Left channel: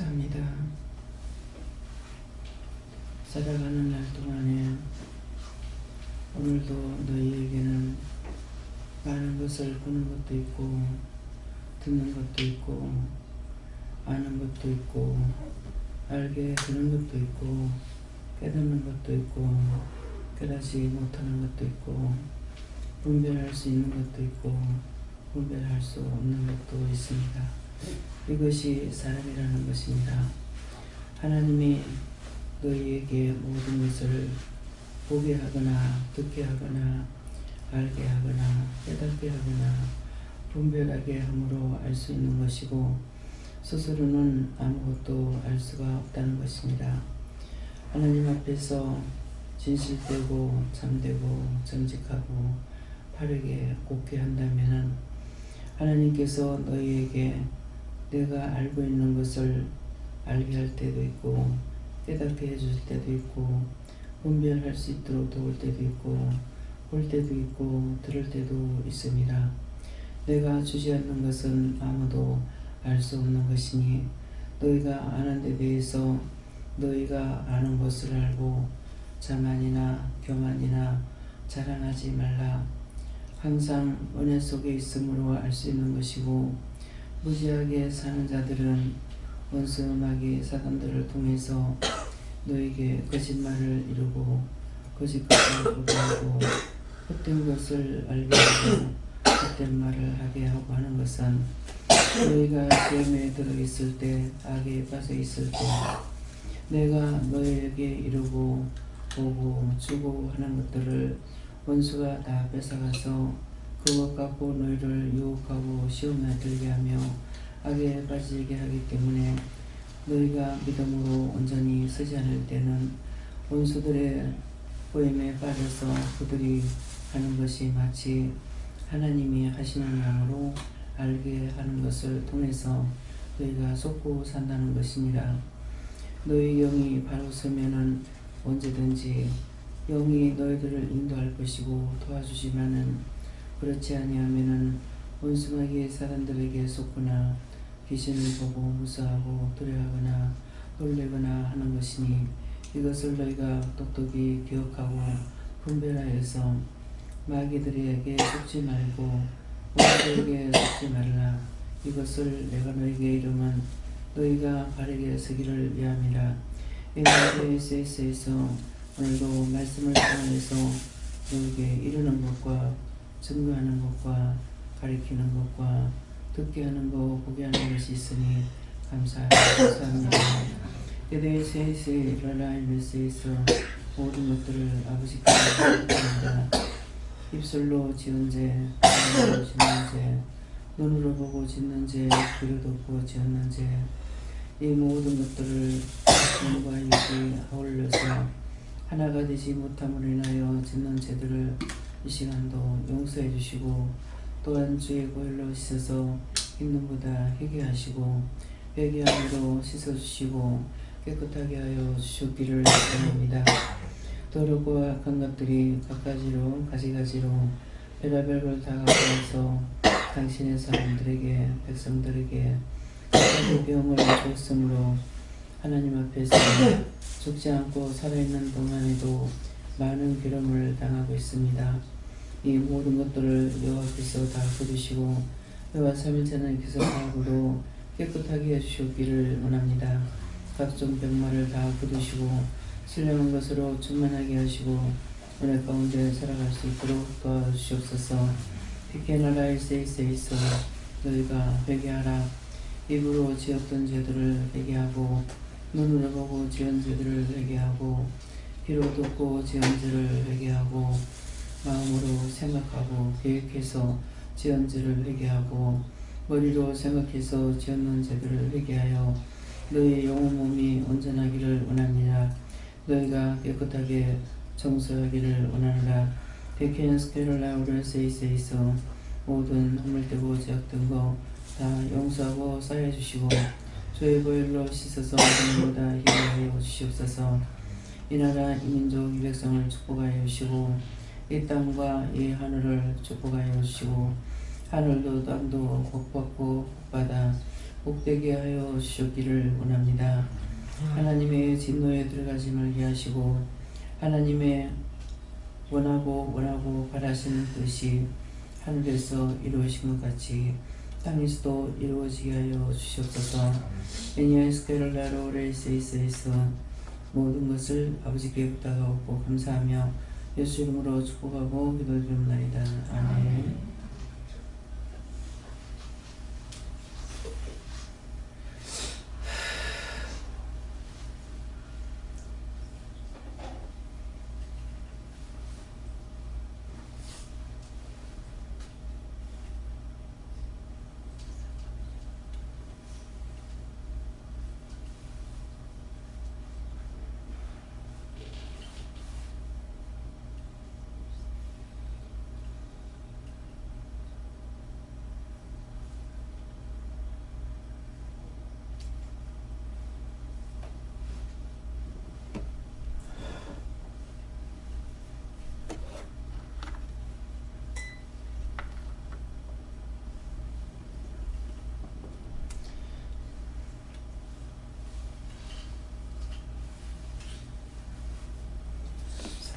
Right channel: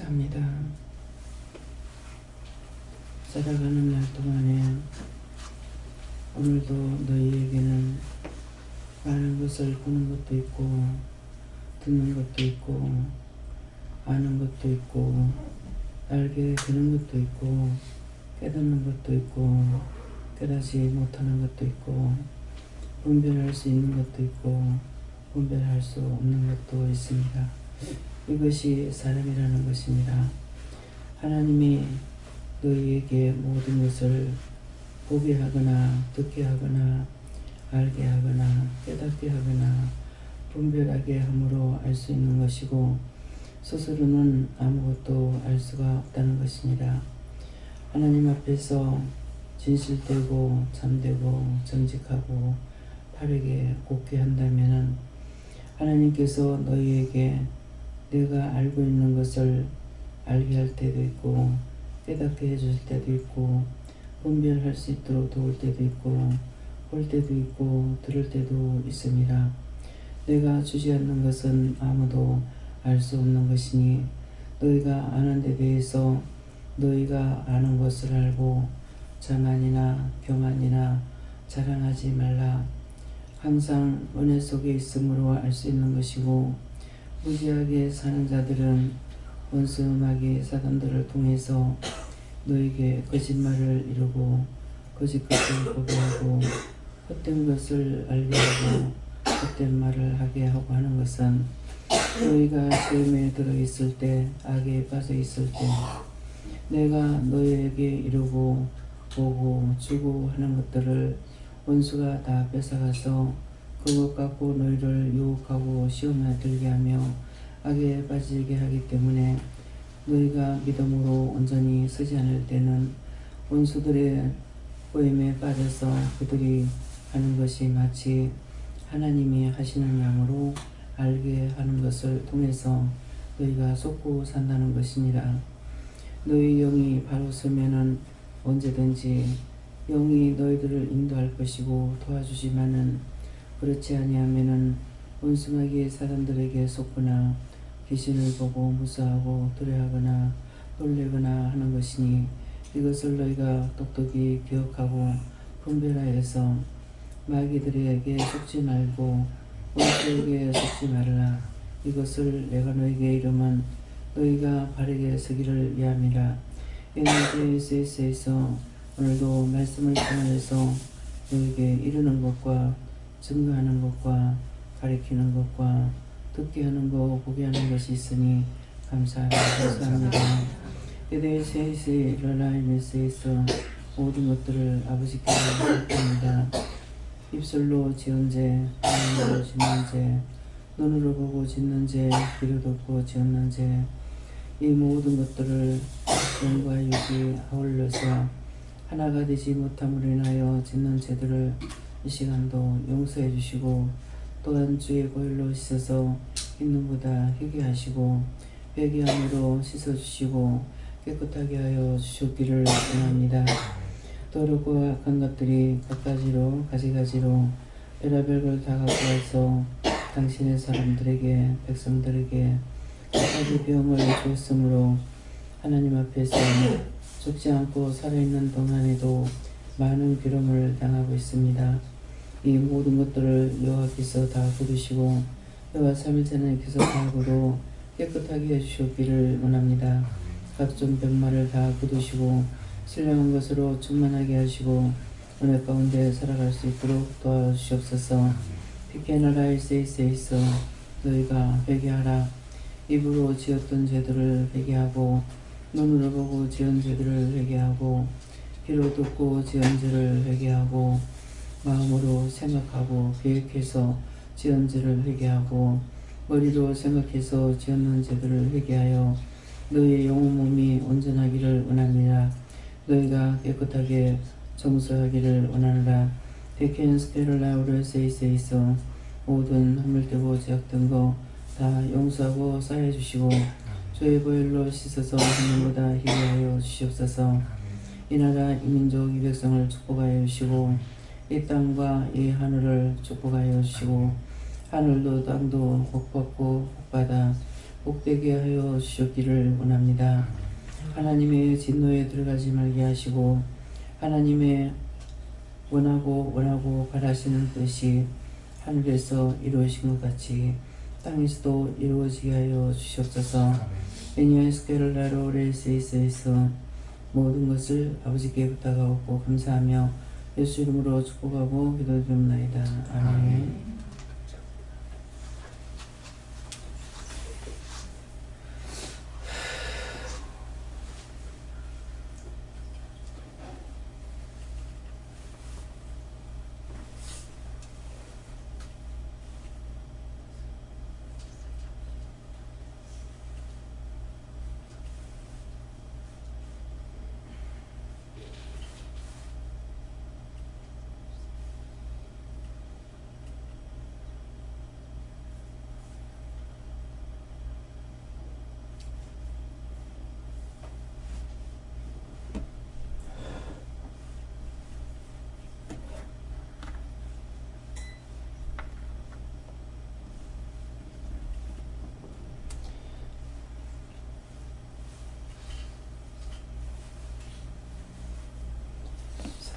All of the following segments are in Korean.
감사합니다. 살아가는 날 동안에 오늘도 너희에게는 많은 것을 보는 것도 있고 듣는 것도 있고 아는 것도 있고 알게 되는 것도 있고 깨닫는 것도 있고 깨닫지 못하는 것도 있고 분별할 수 있는 것도 있고 분별할 수 없는 것도 있습니다. 이것이 사람이라는 것입니다. 하나님이 너희에게 모든 것을 보게 하거나 듣게 하거나 알게 하거나 깨닫게 하거나 분별하게 함으로 알 수 있는 것이고 스스로는 아무것도 알 수가 없다는 것입니다. 하나님 앞에서 진실되고 참되고 정직하고 바르게 곱게 한다면 하나님께서 너희에게 내가 알고 있는 것을 알게 할 때도 있고 깨닫게 해줄 때도 있고 분별할 수 있도록 도울 때도 있고 볼 때도 있고 들을 때도 있습니다. 내가 주지 않는 것은 아무도 알 수 없는 것이니 너희가 아는 데 대해서 너희가 아는 것을 알고 자만이나 교만이나 자랑하지 말라. 항상 은혜 속에 있음으로 알 수 있는 것이고 무지하게 사는 자들은 원수 마귀 사단들을 통해서 너에게 거짓말을 이루고 거짓것을 보고하고 헛된 것을 알게 하고 헛된 말을 하게 하고 하는 것은 너희가 시험에 들어있을 때 악에 빠져 있을 때 내가 너희에게 이루고 보고 주고 하는 것들을 원수가 다 뺏어가서 그것 갖고 너희를 유혹하고 시험에 들게 하며 악에 빠지게 하기 때문에 너희가 믿음으로 온전히 서지 않을 때는 원수들의 보임에 빠져서 그들이 하는 것이 마치 하나님이 하시는 양으로 알게 하는 것을 통해서 너희가 속고 산다는 것이니라. 너희 영이 바로 서면은 언제든지 영이 너희들을 인도할 것이고 도와주지만은 그렇지 아니하면은 원수마귀의 사단들에게 속거나 귀신을 보고 무서워하고 두려워하거나 놀래거나 하는 것이니 이것을 너희가 똑똑히 기억하고 분별하여서 마귀들에게 속지 말고 원수에게 속지 말라. 이것을 내가 너희에게 이름은 너희가 바르게 서기를 위함이라. NJS에서 오늘도 말씀을 통해서 너희에게 이르는 것과 증거하는 것과 가리키는 것과 듣게 하는 것, 보게 하는 것이 있으니 감사합니다. NJS의 러라임에서 모든 것들을 아버지께 드립니다. 입술로 지은 죄, 마음으로 짓는 죄, 눈으로 보고 짓는 죄, 귀로 듣고 지었는 죄, 이 모든 것들을 영과 육이 아울러서 하나가 되지 못함으로 인하여 짓는 죄들을 이 시간도 용서해 주시고 또한 주의 보혈로 씻어서 흰눈보다 희게 하시고 회개함으로 씻어주시고 깨끗하게 하여 주셨기를 원합니다. 더럽고 악한 것들이 갖가지로 가지가지로 별의별 걸 다 갖고 와서 당신의 사람들에게 백성들에게 각가지 병을 주었으므로 하나님 앞에서 죽지 않고 살아있는 동안에도 많은 괴로움을 당하고 있습니다. 이 모든 것들을 여호와께서 다 거두시고 여호와 3일째 하나님께서 다 거두 깨끗하게 해주셨기를 원합니다. 각종 병마를 다 거두시고 신령한 것으로 충만하게 하시고 은혜 가운데 살아갈 수 있도록 도와주시옵소서. 피케나라일세이세이서 너희가 회개하라. 입으로 지었던 죄들을 회개하고 눈으로 보고 지은 죄들을 회개하고 귀로 듣고 지은 죄를 회개하고 마음으로 생각하고 계획해서 지은 죄를 회개하고 머리로 생각해서 지었는 죄들을 회개하여 너희 영혼 몸이 온전하기를 원합니다. 너희가 깨끗하게 청소하기를 원하노라. 데케인스케롤라우르세이세이서 모든 허물되고 죄악된 거 다 용서하고 쌓여주시고 주의 보혈로 씻어서 하늘보다 희게 하여 주시옵소서. 이 나라 이 민족 이 백성을 축복하여 주시고 이 땅과 이 하늘을 축복하여 주시고 하늘도 땅도 복받고 복받아 복되게 하여 주셨기를 원합니다. 하나님의 진노에 들어가지 말게 하시고 하나님의 원하고 바라시는 뜻이 하늘에서 이루어진 것 같이 땅에서도 이루어지게 하여 주시옵소서. 베니아스케를 나로 레이세이스에서 모든 것을 아버지께 부탁하고 감사하며 예수 이름으로 축복하고 기도드립나이다. 아멘.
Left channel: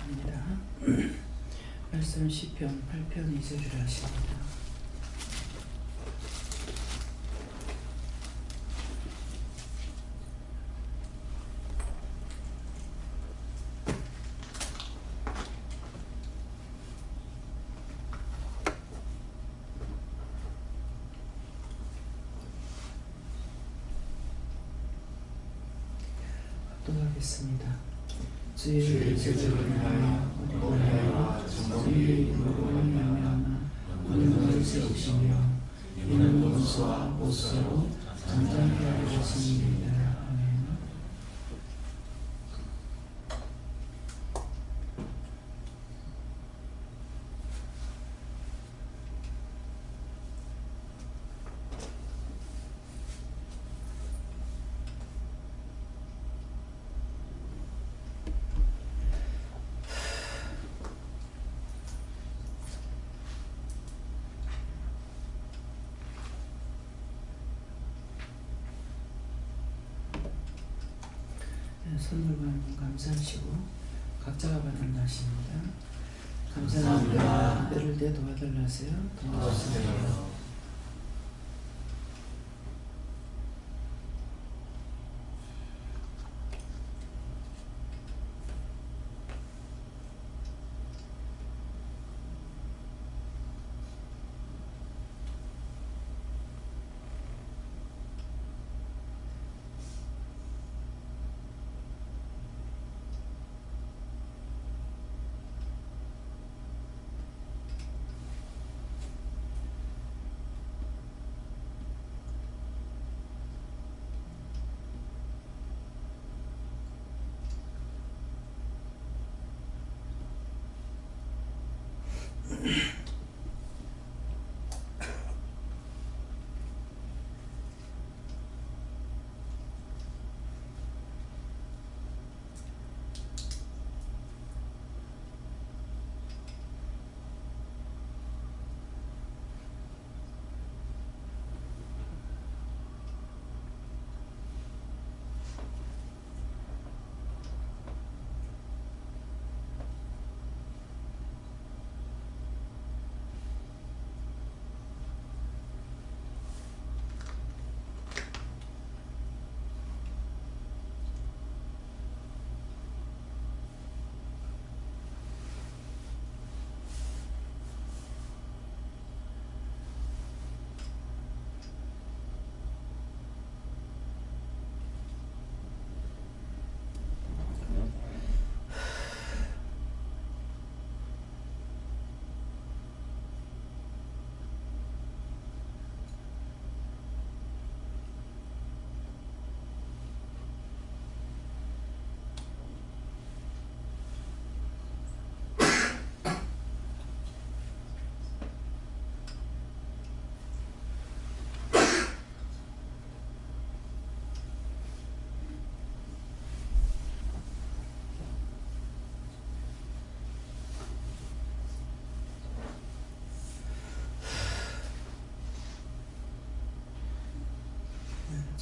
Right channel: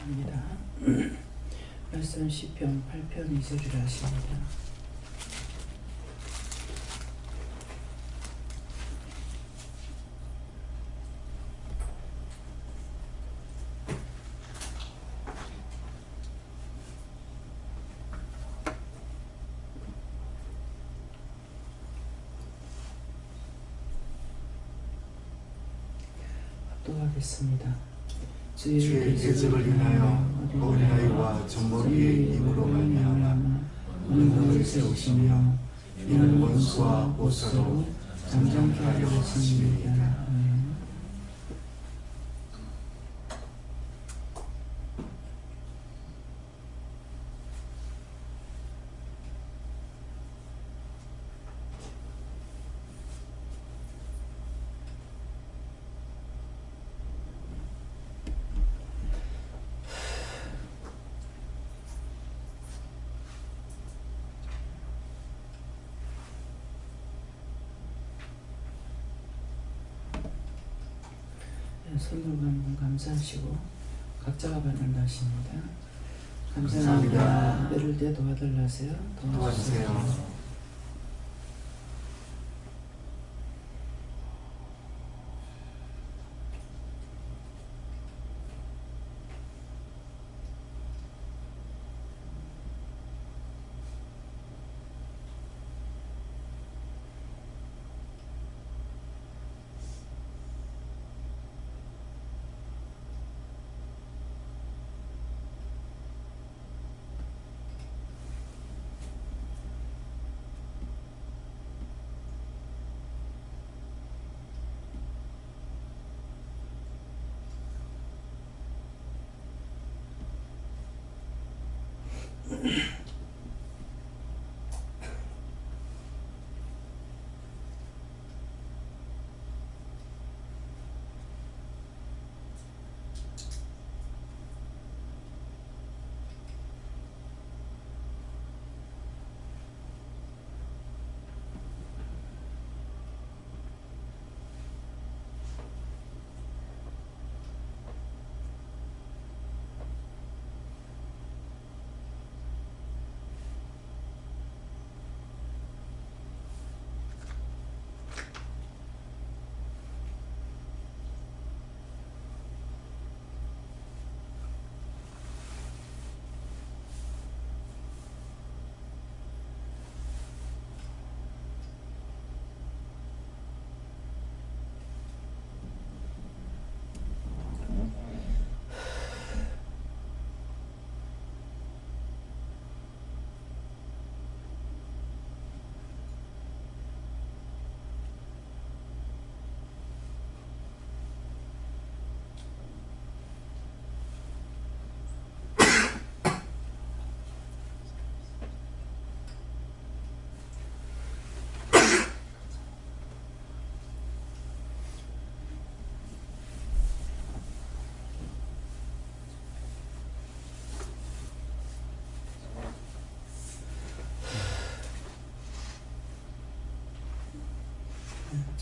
입니다. 말씀 시편 8편 2절이라 하십니다. 합독하겠습니다. 주의 계집을 인하여 어린아이와 젖먹이의 눈으로 말미암아 은혜를 세우시며 이는 원수와 보수로 잠잠케 하려 하심이니이다. 아멘. 선물과 한번 감사하시고 각자가 받는 날씨입니다. 감사합니다. 때를 때 도와달라세요. 도와주세요.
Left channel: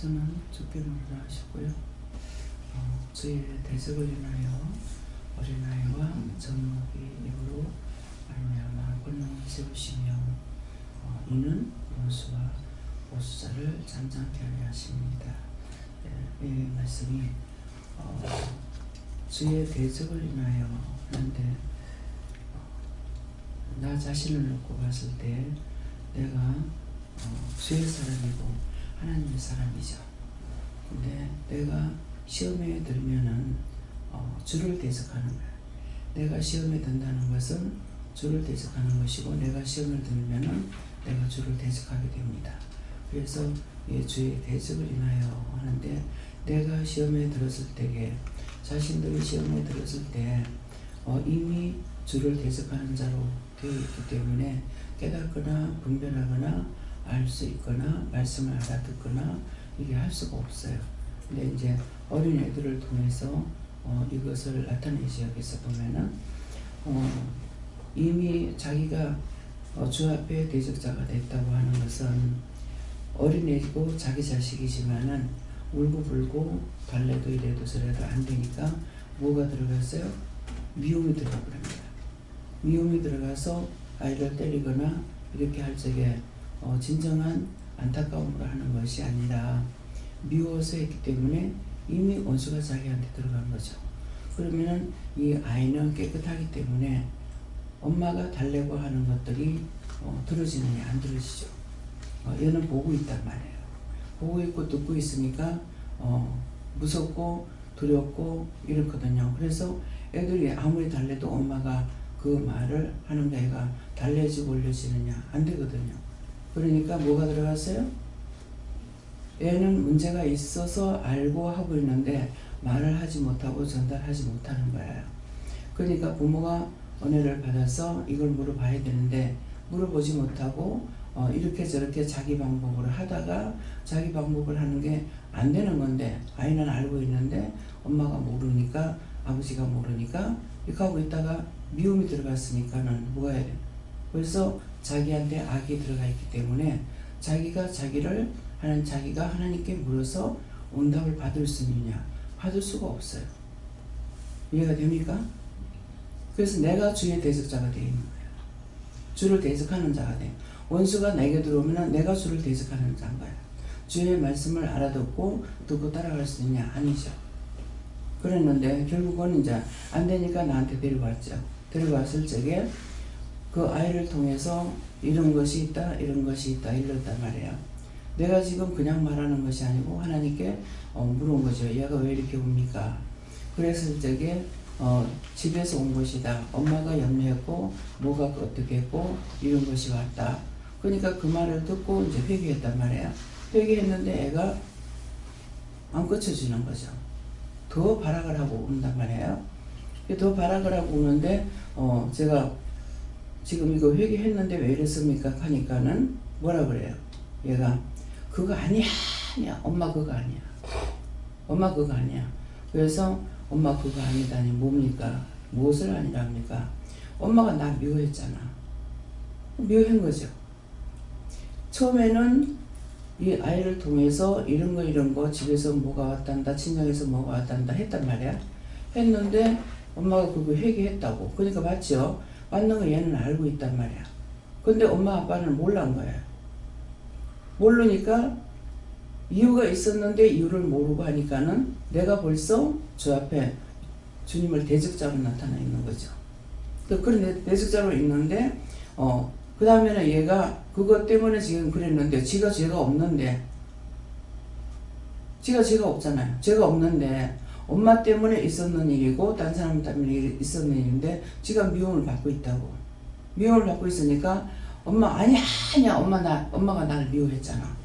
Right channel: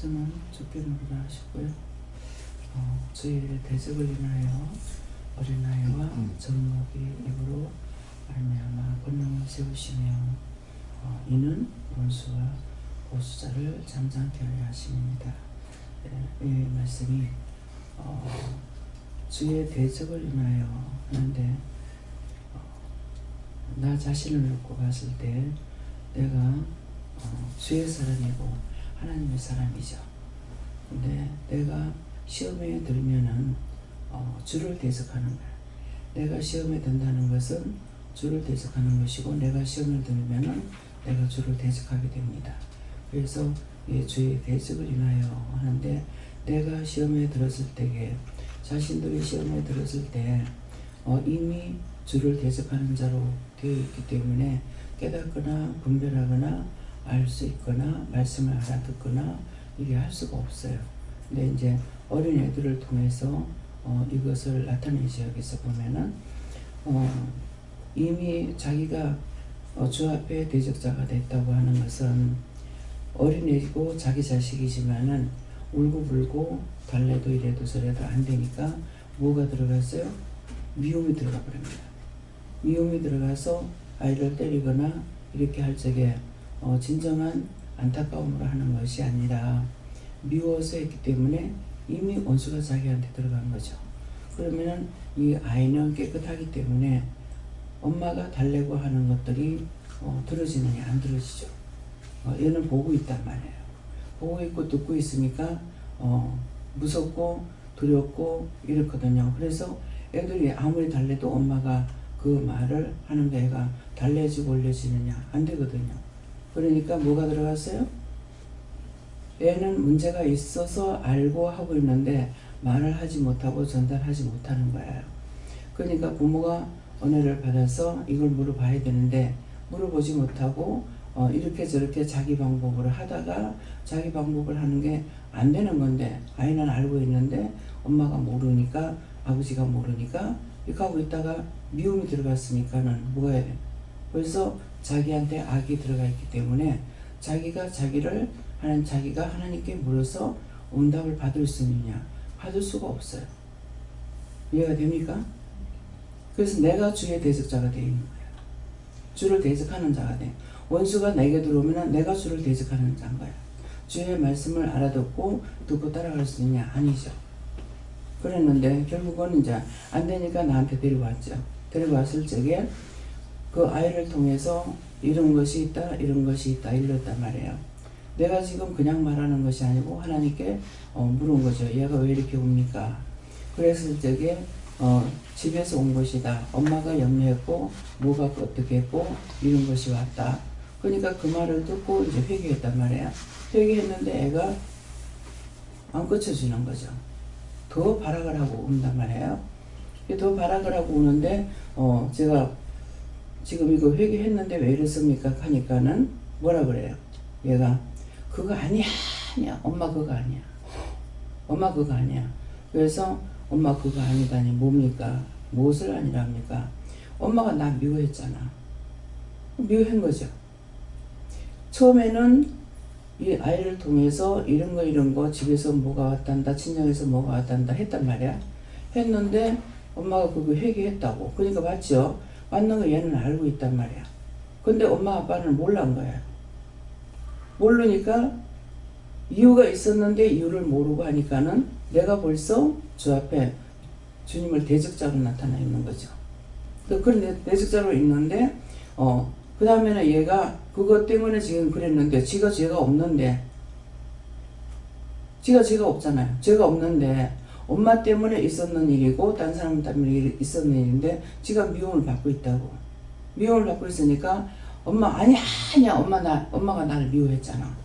저는 죽게 노리라 하셨고요. 주의 대적을 인하여 어린아이와 젖먹이 입으로 말미암아 권능을 세우시며 이는 원수와 보수자를 잠잠케 하려 하십니다. 이 말씀이 주의 대적을 인하여 하는데 나 자신을 놓고 봤을 때 내가 주의 사람이고 하나님의 사람이죠. 근데 내가 시험에 들면은 주를 대적하는 거야. 내가 시험에 든다는 것은 주를 대적하는 것이고 내가 시험을 들면은 내가 주를 대적하게 됩니다. 그래서 주의 대적을 인하여 하는데 내가 시험에 들었을 때에 자신들이 시험에 들었을 때 이미 주를 대적하는 자로 되어 있기 때문에 깨닫거나 분별하거나 알 수 있거나 말씀을 알아듣거나 이게 할 수가 없어요. 근데 이제 어린 애들을 통해서 이것을 나타내죠. 여기서 보면은 이미 자기가 주 앞에 대적자가 됐다고 하는 것은 어린애고 자기 자식이지만은 울고불고 달래도 이래도 저래도 안 되니까 뭐가 들어갔어요? 미움이 들어가 버립니다. 미움이 들어가서 아이를 때리거나 이렇게 할 적에 진정한 안타까움으로 하는 것이 아니라 미워서 했기 때문에 이미 원수가 자기한테 들어간 거죠. 그러면은 이 아이는 깨끗하기 때문에 엄마가 달래고 하는 것들이 들어지느냐 안 들어지죠. 얘는 보고 있단 말이에요. 보고 있고 듣고 있으니까 무섭고 두렵고 이렇거든요. 그래서 애들이 아무리 달래도 엄마가 그 말을 하는데 애가 달래지고 올려지느냐 안 되거든요. 그러니까 뭐가 들어갔어요? 애는 문제가 있어서 알고 하고 있는데 말을 하지 못하고 전달하지 못하는 거예요. 그러니까 부모가 은혜를 받아서 이걸 물어봐야 되는데 물어보지 못하고 이렇게 저렇게 자기 방법으로 하다가 자기 방법을 하는 게 안 되는 건데 아이는 알고 있는데 엄마가 모르니까 아버지가 모르니까 이렇게 하고 있다가 미움이 들어갔으니까는 뭐가 해야 돼? 벌써 자기한테 악이 들어가 있기 때문에 자기가 자기를 하는 자기가 하나님께 물어서 응답을 받을 수 있느냐? 받을 수가 없어요. 이해가 됩니까? 그래서 내가 주의 대적자가 되어 있는 거예요. 주를 대적하는 자가 돼. 원수가 내게 들어오면 내가 주를 대적하는 자인 거야. 주의 말씀을 알아듣고 듣고 따라갈 수 있느냐? 아니죠. 그랬는데 결국은 이제 안 되니까 나한테 데려왔죠. 데려왔을 적에 그 아이를 통해서 이런 것이 있다, 이런 것이 있다, 이랬단 말이에요. 내가 지금 그냥 말하는 것이 아니고 하나님께 물은 거죠. 얘가 왜 이렇게 옵니까? 그랬을 적에 집에서 온 것이다. 엄마가 염려했고 뭐가 어떻게 했고 이런 것이 왔다. 그러니까 그 말을 듣고 이제 회개했단 말이에요. 회개했는데 애가 안 고쳐주는 거죠. 더 발악을 하고 온단 말이에요. 더 발악을 하고 오는데 제가 지금 이거 회개했는데 왜 이랬습니까? 하니까는 뭐라 그래요? 얘가 그거 아니야. 엄마 그거 아니야. 엄마 그거 아니야. 그래서 엄마 그거 아니다니 뭡니까? 무엇을 아니랍니까? 엄마가 나 미워했잖아. 미워한 거죠. 처음에는 이 아이를 통해서 이런 거 집에서 뭐가 왔단다 친정에서 뭐가 왔단다 했단 말이야. 했는데 엄마가 그거 회개했다고. 그러니까 맞죠? 맞는 거 얘는 알고 있단 말이야. 근데 엄마 아빠는 몰란 거예요. 모르니까 이유가 있었는데 이유를 모르고 하니까는 내가 벌써 주 앞에 주님을 대적자로 나타나 있는 거죠. 그런 대적자로 있는데 그 다음에는 얘가 그것 때문에 지금 그랬는데 지가 죄가 없는데 지가 죄가 없잖아요. 죄가 없는데 엄마 때문에 있었는 일이고 딴 사람 때문에 있었는 일인데 지가 미움을 받고 있다고. 미움을 받고 있으니까 엄마 아니야 엄마가 나를 미워했잖아.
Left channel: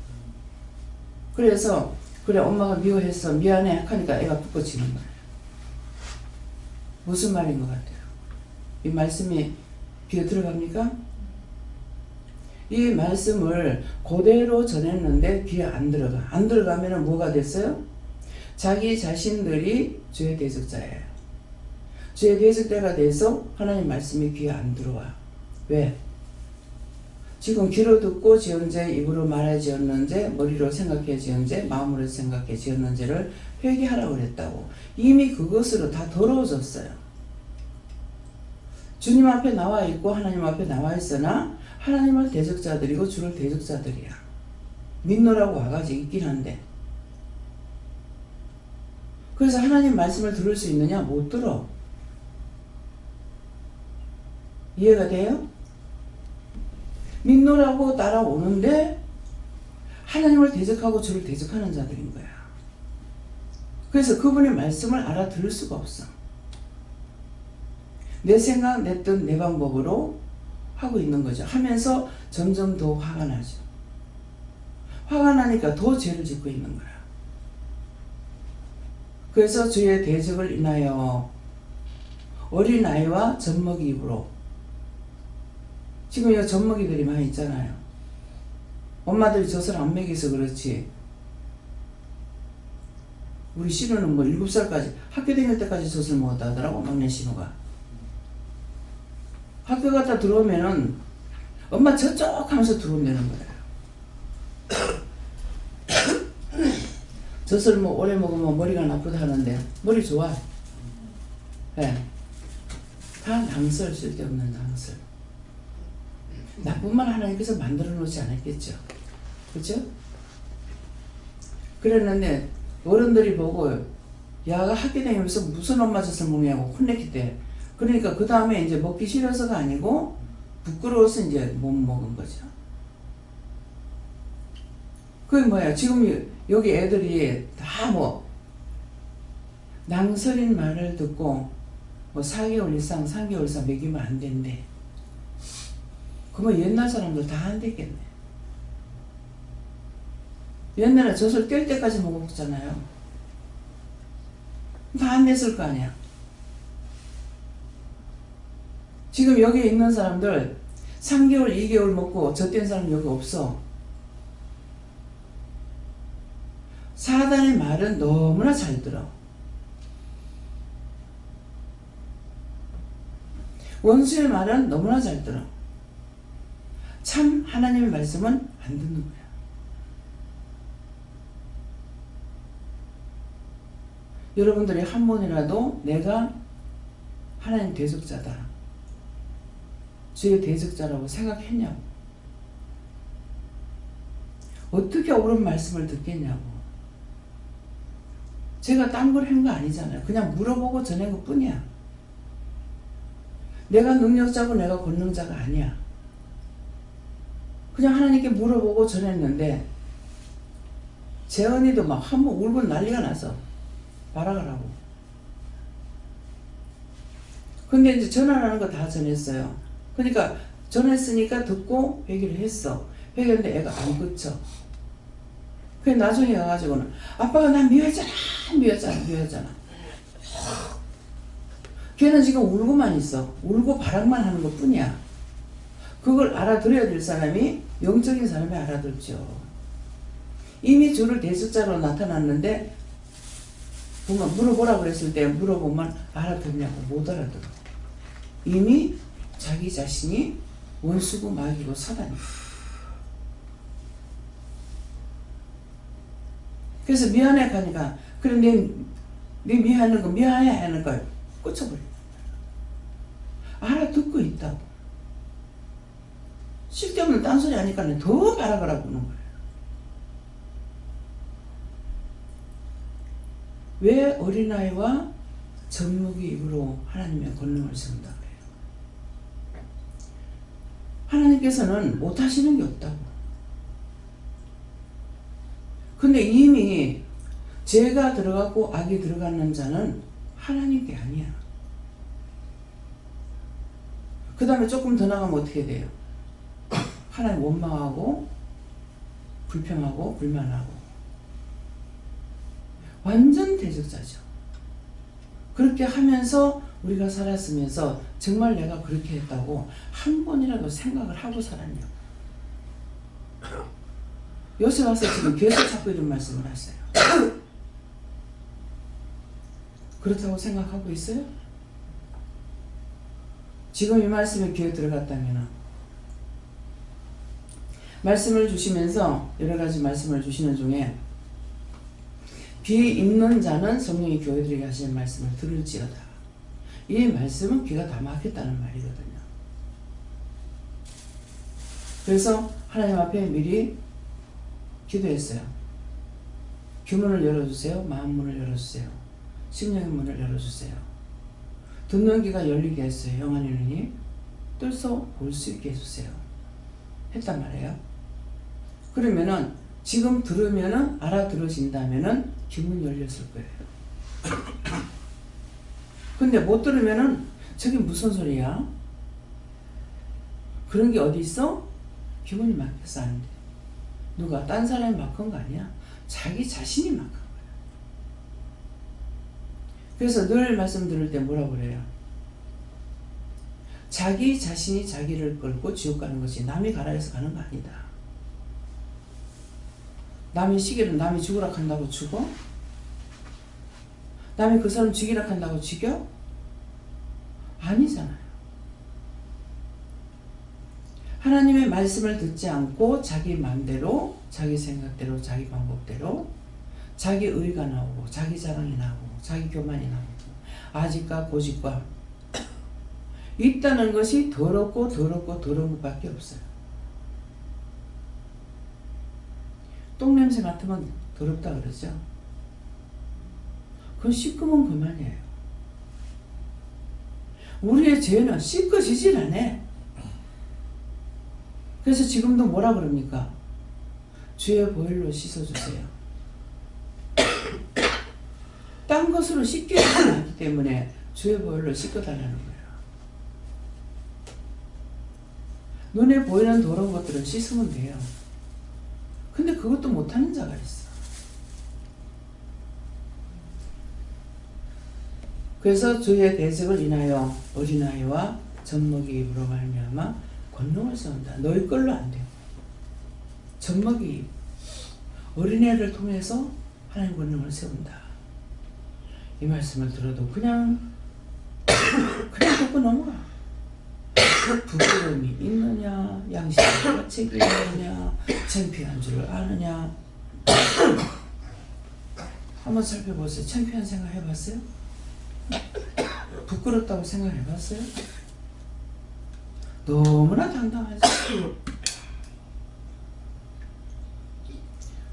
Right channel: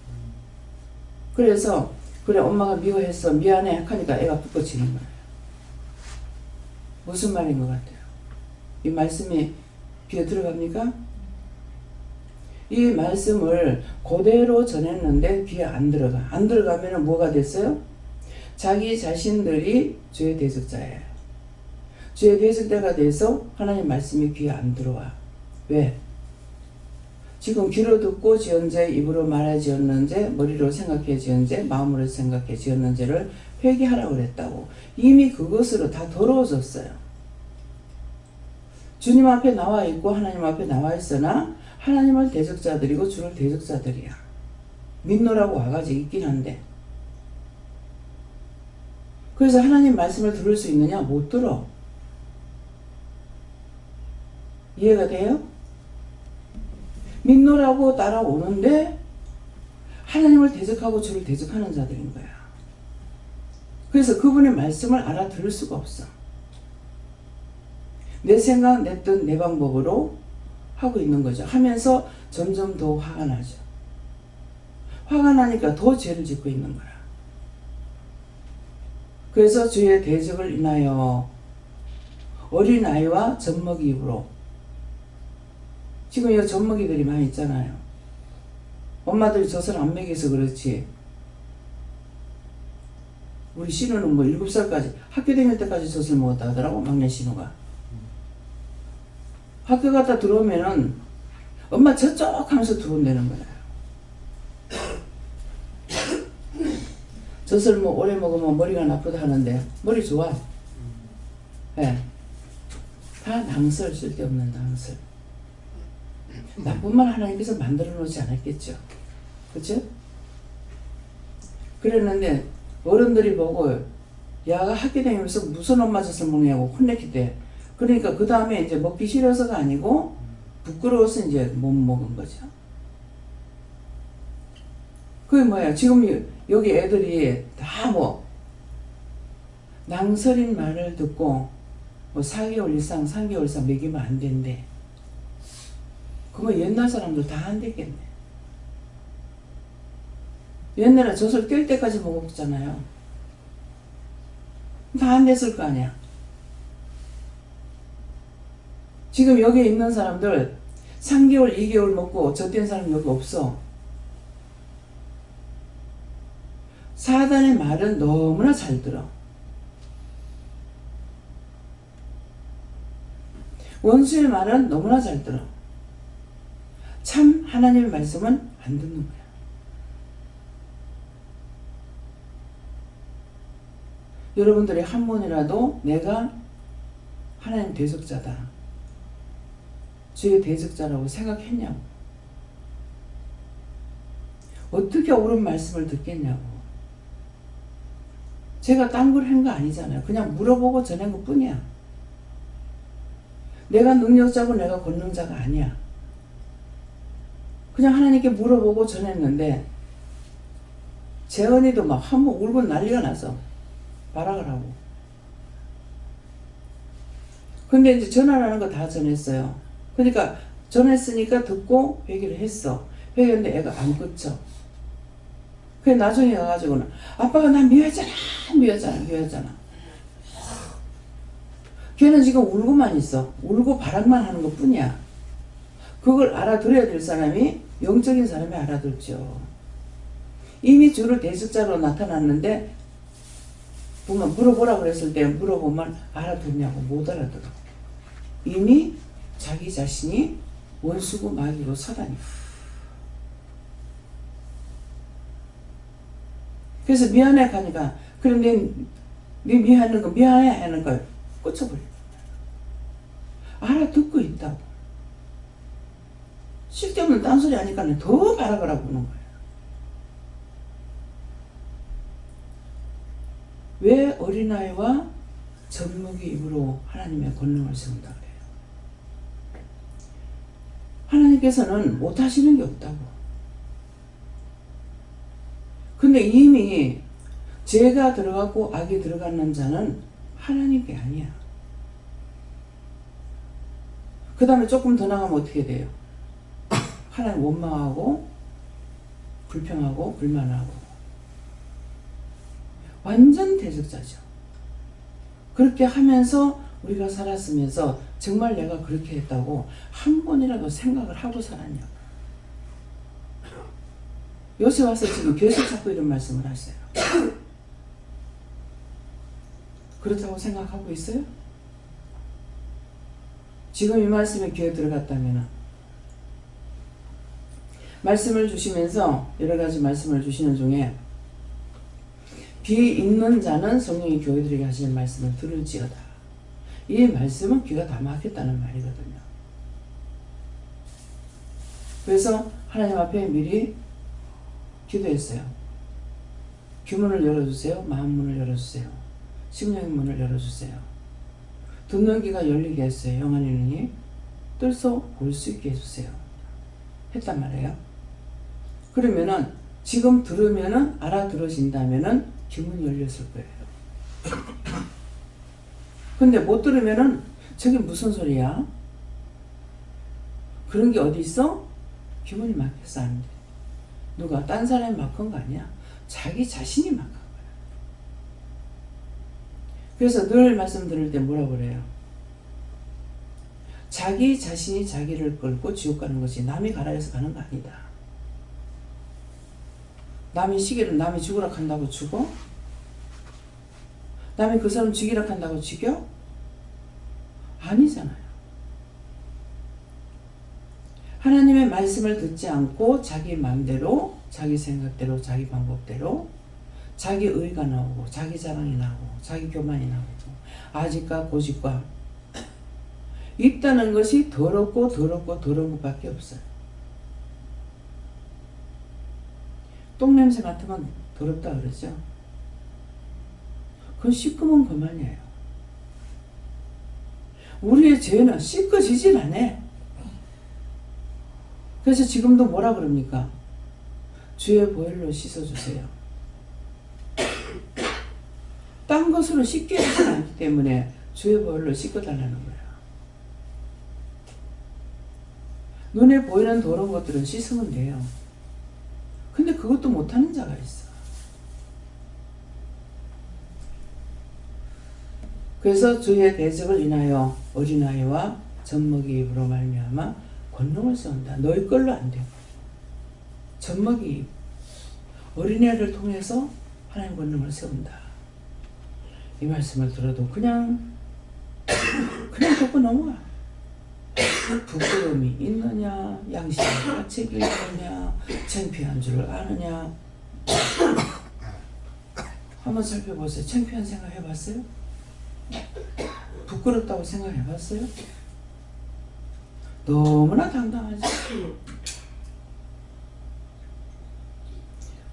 그래서 그래 엄마가 미워했어 미안해 하니까 애가 북받치는 거예요. 무슨 말인 것 같아요? 이 말씀이 귀에 들어갑니까? 이 말씀을 그대로 전했는데 귀에 안 들어가. 안 들어가면 뭐가 됐어요? 자기 자신들이 주의 대적자예요. 주의 대적자가 돼서 하나님 말씀이 귀에 안 들어와. 왜? 지금 귀로 듣고 지은제, 입으로 말해 지었는지, 머리로 생각해 지은지, 마음으로 생각해 지었는지를 회개하라고 그랬다고. 이미 그것으로 다 더러워졌어요. 주님 앞에 나와 있고 하나님 앞에 나와 있으나 하나님을 대적자들이고 주를 대적자들이야. 믿노라고 와가지고 있긴 한데. 그래서 하나님 말씀을 들을 수 있느냐? 못 들어. 이해가 돼요? 믿노라고 따라오는데 하나님을 대적하고 주를 대적하는 자들인 거야. 그래서 그분의 말씀을 알아들을 수가 없어. 내 생각, 내 뜻, 내 방법으로 하고 있는 거죠. 하면서 점점 더 화가 나죠. 화가 나니까 더 죄를 짓고 있는 거야. 그래서 주의 대적을 인하여 어린아이와 젖먹이 입으로, 지금 이 젖먹이들이 많이 있잖아요. 엄마들이 젖을 안 먹여서 그렇지. 우리 신우는 뭐 7살까지 학교 다닐 때까지 젖을 먹었다 하더라고. 막내 신우가. 학교 갔다 들어오면은 엄마 저쪽 하면서 들어온다는 거야. 젖을 뭐 오래 먹으면 머리가 나쁘다 하는데 머리 좋아. 네. 다 낭설, 쓸데없는 낭설. 나쁜 말 하나님께서 만들어 놓지 않았겠죠. 그렇죠? 그랬는데 어른들이 보고 야가 학교 다니면서 무슨 엄마 젖을 먹냐고 혼냈기 때, 그러니까 그 다음에 이제 먹기 싫어서가 아니고 부끄러워서 이제 못 먹은 거죠. 그게 뭐야? 지금 여기 애들이 다 뭐 낭설인 말을 듣고 뭐 4개월 이상, 3개월 이상 먹이면 안 된대. 그러면 옛날 사람들 다 안 됐겠네. 옛날에 젖을 뗄 때까지 먹었잖아요. 다 안 됐을 거 아니야. 지금 여기 있는 사람들 3개월, 2개월 먹고 젖뗀 사람 여기 없어. 사단의 말은 너무나 잘 들어. 원수의 말은 너무나 잘 들어. 참 하나님의 말씀은 안 듣는 거야. 여러분들이 한 번이라도 내가 하나님 대적자다, 주의 대적자라고 생각했냐고. 어떻게 옳은 말씀을 듣겠냐고. 제가 딴 걸 한 거 아니잖아요. 그냥 물어보고 전한 것 뿐이야. 내가 능력자고 내가 권능자가 아니야. 그냥 하나님께 물어보고 전했는데 재언이도 막 한번 울고 난리가 나서 발악을 하고. 근데 이제 전화라는 거 다 전했어요. 그러니까 전했으니까 듣고 회개를 했어. 회개했는데 애가 안 끊쳐. 그래 나중에 가가지고는 아빠가 나 미워했잖아. 걔는 지금 울고만 있어. 울고 발악만 하는 것 뿐이야. 그걸 알아들어야 될 사람이, 영적인 사람이 알아들죠. 이미 주를 대적자로 나타났는데 보면 물어보라고 그랬을 때 물어보면 알아듣냐고. 못 알아들어. 이미 자기 자신이 원수고 마귀고 사단이고. 그래서 미안해 가니까 그래 네 미안한 거 미안해 하는 걸 꽂혀버려. 알아듣고 있다고. 쓸데없는 딴소리 하니까 더 발악을 하고 오는 거예요. 왜 어린아이와 젖먹이 입으로 하나님의 권능을 세운다 그래요? 하나님께서는 못하시는 게 없다고. 근데 이미 죄가 들어가고 악이 들어가는 자는 하나님 게 아니야. 그 다음에 조금 더 나가면 어떻게 돼요? 하나님 원망하고 불평하고 불만하고 완전 대적자죠. 그렇게 하면서 우리가 살았으면서 정말 내가 그렇게 했다고 한 번이라도 생각을 하고 살았냐고. 요새 와서 지금 계속 자꾸 이런 말씀을 하세요. 그렇다고 생각하고 있어요? 지금 이 말씀에 귀에 들어갔다면 말씀을 주시면서 여러 가지 말씀을 주시는 중에 귀 있는 자는 성령이 교회들에게 하시는 말씀을 들을지어다. 이 말씀은 귀가 다 막혔다는 말이거든요. 그래서 하나님 앞에 미리 기도했어요. 귀문을 열어주세요. 마음문을 열어주세요. 심령의 문을 열어주세요. 듣는 귀가 열리게 했어요. 영안의 눈이 뜰서 볼 수 있게 해주세요. 했단 말이에요. 그러면은 지금 들으면은 알아들어진다면은 귀문이 열렸을 거예요. 근데 못 들으면은 저게 무슨 소리야? 그런 게 어디 있어? 귀문이 막혀서 안 돼. 누가 딴 사람이 막은 거 아니야? 자기 자신이 막은 거야. 그래서 늘 말씀 들을 때 뭐라고 그래요? 자기 자신이 자기를 끌고 지옥 가는 것이 남이 가라 해서 가는 거 아니다. 남이 시기를 남이 죽으라 한다고 죽어? 남이 그 사람 죽이라 한다고 죽여? 아니잖아요. 하나님의 말씀을 듣지 않고 자기 마음대로, 자기 생각대로, 자기 방법대로 자기 의가 나오고 자기 자랑이 나오고 자기 교만이 나오고 아직과 고집과 있다는 것이 더럽고 더럽고 더러운 것밖에 없어요. 똥냄새 맡으면 더럽다 그러죠. 그건 씻으면 그만이에요. 우리의 죄는 씻어지질 않아. 그래서 지금도 뭐라 그럽니까? 주의 보혈로 씻어주세요. 딴 것으로 씻게 하지 않기 때문에 주의 보혈로 씻어달라는 거예요. 눈에 보이는 더러운 것들은 씻으면 돼요. 근데 그것도 못하는 자가 있어. 그래서 주의 대적을 인하여 어린아이와 젖먹이 입으로 말미암아 권능을 세운다. 너희 걸로 안 돼요. 젖먹이 어린애를 통해서 하나님 권능을 세운다. 이 말씀을 들어도 그냥 듣고 넘어가. 부끄러움이 있느냐, 양심과 책임이 있느냐, 창피한 줄 아느냐. 한번 살펴보세요. 창피한 생각 해봤어요? 부끄럽다고 생각해봤어요? 너무나 당당하지.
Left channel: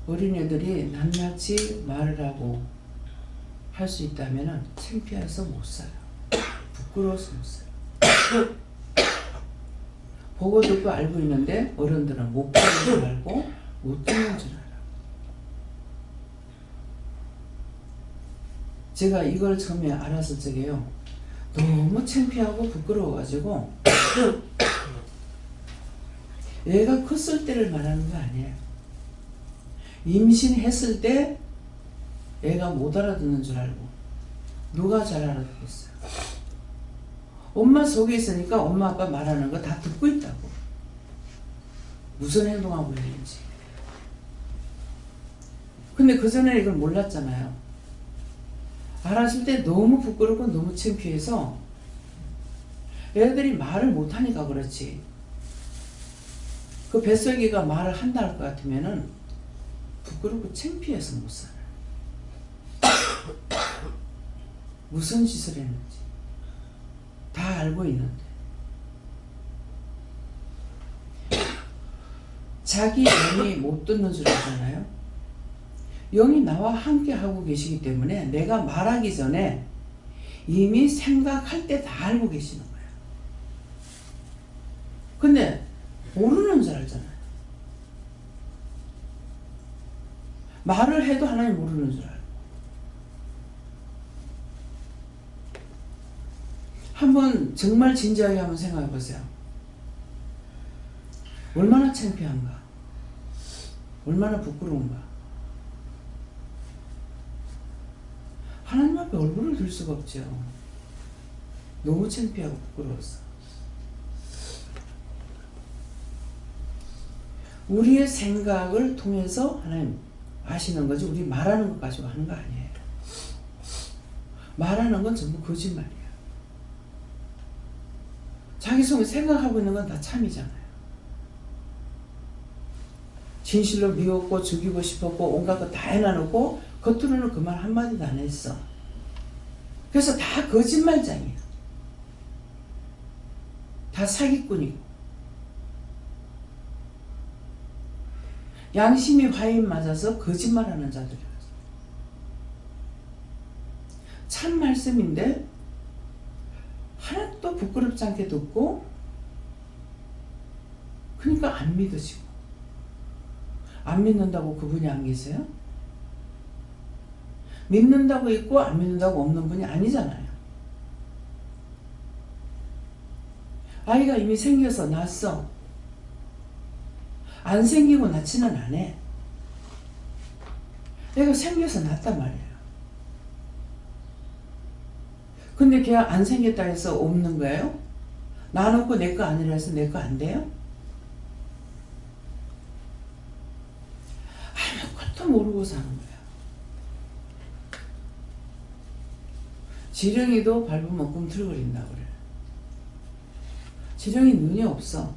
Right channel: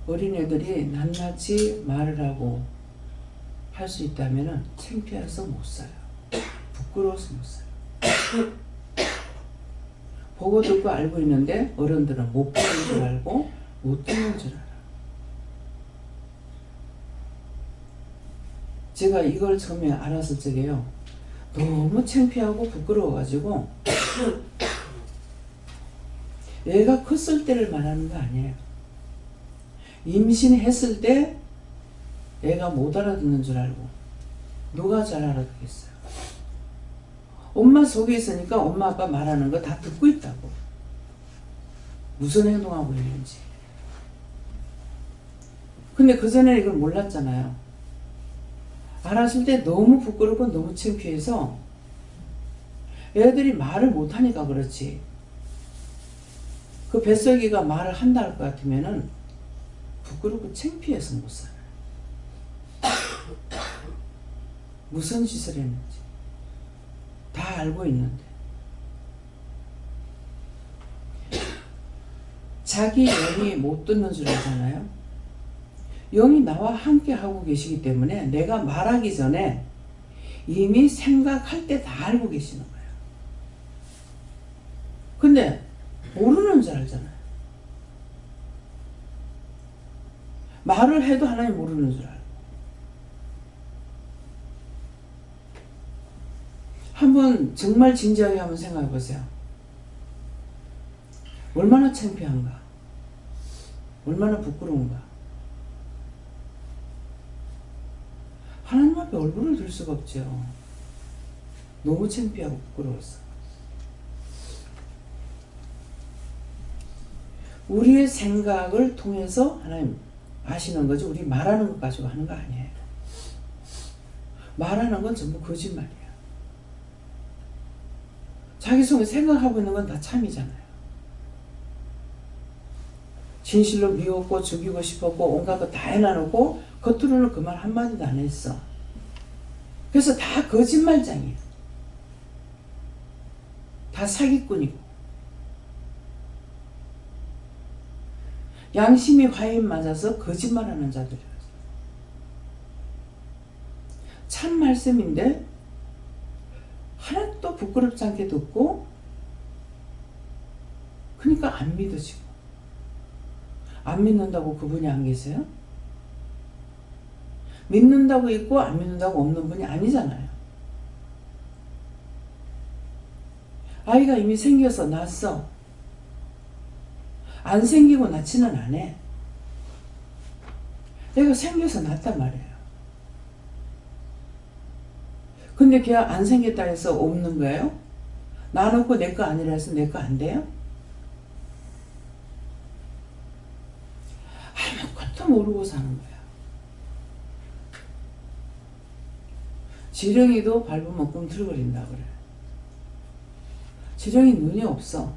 어린애들이 낱낱이 말을 하고 할 수 있다면 창피해서 못 살아요. 부끄러워서 못 살아요. 보고 듣고 알고 있는데 어른들은 못 보는 줄 알고 못 듣는 줄 알아. 제가 이걸 처음에 알았을 적에요. 너무 창피하고 부끄러워가지고 얘가 컸을 때를 말하는 거 아니에요. 임신했을 때 애가 못 알아듣는 줄 알고 누가 잘 알아듣겠어요. 엄마 속에 있으니까 엄마 아빠 말하는 거 다 듣고 있다고. 무슨 행동하고 있는지. 근데 그전에 이걸 몰랐잖아요. 알았을 때 너무 부끄럽고 너무 창피해서 애들이 말을 못하니까 그렇지. 그 뱃속이가 말을 한다 할 것 같으면은 부끄럽고 창피해서 못 살아요. 무슨 짓을 했는지 다 알고 있는데 자기 영이 못 듣는 줄 알잖아요. 영이 나와 함께 하고 계시기 때문에 내가 말하기 전에 이미 생각할 때 다 알고 계시는 거예요. 근데 모르는 줄 알잖아요. 말을 해도 하나님 모르는 줄 알고. 한번 정말 진지하게 한번 생각해 보세요. 얼마나 창피한가? 얼마나 부끄러운가? 하나님 앞에 얼굴을 들 수가 없죠. 너무 창피하고 부끄러웠어. 우리의 생각을 통해서 하나님 아시는 거지 우리 말하는 것 가지고 하는 거 아니에요. 말하는 건 전부 거짓말이에요. 자기 속에 생각하고 있는 건 다 참이잖아요. 진실로 미웠고 죽이고 싶었고 온갖 거 다 해놔놓고 겉으로는 그 말 한마디도 안 했어. 그래서 다 거짓말장이야. 다 사기꾼이고. 양심이 화인 맞아서 거짓말하는 자들이라서. 참 말씀인데 하나도 부끄럽지 않게 듣고 그러니까 안 믿어지고. 안 믿는다고 그분이 안 계세요? 믿는다고 있고 안 믿는다고 없는 분이 아니잖아요. 아이가 이미 생겨서 낳았어. 안 생기고 낳지는 않아. 애가 생겨서 낳았단 말이에요. 근데 걔 안 생겼다 해서 없는 거예요? 낳아놓고 내 거 아니라 해서 내 거 안 돼요? 아무것도 모르고 사는 거야. 지렁이도 밟으면 꿈틀거린다 그래. 지렁이 눈이 없어.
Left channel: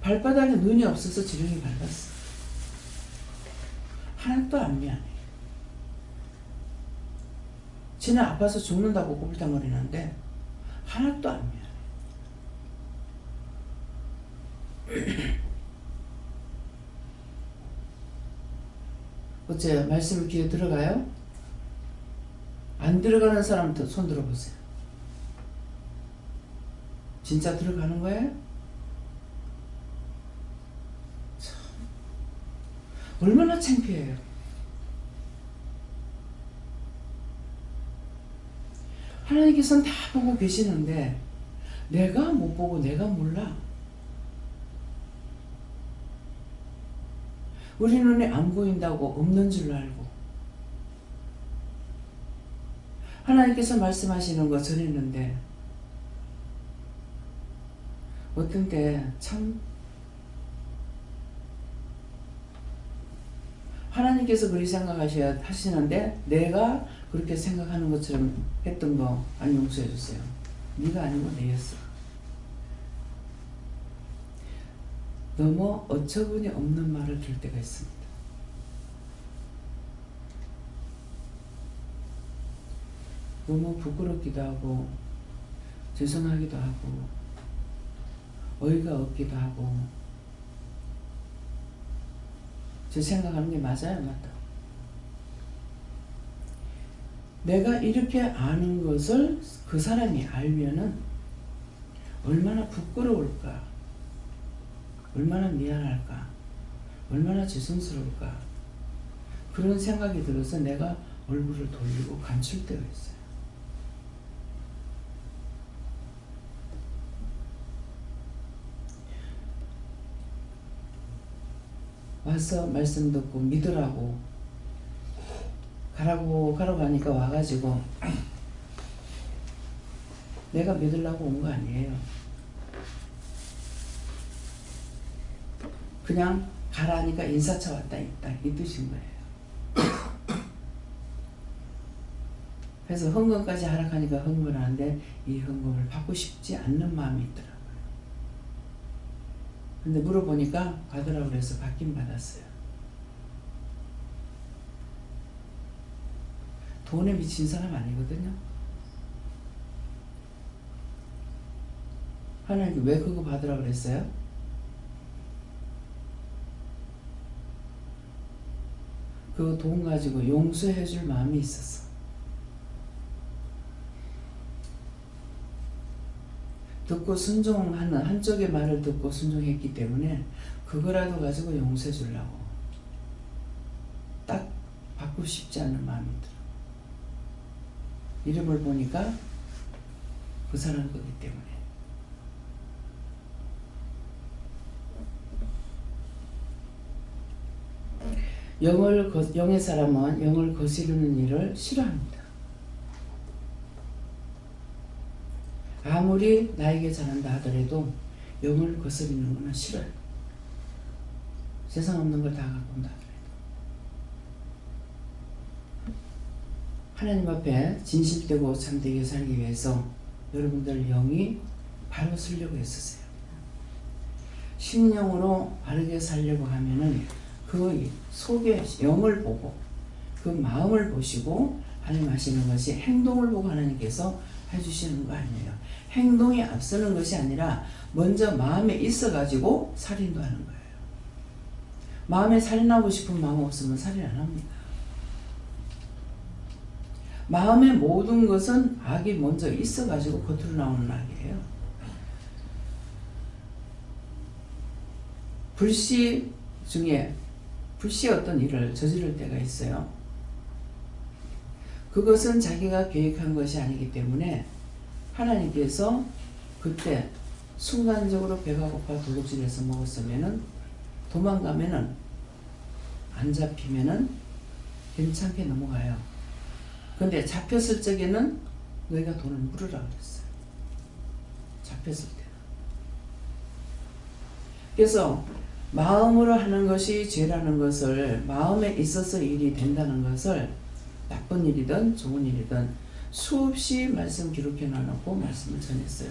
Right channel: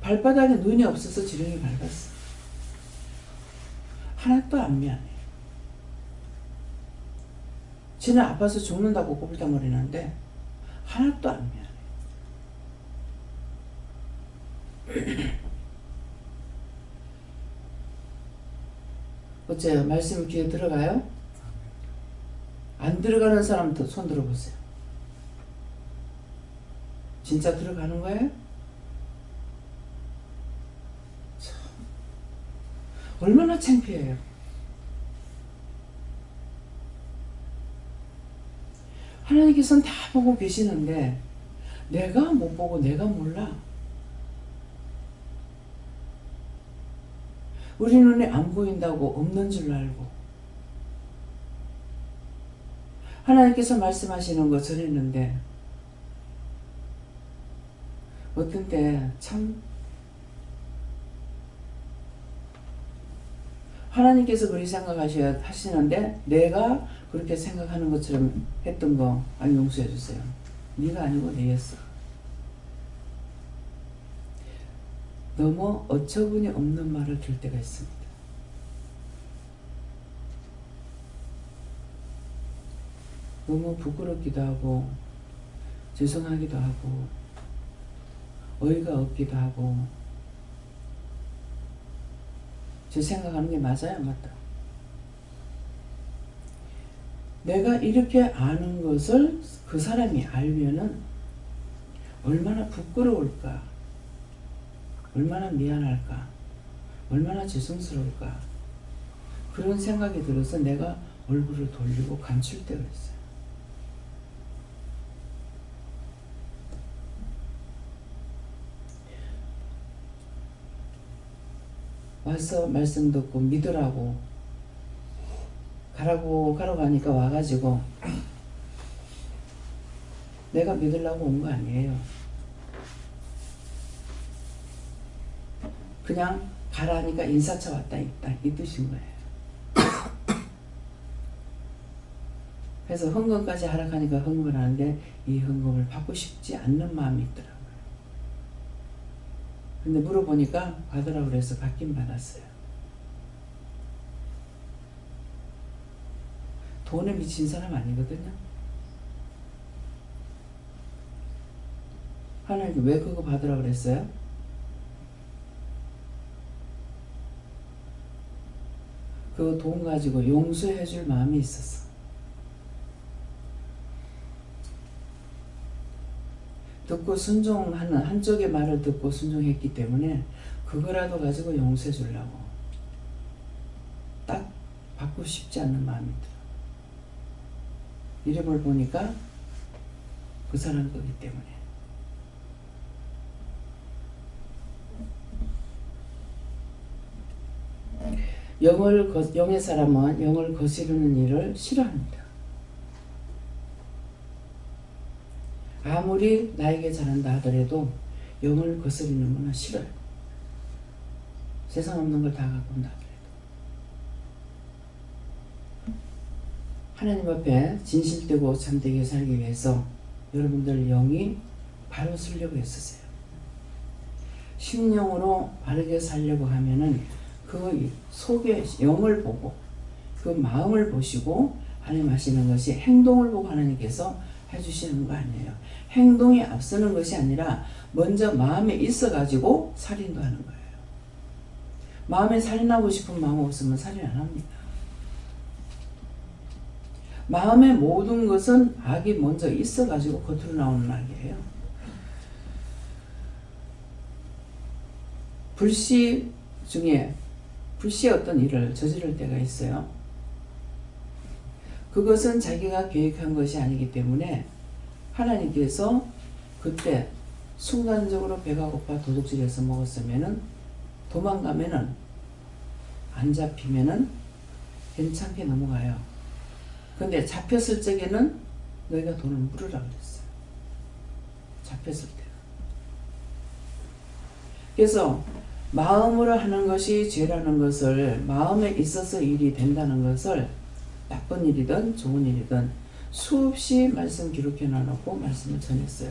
발바닥에 눈이 없어서 지렁이 밟았어. 하나도 안 미안해. 지는 아파서 죽는다고 꼬불탕거리는데 하나도 안 미안해. 어째요? 말씀이 귀에 들어가요? 안 들어가는 사람 손 들어보세요. 진짜 들어가는 거예요? 참, 얼마나 창피해요. 하나님께서는 다 보고 계시는데 내가 못 보고 내가 몰라. 우리 눈에 안 보인다고 없는 줄 알고 하나님께서 말씀하시는 거 전했는데 어떤 때 참 하나님께서 그렇게 생각하시는데 내가 그렇게 생각하는 것처럼 했던 거 아니 용서해 주세요. 네가 아니고 내였어. 너무 어처구니 없는 말을 들 때가 있습니다. 너무 부끄럽기도 하고 죄송하기도 하고 어이가 없기도 하고 제 생각하는 게 맞아요? 맞다. 내가 이렇게 아는 것을 그 사람이 알면은 얼마나 부끄러울까, 얼마나 미안할까, 얼마나 죄송스러울까 그런 생각이 들어서 내가 얼굴을 돌리고 감출 때가 있어요. 와서 말씀 듣고 믿으라고 가라고 하니까 와가지고 내가 믿으려고 온 거 아니에요. 그냥 가라니까 인사차 왔다 있다 이 뜻인 거예요. 그래서 헌금까지 하락하니까 헌금을 하는데 이 헌금을 받고 싶지 않는 마음이 있더라고요. 근데 물어보니까 받으라고 그래서 받긴 받았어요. 돈에 미친 사람 아니거든요. 하나님께 왜 그거 받으라고 그랬어요? 그 돈 가지고 용서해 줄 마음이 있었어. 듣고 순종하는 한쪽의 말을 듣고 순종했기 때문에 그거라도 가지고 용서해 주려고 딱 받고 싶지 않는 마음이 들어. 이름을 보니까 그 사람 거기 때문에. 영의 사람은 영을 거스르는 일을 싫어합니다. 아무리 나에게 잘한다 하더라도 영을 거스르는 건 싫어요. 세상 없는 걸 다 갖고 온다 하더라도. 하나님 앞에 진실되고 참되게 살기 위해서 여러분들 영이 바로 쓰려고 애쓰세요. 심령으로 바르게 살려고 하면은 그 속에 영을 보고 그 마음을 보시고 하나님 하시는 것이 행동을 보고 하나님께서 해주시는 거 아니에요. 행동이 앞서는 것이 아니라 먼저 마음에 있어가지고 살인도 하는 거예요. 마음에 살인하고 싶은 마음 없으면 살인 안 합니다. 마음의 모든 것은 악이 먼저 있어가지고 겉으로 나오는 악이에요. 불시 중에 불시의 어떤 일을 저지를 때가 있어요. 그것은 자기가 계획한 것이 아니기 때문에 하나님께서 그때 순간적으로 배가 고파 도둑질해서 먹었으면은 도망가면은 안 잡히면은 괜찮게 넘어가요. 근데 잡혔을 적에는 너희가 돈을 물으라 그랬어요. 잡혔을 때는. 그래서 마음으로 하는 것이 죄라는 것을, 마음에 있어서 일이 된다는 것을 나쁜 일이든 좋은 일이든 수없이 말씀 기록해 놔놓고 말씀을 전했어요.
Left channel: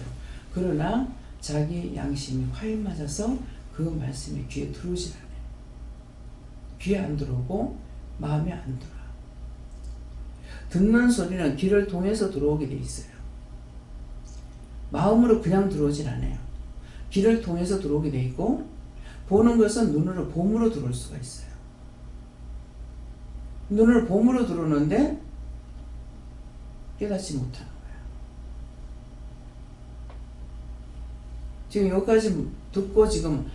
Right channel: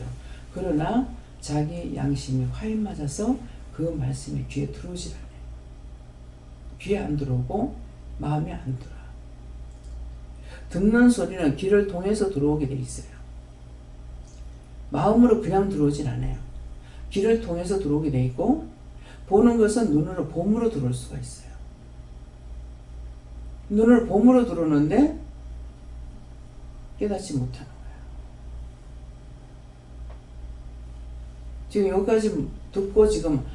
그러나 자기 양심이 화인 맞아서 그 말씀이 귀에 들어오질 않아요. 귀에 안 들어오고 마음에 안 들어. 듣는 소리는 귀를 통해서 들어오게 돼 있어요. 마음으로 그냥 들어오질 않아요. 귀를 통해서 들어오게 돼 있고, 보는 것은 눈으로 봄으로 들어올 수가 있어요. 눈을 봄으로 들어오는데 깨닫지 못하는 거예요. 지금 여기까지 듣고 지금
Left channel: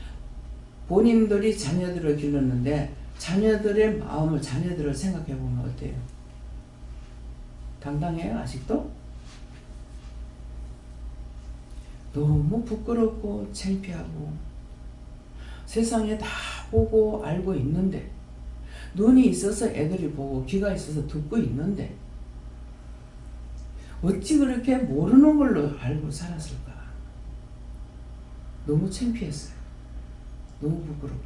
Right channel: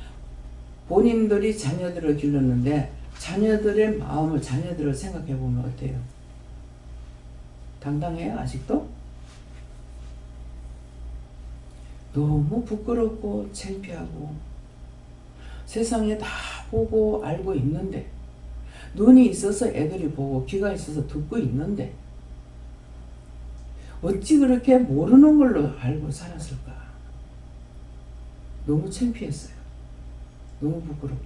본인들이 자녀들을 길렀는데 자녀들의 마음을, 자녀들을 생각해 보면 어때요? 당당해요? 아직도? 너무 부끄럽고 창피하고 세상에 다 보고 알고 있는데, 눈이 있어서 애들이 보고 귀가 있어서 듣고 있는데 어찌 그렇게 모르는 걸로 알고 살았을까? 너무 창피했어요. 너무 부끄럽고.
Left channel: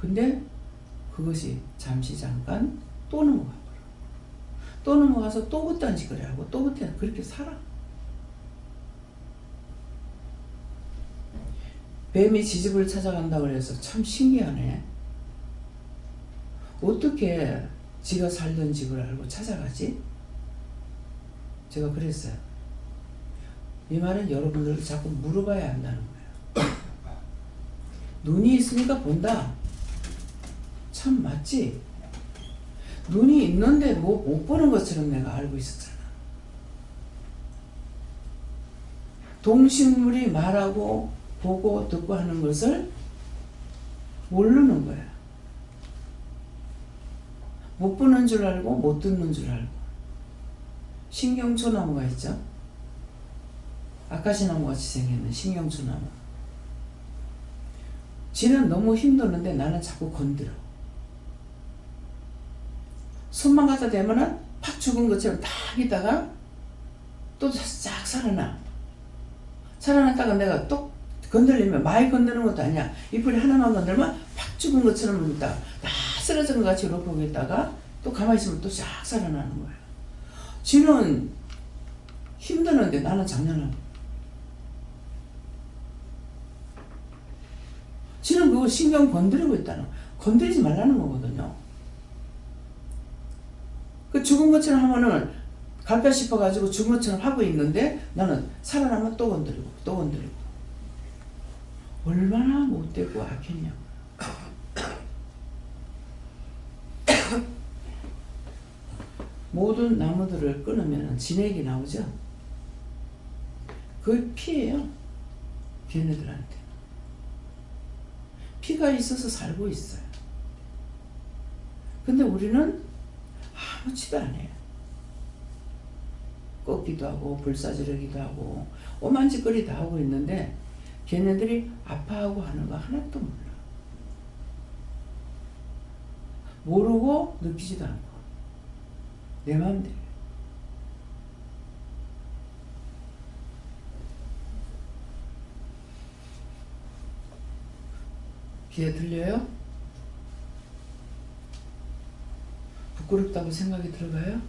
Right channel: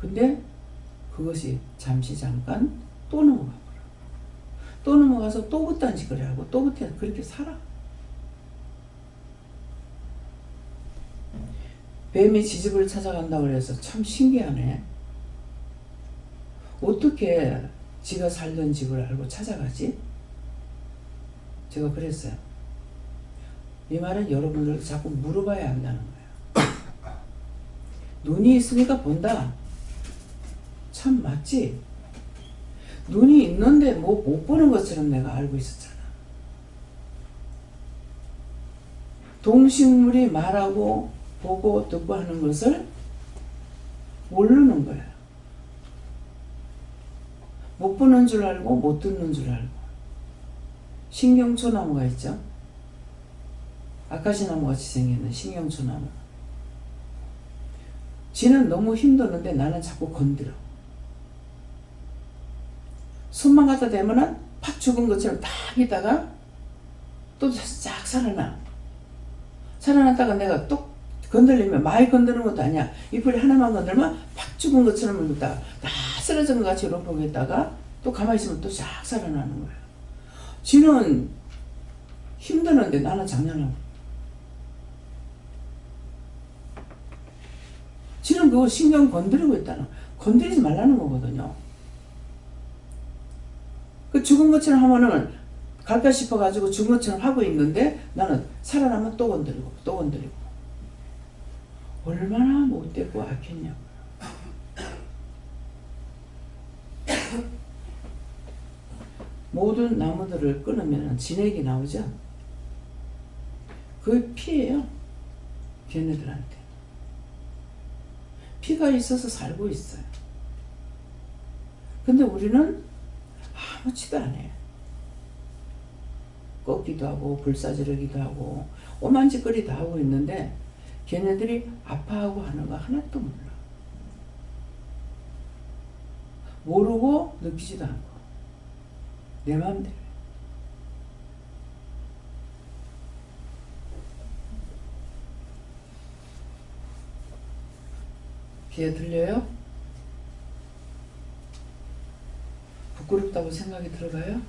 근데 그것이 잠시 잠깐 또 넘어가 버려. 또 넘어가서 또 그딴 짓을 하고 또 그렇게 살아. 뱀이 지집을 찾아간다고 그래서 참 신기하네. 어떻게 지가 살던 집을 알고 찾아가지? 제가 그랬어요. 이 말은 여러분들도 자꾸 물어봐야 한다는 거예요. 눈이 있으니까 본다. 참 맞지? 눈이 있는데 뭐 못 보는 것처럼 내가 알고 있었잖아. 동식물이 말하고 보고 듣고 하는 것을 모르는 거야. 못 보는 줄 알고 못 듣는 줄 알고. 신경초나무가 있죠. 아카시나무 같이 생겼는 신경초나무. 지는 너무 힘드는데 나는 자꾸 건드려. 손만 갖다 대면은 팍 죽은 것처럼 딱 있다가 또 싹 살아나. 살아났다가 내가 또 건들리면, 많이 건드는 것도 아니야. 잎을 하나만 건들면 팍 죽은 것처럼 있다가 다 쓰러진 것 같이 이렇게 보고 있다가 또 가만히 있으면 또 싹 살아나는 거야. 지는 힘드는데 나는 장난하고. 지는 그거 신경 건드리고 있다는, 건드리지 말라는 거거든요. 그 죽은 것처럼 하면은 갈까 싶어가지고 죽은 것처럼 하고 있는데 나는 살아나면 또 건드리고 또 건드리고. 얼마나 못되고 악했냐고. 모든 나무들을 끊으면 진액이 나오죠. 그게 피예요. 걔네들한테. 피가 있어서 살고 있어요. 근데 우리는 아무치도 안 해요. 꺾기도 하고 불사지르기도 하고 오만 짓거리 다 하고 있는데 걔네들이 아파하고 하는 거 하나도 몰라. 모르고 느끼지도 않고 내 마음대로. 귀에 들려요? 부끄럽다고 생각이 들어가요?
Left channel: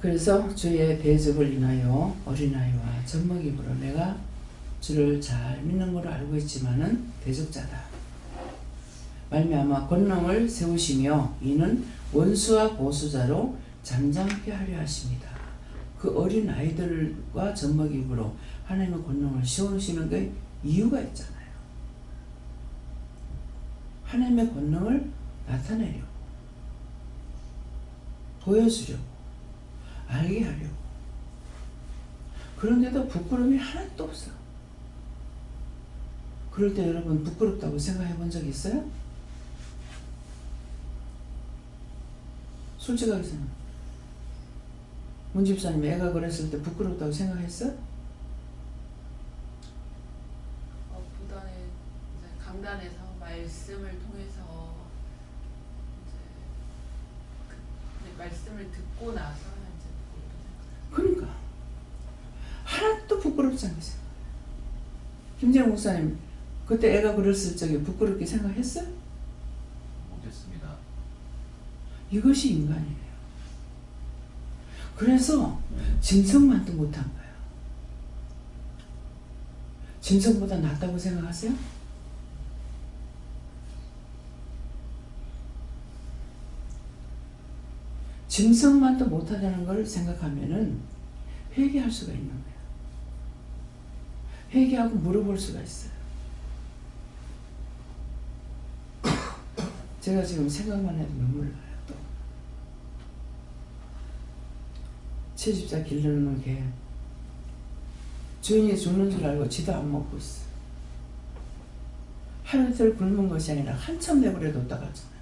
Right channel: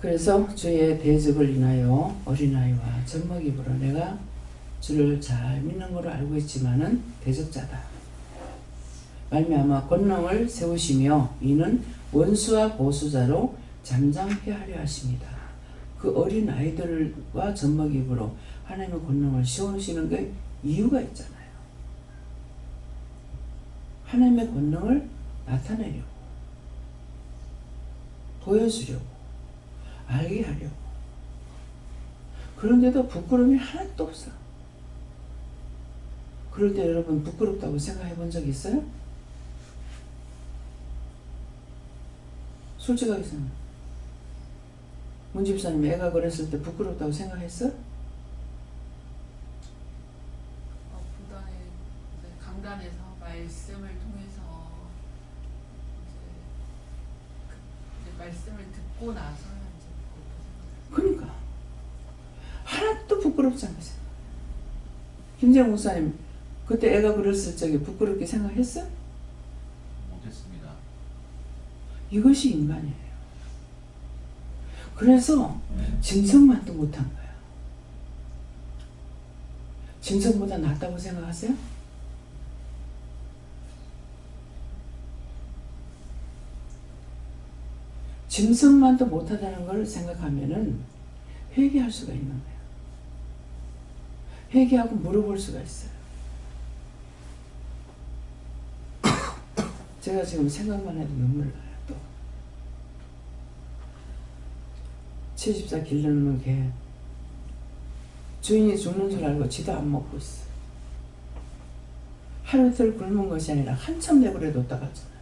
그래서 주의 대적을 인하여 어린아이와 젖먹이므로 내가 주를 잘 믿는 걸로 알고 있지만은 대적자다. 말미암아 권능을 세우시며 이는 원수와 보수자로 잠잠케 하려 하십니다. 그 어린 아이들과 젖먹이므로 하나님의 권능을 세우시는 게 이유가 있잖아요. 하나님의 권능을 나타내려고, 보여주려고, 알게 하려고. 그런데도 부끄러움이 하나도 없어. 그럴 때 여러분 부끄럽다고 생각해 본 적 있어요? 솔직하게 생각해. 문 집사님 애가 그랬을 때 부끄럽다고 생각했어? 보다는 이제 강단에서 말씀을 통해서 이제 말씀을 듣고 나서 이제 그러니까 하나도 부끄럽지 않게 생각해. 김재영 목사님 그때 애가 그랬을 적에 부끄럽게 생각했어? 못했습니다. 이것이 인간이에요. 그래서 짐승만도 못한 거야. 짐승보다 낫다고 생각하세요? 짐승만도 못하다는 걸 생각하면은 회개할 수가 있는 거야. 회개하고 물어볼 수가 있어요. 제가 지금 생각만 해도 눈물 나요. 또 채집자 기르는 개 주인이 죽는 줄 알고 지도 안 먹고 있어. 하루 이틀 굶은 것이 아니라 한참 내버려뒀다 가잖아요.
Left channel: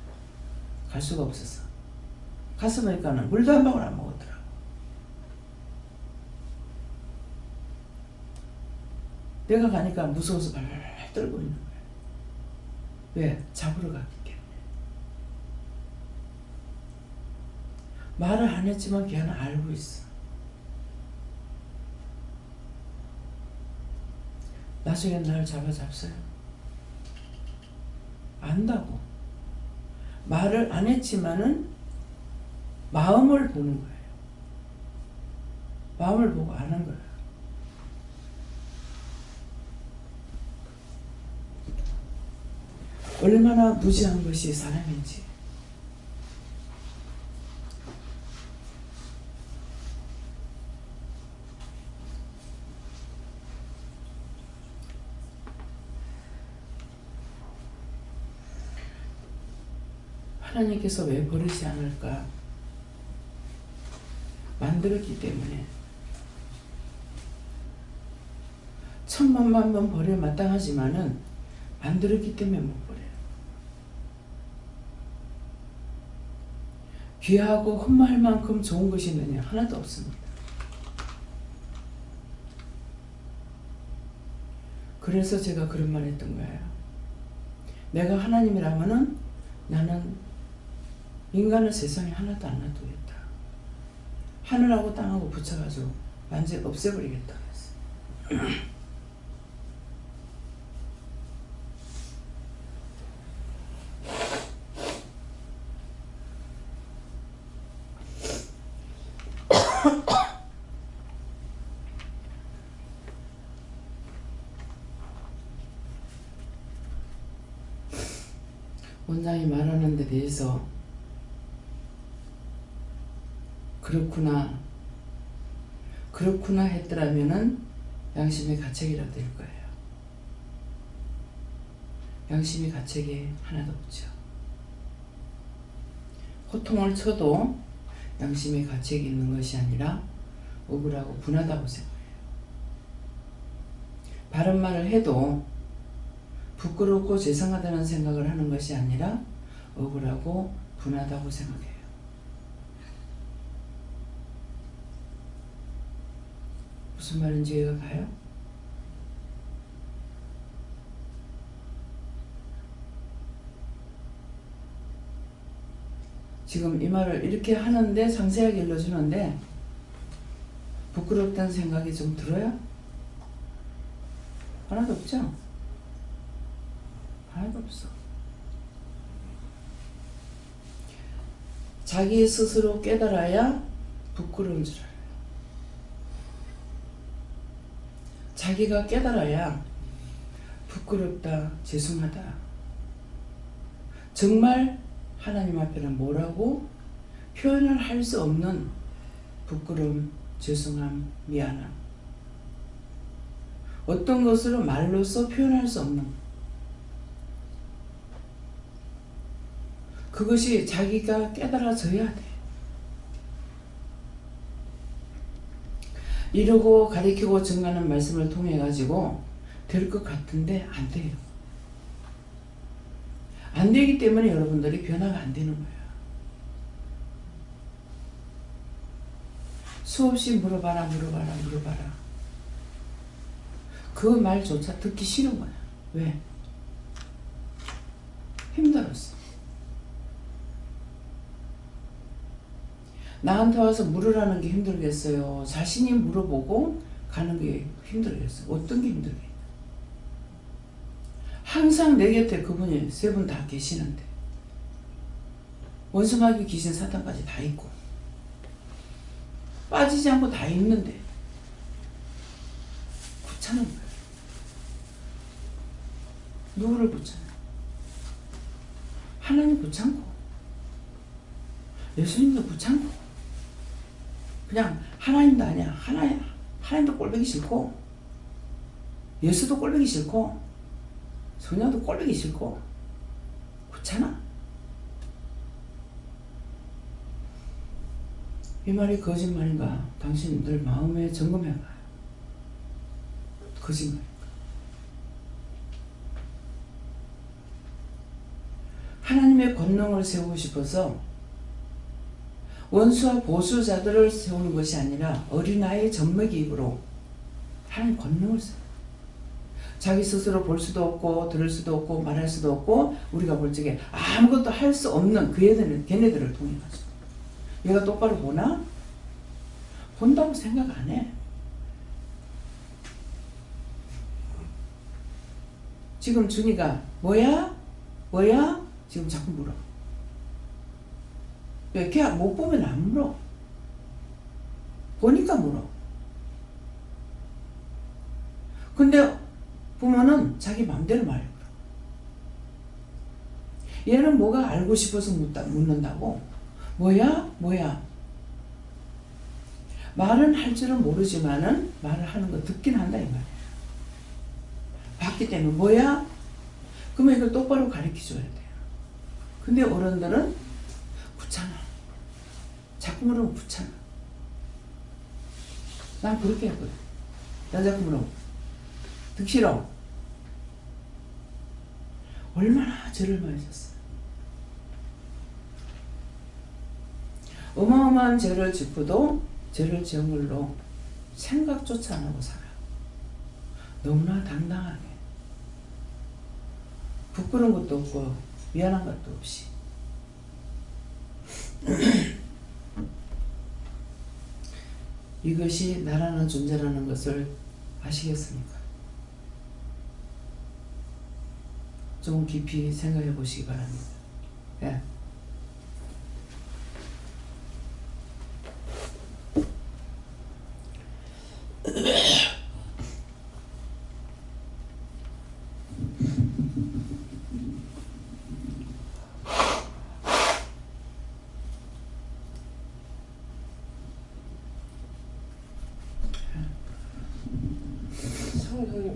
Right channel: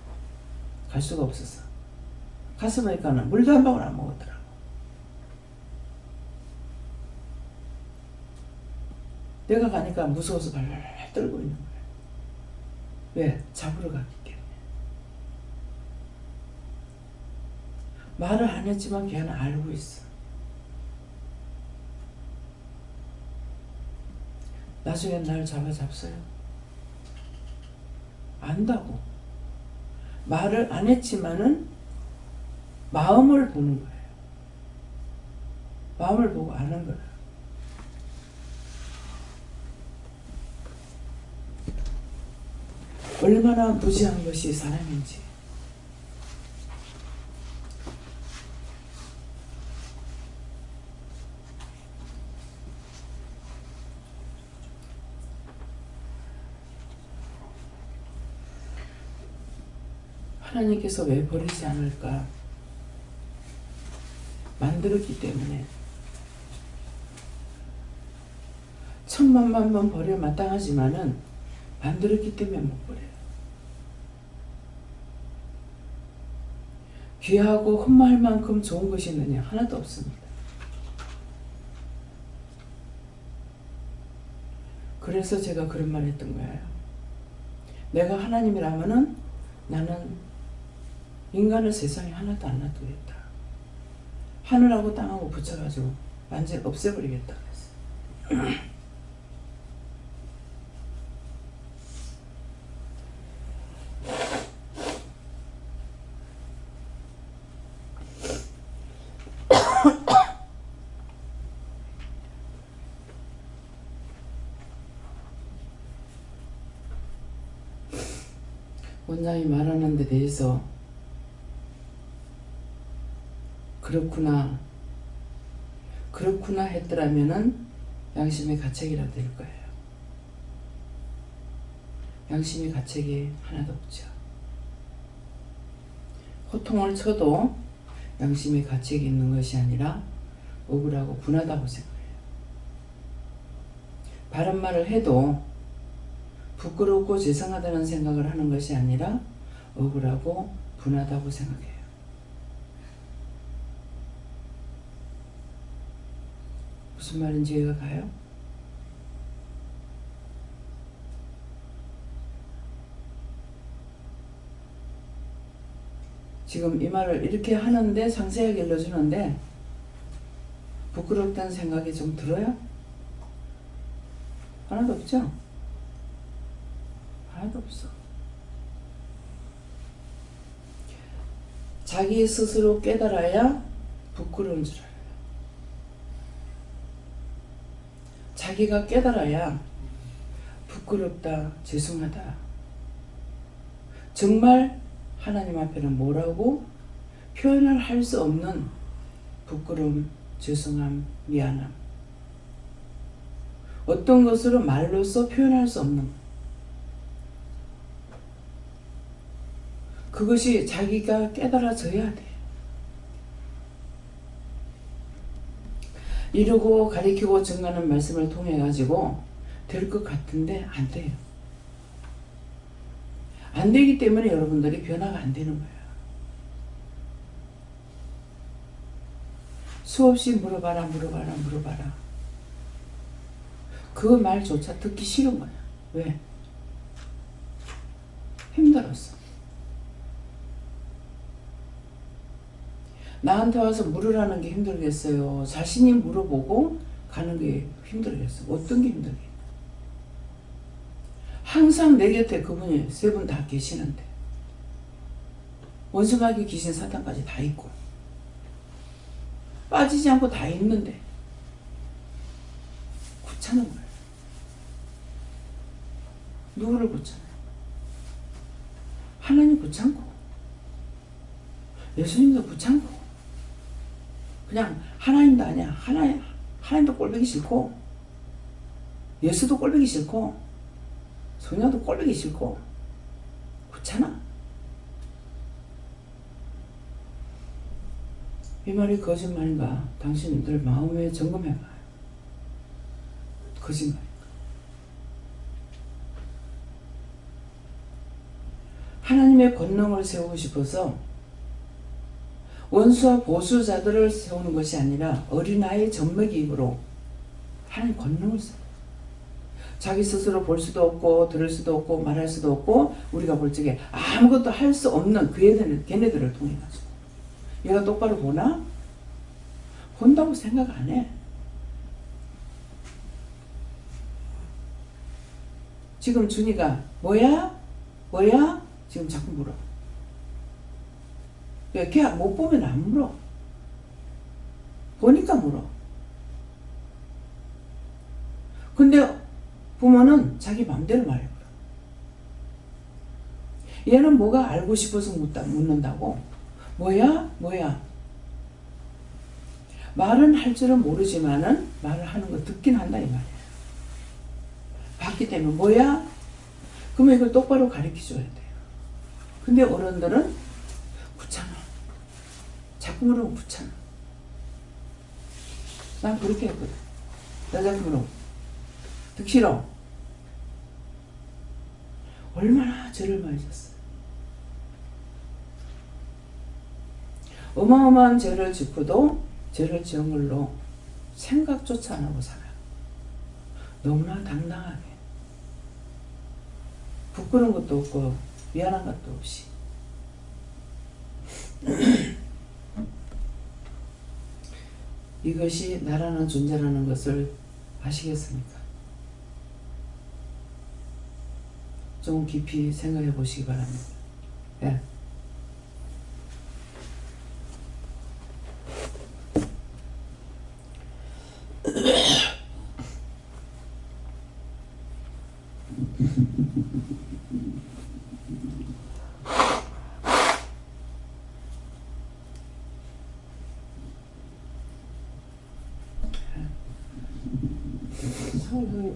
갈 수가 없어서 가서 보니까는 물도 한 방울 안 먹었더라고. 내가 가니까 무서워서 발랄 떨고 있는 거야. 왜? 잡으러 갔기 때문에. 말을 안 했지만 걔는 알고 있어. 나중엔 날 잡았어요. 안다고. 말을 안 했지만은 마음을 보는 거예요. 마음을 보고 아는 거예요. 얼마나 무지한 것이 사람인지. 하나님께서 왜 버리지 않을까? 만들었기 때문에. 천만만 번 버려 마땅하지만은 만들었기 때문에 못 버려요. 귀하고 흠모할 만큼 좋은 것이 있느냐? 하나도 없습니다. 그래서 제가 그런 말 했던 거예요. 내가 하나님이라면은 나는 인간을 세상에 하나도 안 놔두겠다. 하늘하고 땅하고 붙여가지고 완전히 없애버리겠다 그랬어요. 원장이 말하는 데 대해서 그렇구나 했더라면은 양심의 가책이라 될 거예요. 양심의 가책이 하나도 없죠. 호통을 쳐도 양심의 가책이 있는 것이 아니라 억울하고 분하다고 생각해요. 바른 말을 해도 부끄럽고 죄송하다는 생각을 하는 것이 아니라 억울하고 분하다고 생각해요. 무슨 말인지 이해가 가요? 지금 이 말을 이렇게 하는데 상세하게 일러주는데 부끄럽다는 생각이 좀 들어요? 하나도 없죠? 하나도 없어. 자기 스스로 깨달아야 부끄러운 줄 알아요. 자기가 깨달아야 부끄럽다, 죄송하다. 정말 하나님 앞에는 뭐라고 표현을 할 수 없는 부끄러움, 죄송함, 미안함. 어떤 것으로 말로써 표현할 수 없는 그것이 자기가 깨달아져야 돼. 이루고 가리키고 증가하는 말씀을 통해 가지고 될 것 같은데 안 돼요. 안 되기 때문에 여러분들이 변화가 안 되는 거예요. 수없이 물어봐라. 그 말조차 듣기 싫은 거야. 왜? 힘들었어. 나한테 와서 물으라는 게 힘들겠어요? 자신이 물어보고 가는 게 힘들겠어요? 어떤 게 힘들겠어요? 항상 내 곁에 그분이 세 분 다 계시는데 원수마귀 귀신 사탄까지 다 있고 빠지지 않고 다 있는데 귀찮은 거예요. 누구를 귀찮아요? 하나님 귀찮고 예수님도 귀찮고 그냥 하나님도 아니야. 하나님도 꼴보기 싫고 예수도 꼴보기 싫고 성령도 꼴보기 싫고 귀찮아. 이 말이 거짓말인가? 당신들 마음에 점검해봐요. 거짓말인가? 하나님의 권능을 세우고 싶어서 원수와 보수자들을 세우는 것이 아니라 어린아이의 젖먹이입으로 하나님 권능을 세워요. 자기 스스로 볼 수도 없고 들을 수도 없고 말할 수도 없고 우리가 볼 적에 아무것도 할 수 없는 걔네들을 통해 가지고 얘가 똑바로 보나? 본다고 생각 안 해. 지금 준이가 뭐야? 지금 자꾸 물어. 왜? 걔 못 보면 안 물어. 보니까 물어. 근데 부모는 자기 맘대로 말해버려. 얘는 뭐가 알고 싶어서 묻는다고? 뭐야? 말은 할 줄은 모르지만은 말을 하는 거 듣긴 한다 이 말이야. 봤기 때문에 뭐야? 그러면 이걸 똑바로 가르쳐줘야 돼요. 근데 어른들은 귀찮아. 자꾸 물으면 귀찮아. 난 그렇게 했거든. 나 자꾸 물으면 듣기 싫어. 얼마나 죄를 많이 졌어요. 어마어마한 죄를 짓고도 죄를 지은 걸로 생각조차 안 하고 살아요. 너무나 당당하게. 부끄러운 것도 없고 미안한 것도 없이. 이것이 나라는 존재라는 것을 아시겠습니까? 좀 깊이 생각해 보시기 바랍니다. 예.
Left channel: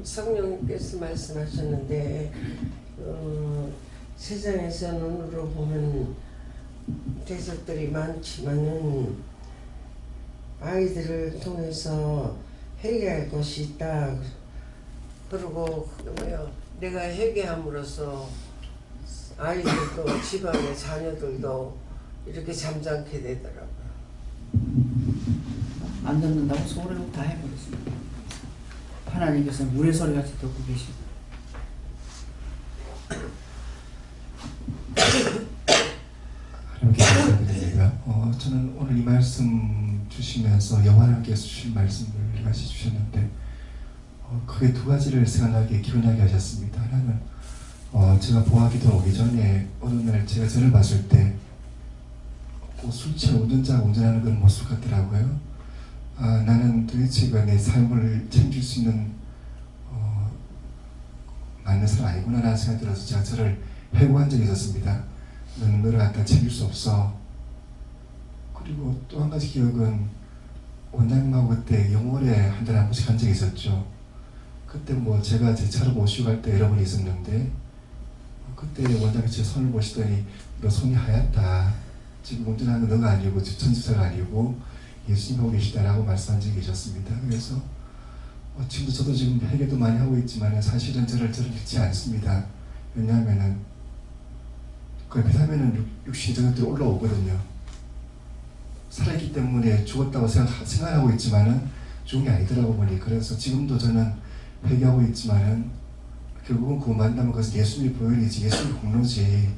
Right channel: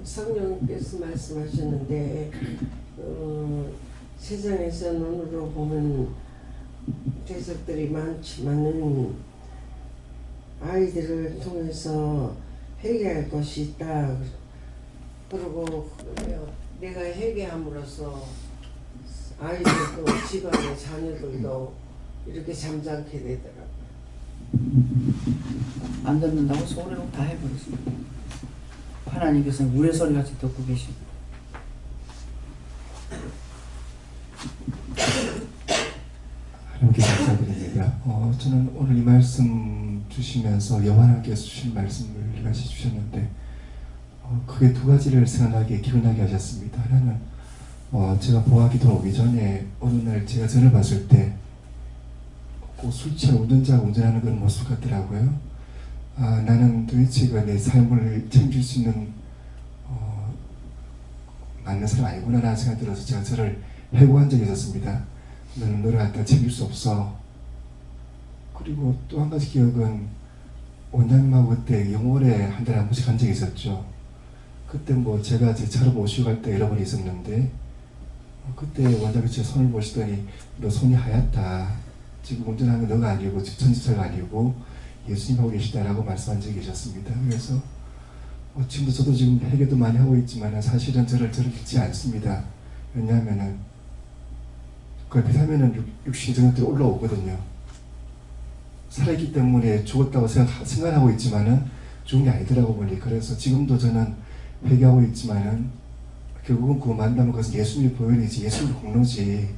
성령께서 말씀하셨는데 세상에서 눈으로 보면 대적들이 많지만은 아이들을 통해서 회개할 것이 있다. 그리고 내가 회개함으로써 아이들도 집안의 자녀들도 이렇게 잠잠게 되더라고요. 안 듣는다고 소리로 다 해버렸습니다. 하나님께서는 우리 소리같이 듣고 계시고. 하나님께 감사드립니다. 저는 오늘 이 말씀 주시면서 여호와께서 주신 말씀을 같이 주셨는데 크게 두 가지를 생각나게 기록나게 하셨습니다. 하나는 제가 보아기도 오기 전에 어느 날 제가 전을 봤을 때 술 취한 운전자가 운전하는 건 모습 같더라고요. 나는 도대체 내 삶을 책임질 수 있는 맞는 사람 아니구나 라는 생각이 들어서 제가 저를 해고한 적이 있었습니다. 너는 너를 갖다 책임질 수 없어. 그리고 또 한 가지 기억은 원장님하고 그때 영월에 한 달에 한 번씩 간 적이 있었죠. 그때 뭐 제가 제 차로 모시고 갈 때 여러 번 있었는데 그때 원장님이 제 손을 보시더니 너 손이 하얗다. 지금 운전하는 건 너가 아니고 전지사가 아니고 예수님하고 계시다라고 말씀한 적이 계셨습니다. 그래서 지금도 저도 지금 회개도 많이 하고 있지만 사실은 저를 믿지 않습니다. 왜냐하면은 그걸 비하면은 육신이 저녁들이 올라오거든요. 살아있기 때문에 죽었다고 생각하고 있지만은 죽은 게 아니더라고 보니. 그래서 지금도 저는 회개하고 있지만은 결국은 그거 만나면 그것은 예수님의 보혈이지 예수님의 공로지.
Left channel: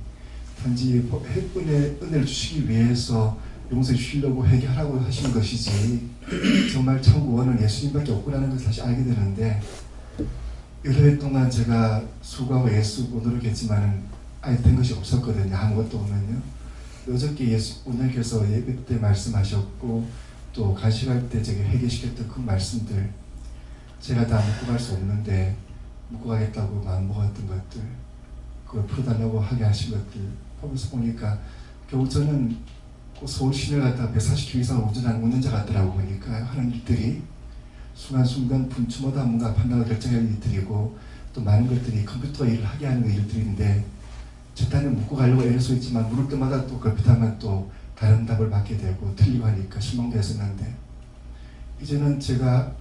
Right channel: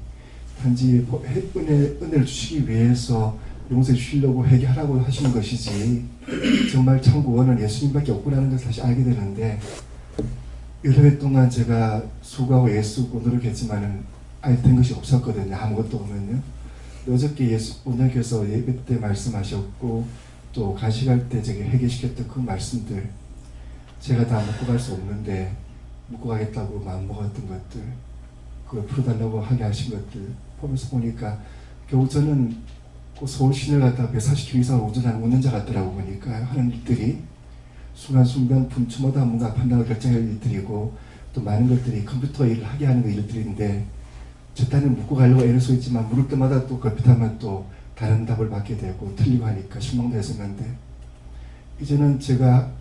단지 은혜를 주시기 위해서 용서해 주시려고 회개하라고 하시는 것이지 정말 참 구원은 예수님밖에 없구나는 것을 다시 알게 되는데 여러 해 동안 제가 수고하고 애쓰고 노력했지만은 아예 된 것이 없었거든요. 아무것도 없는요. 어저께 오늘께서 예배 때 말씀하셨고 또 가시갈 때 제가 회개시켰던 그 말씀들 제가 다 묻고 갈 수 없는데 묻고 가겠다고 마음먹었던 것들 그걸 풀어달라고 하게 하신 것들 보면서 보니까 결국 저는 그 서울 시내를 갖다가 140km 이상을 운전하는 운전자 같더라고 보니까 하는 일들이 순간순간 분초마다 뭔가 판단을 결정할 일들이고 또 많은 것들이 컴퓨터 일을 하게 하는 일들인데 저 딴에 묻고 가려고 애를 써 있지만 물을 때마다 또 걸핏하면 또 다른 답을 받게 되고 틀리고 하니까 실망도 했었는데 이제는 제가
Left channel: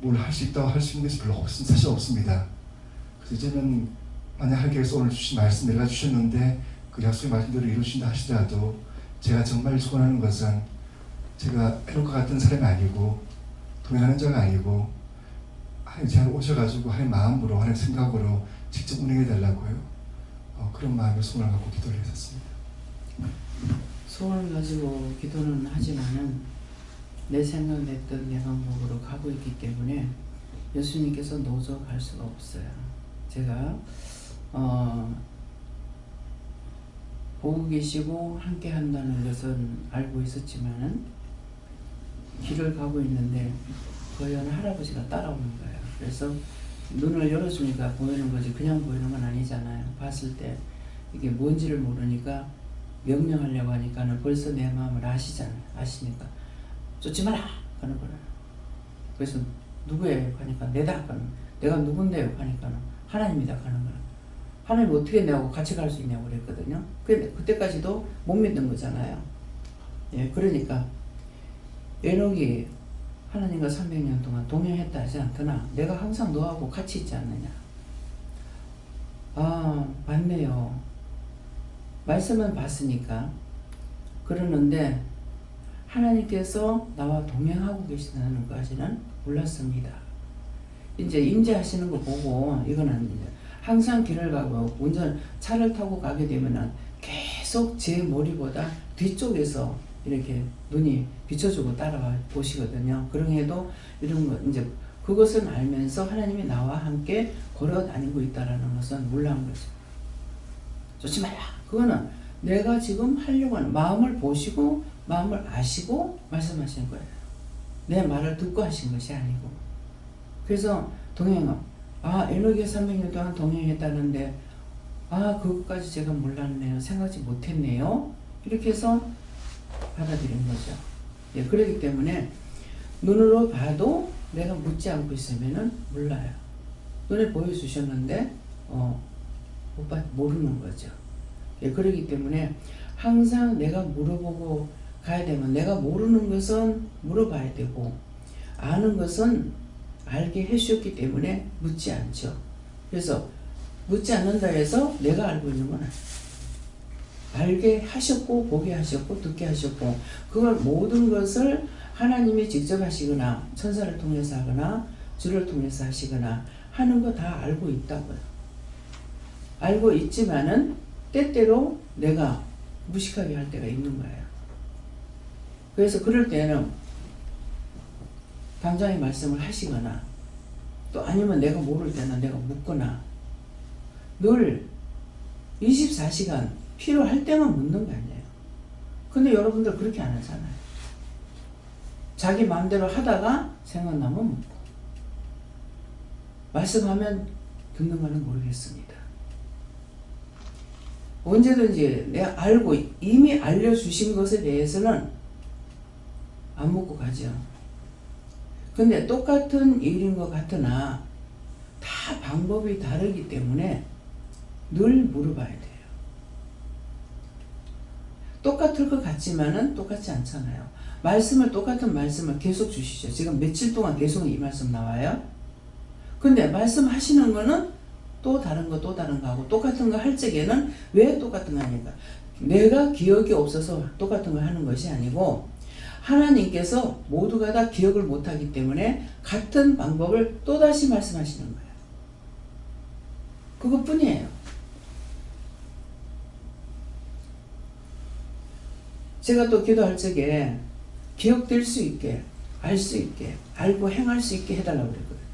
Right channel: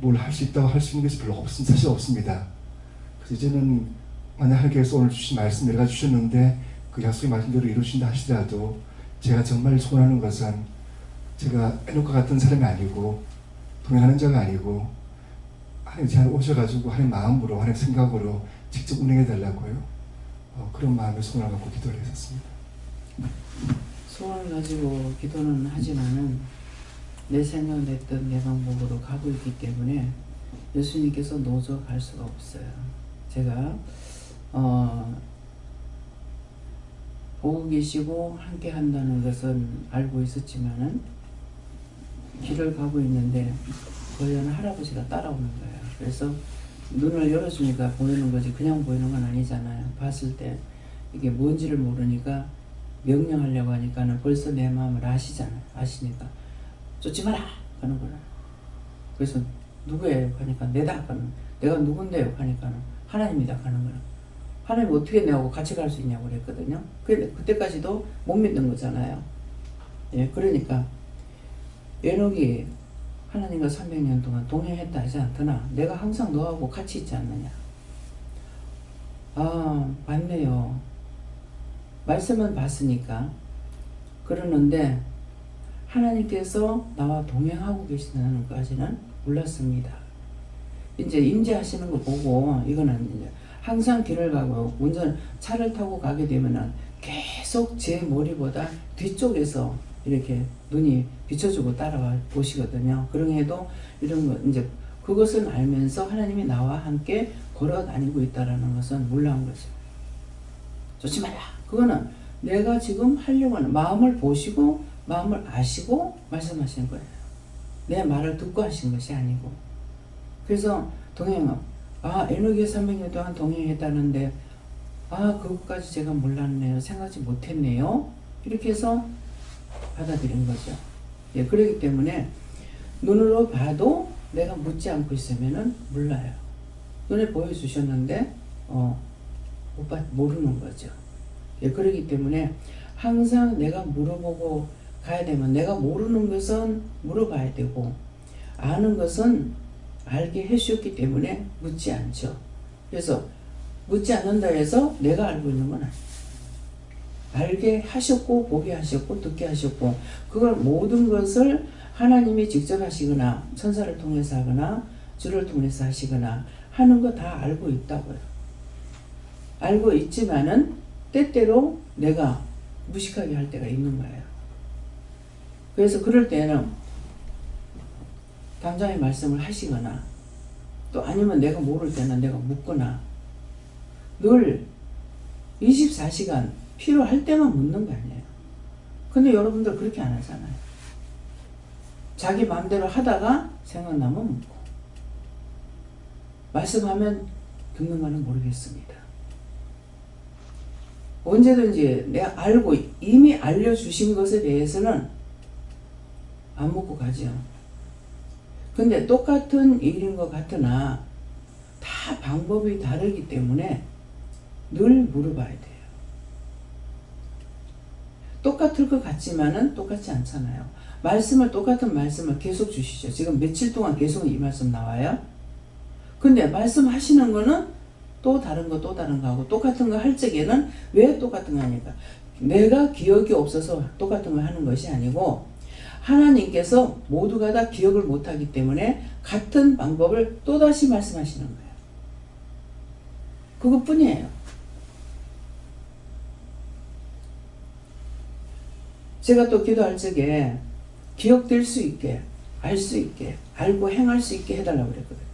뭘 할 수 있다고 할 수 있는 것이 별로 사실 없습니다. 그래서 이제는 만약 하나님께서 오늘 주신 말씀 내가 주셨는데 그 약속의 말씀대로 이루신다 하시더라도 제가 정말 소원하는 것은 제가 에녹과 같은 사람이 아니고 동행하는 자가 아니고 하나님 제 안에 오셔가지고 하나님 마음으로 하나님 생각으로 직접 운행해 달라고요. 그런 마음의 소원을 갖고 기도를 했었습니다. 소원을 가지고 기도는 하지만은 내 생각냈던 내 방법으로 가고 있기 때문에 예수님께서 노조 갈 수가 없어요. 제가 보고 계시고 함께 한다는 것은 알고 있었지만은 길을 가고 있는데 거기 어느 할아버지가 따라오는 거예요. 그래서 눈을 열어주니까 보이는 거지 그냥 보이는 건 아니잖아요. 봤을 때 이게 뭔지를 모르니까 명령하려고 하니까는 벌써 내 마음을 아시니까 쫓지 마라 하는 거라. 그래서 누구예요? 하니까 내다 하는 내가 누군데요? 하니까는 하나님이다 하는 거라. 하나님 어떻게 내하고 같이 갈 수 있냐고 그랬거든요. 그때까지도 못 믿는 거잖아요. 예, 그러니까 에녹이 하나님과 300년 동안 동행했다 하지 않더나 내가 항상 너하고 같이 있지 않느냐. 맞네요. 말씀은 봤으니까. 그러는데 하나님께서 나와 동행하고 계시다는 것까지는 몰랐습니다. 이제 임재하시는 거 보고 이거는 이제 항상 길을 가고 차를 타고 가게 되면은 계속 제 머리보다 뒤쪽에서 이렇게 눈이 비춰주고 따라와 보시거든요. 그럼에도 이런 거 이제 그것은 알면서 하나님이 나와 함께 걸어 다니고 있다라는 것은 몰라한 거죠. 쫓지 마라. 그거는 내가 지금 하려고 하는 마음을 보시고 마음을 아시고 말씀하신 거예요. 내 말을 듣고 하신 것이 아니고. 그래서 동행은 에녹이 300년 동안 동행했다는데 그것까지 제가 몰랐네요. 생각지 못했네요. 이렇게 해서 받아들인 거죠. 예, 그렇기 때문에 눈으로 봐도 내가 묻지 않고 있으면은 몰라요. 눈에 보여주셨는데 모르는 거죠. 예, 그렇기 때문에 항상 내가 물어보고 가야 되면 내가 모르는 것은 물어봐야 되고 아는 것은 알게 해주셨기 때문에 묻지 않죠. 그래서 묻지 않는다 해서 내가 알고 있는 건 아니에요. 알게 하셨고 보게 하셨고 듣게 하셨고 그걸 모든 것을 하나님이 직접 하시거나 천사를 통해서 하거나 주를 통해서 하시거나 하는 거 다 알고 있다고요. 알고 있지만은 때때로 내가 무식하게 할 때가 있는 거예요. 그래서 그럴 때는 당장의 말씀을 하시거나 또 아니면 내가 모를 때는 내가 묻거나 늘 24시간 필요할 때만 묻는 거 아니에요. 근데 여러분들 그렇게 안 하잖아요. 자기 마음대로 하다가 생각나면 묻고 말씀하면 듣는가는 모르겠습니다. 언제든지 내가 알고 이미 알려주신 것에 대해서는 안 묻고 가죠. 근데 똑같은 일인 것 같으나 다 방법이 다르기 때문에 늘 물어봐야 돼요. 똑같을 것 같지만은 똑같지 않잖아요. 똑같은 말씀을 계속 주시죠. 지금 며칠 동안 계속 이 말씀 나와요. 근데 말씀하시는 거는 또 다른 거 하고 똑같은 거 할 적에는 왜 똑같은 거 하니까 내가 기억이 없어서 똑같은 걸 하는 것이 아니고 하나님께서 모두가 다 기억을 못하기 때문에 같은 방법을 또다시 말씀하시는 거예요. 그것뿐이에요. 제가 또 기도할 적에 기억될 수 있게, 알 수 있게, 알고 행할 수 있게 해달라고 그랬거든요.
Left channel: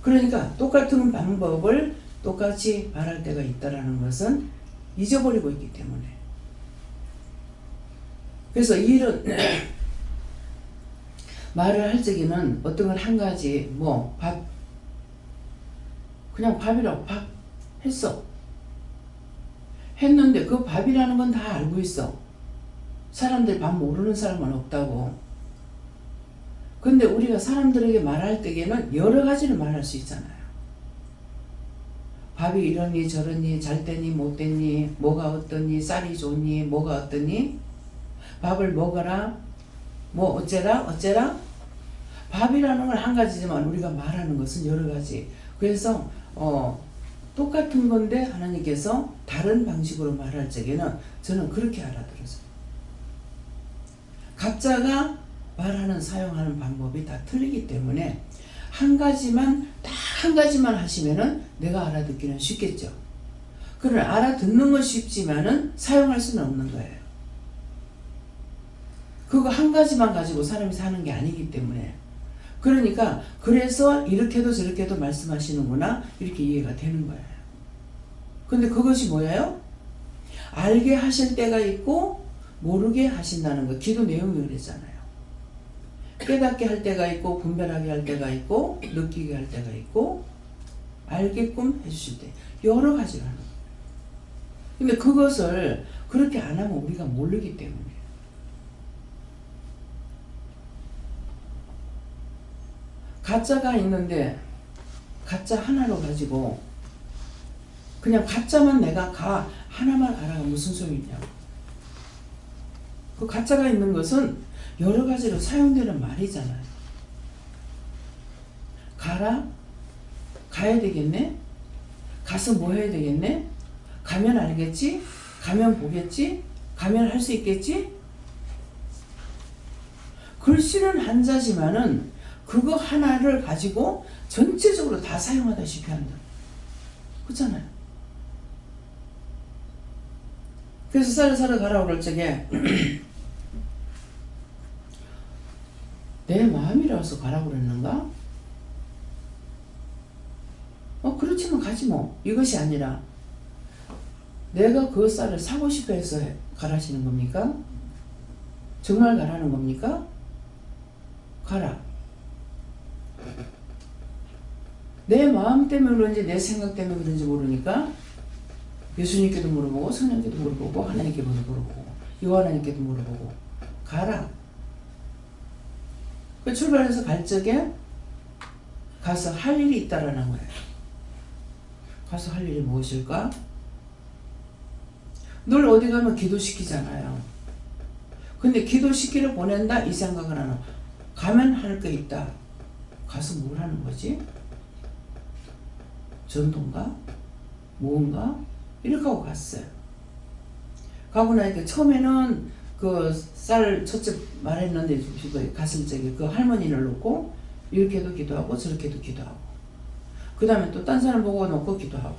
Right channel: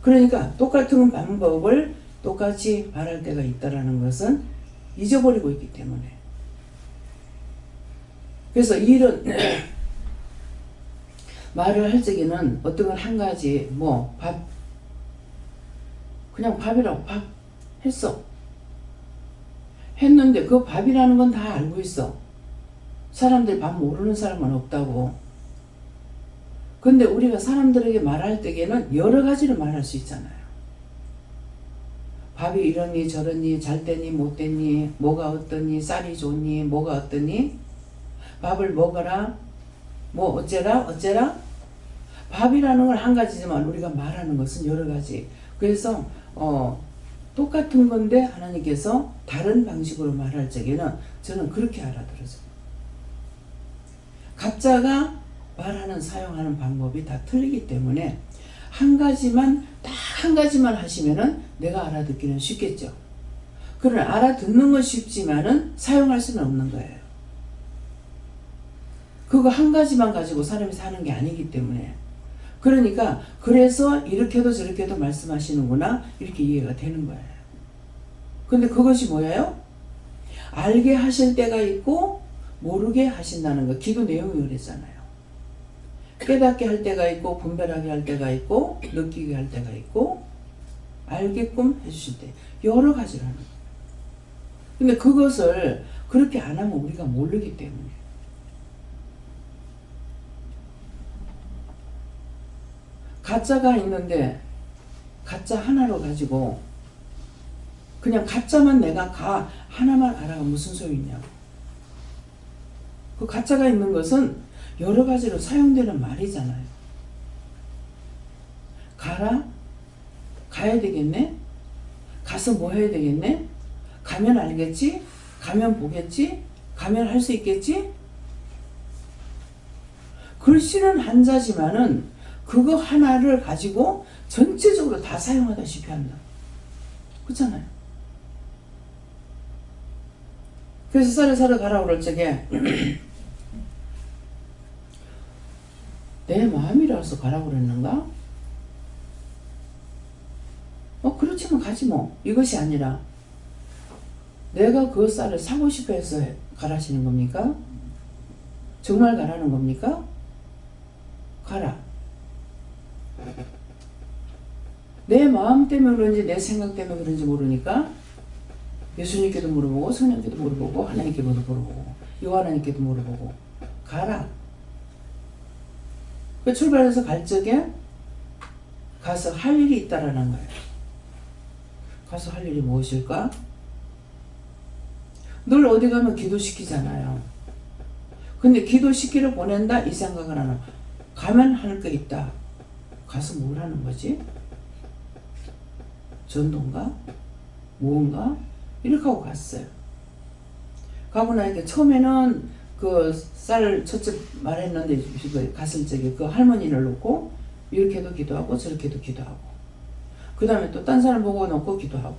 그러니까 똑같은 방법을 똑같이 말할 때가 있다는 것은 잊어버리고 있기 때문에. 그래서 이런 말을 할 적에는 어떤 건 한 가지 그냥 밥이라고 밥 했어. 했는데 그 밥이라는 건 다 알고 있어. 사람들이 밥 모르는 사람은 없다고. 근데 우리가 사람들에게 말할 때에는 여러 가지를 말할 수 있잖아요. 밥이 이러니 저러니 잘 됐니 못 됐니 뭐가 어떠니 쌀이 좋니 뭐가 어떠니 밥을 먹어라 뭐 어째라 밥이라는 건 한 가지지만 우리가 말하는 것은 여러 가지. 그래서 똑같은 건데 하나님께서 다른 방식으로 말할 적에는 저는 그렇게 알아들었어요. 각자가 말하는 사용하는 방법이 다 틀리기 때문에 딱 한 가지만 하시면은 내가 알아듣기는 쉽겠죠. 그러나 알아듣는 건 쉽지만은 사용할 수는 없는 거예요. 그거 한 가지만 가지고 사람이 사는 게 아니기 때문에. 그러니까 그래서 이렇게도 저렇게도 말씀하시는구나 이렇게 이해가 되는 거예요. 근데 그것이 뭐예요? 알게 하실 때가 있고 모르게 하신다는 거. 기도 내용이 그랬잖아요. 깨닫게 할 때가 있고 분별하게 할 때가 있고 느끼게 할 때가 있고 알게끔 해주실 때 여러 가지를 하는 거예요. 근데 그것을 그렇게 안 하면 우리가 모르기 때문에. 가짜가 있는데 가짜 하나로 가지고 그냥 가짜만 내가 하나만 알아가 무슨 소용이냐고. 그 가짜가 있는 것은 여러 가지로 사용되는 말이잖아요. 가야 되겠네? 가서 뭐 해야 되겠네? 가면 알겠지? 가면 보겠지? 가면 할 수 있겠지? 글씨는 한자지만은 그거 하나를 가지고 전체적으로 다 사용하다시피 한다. 그렇잖아요. 그래서 쌀을 사러 가라고 그럴 적에 내 마음이라서 가라고 그랬는가? 그렇지만 가지 뭐. 이것이 아니라 내가 그 쌀을 사고 싶어 해서 가라시는 겁니까? 정말 가라는 겁니까? 가라. 내 마음 때문에 그런지 내 생각 때문에 그런지 모르니까 예수님께도 물어보고 성령께도 물어보고 하나님께도 물어보고 요하나님께도 물어보고 가라. 그 출발해서 갈 적에 가서 할 일이 있다라는 거예요. 가서 할 일이 무엇일까? 늘 어디 가면 기도시키잖아요. 근데 기도시키러 보낸다 이 생각을 하나. 가면 할 거 있다. 가서 뭘 하는 거지? 전도인가? 뭔가? 이렇게 하고 갔어요. 가고 나니까 처음에는 그 쌀 첫째 말했는데 갔을 적에 그 할머니를 놓고 이렇게도 기도하고 저렇게도 기도하고 그 다음에 또 딴 사람 보고 놓고 기도하고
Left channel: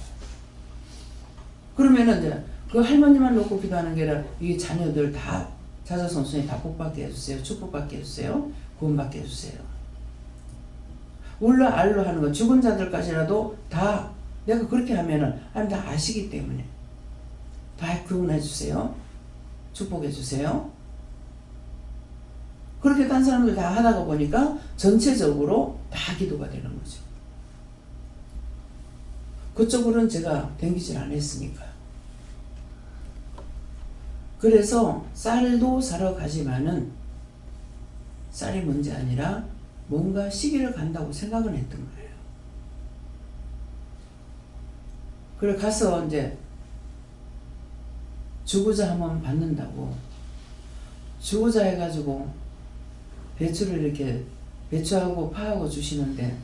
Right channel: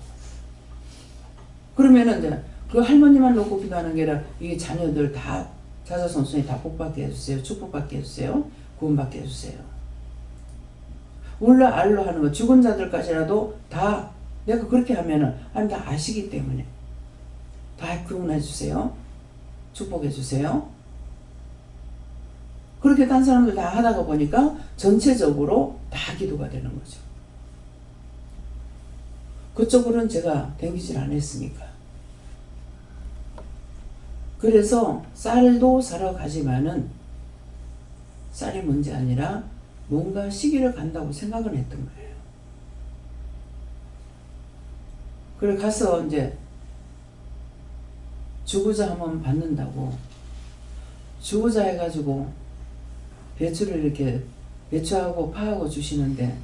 그러면은 이제 그 할머니만 놓고 기도하는 게 아니라 이 자녀들 다 자자손손이 다 복받게 해주세요. 축복받게 해주세요. 구원받게 해주세요. 울라 알로 하는 거 죽은 자들까지라도 다 내가 그렇게 하면은 하나님 다 아시기 때문에 다 구원해 주세요. 축복해 주세요. 그렇게 딴 사람들 다 하다가 보니까 전체적으로 다 기도가 되는 거죠. 그쪽으로는 제가 댕기질 않았으니까. 그래서 쌀도 사러 가지만은 쌀이 문제 아니라 뭔가 시기를 간다고 생각은 했던 거예요. 그래 가서 이제 주구자 한번 받는다고 주구자 해가지고 배추를 이렇게 배추하고 파하고 주시는데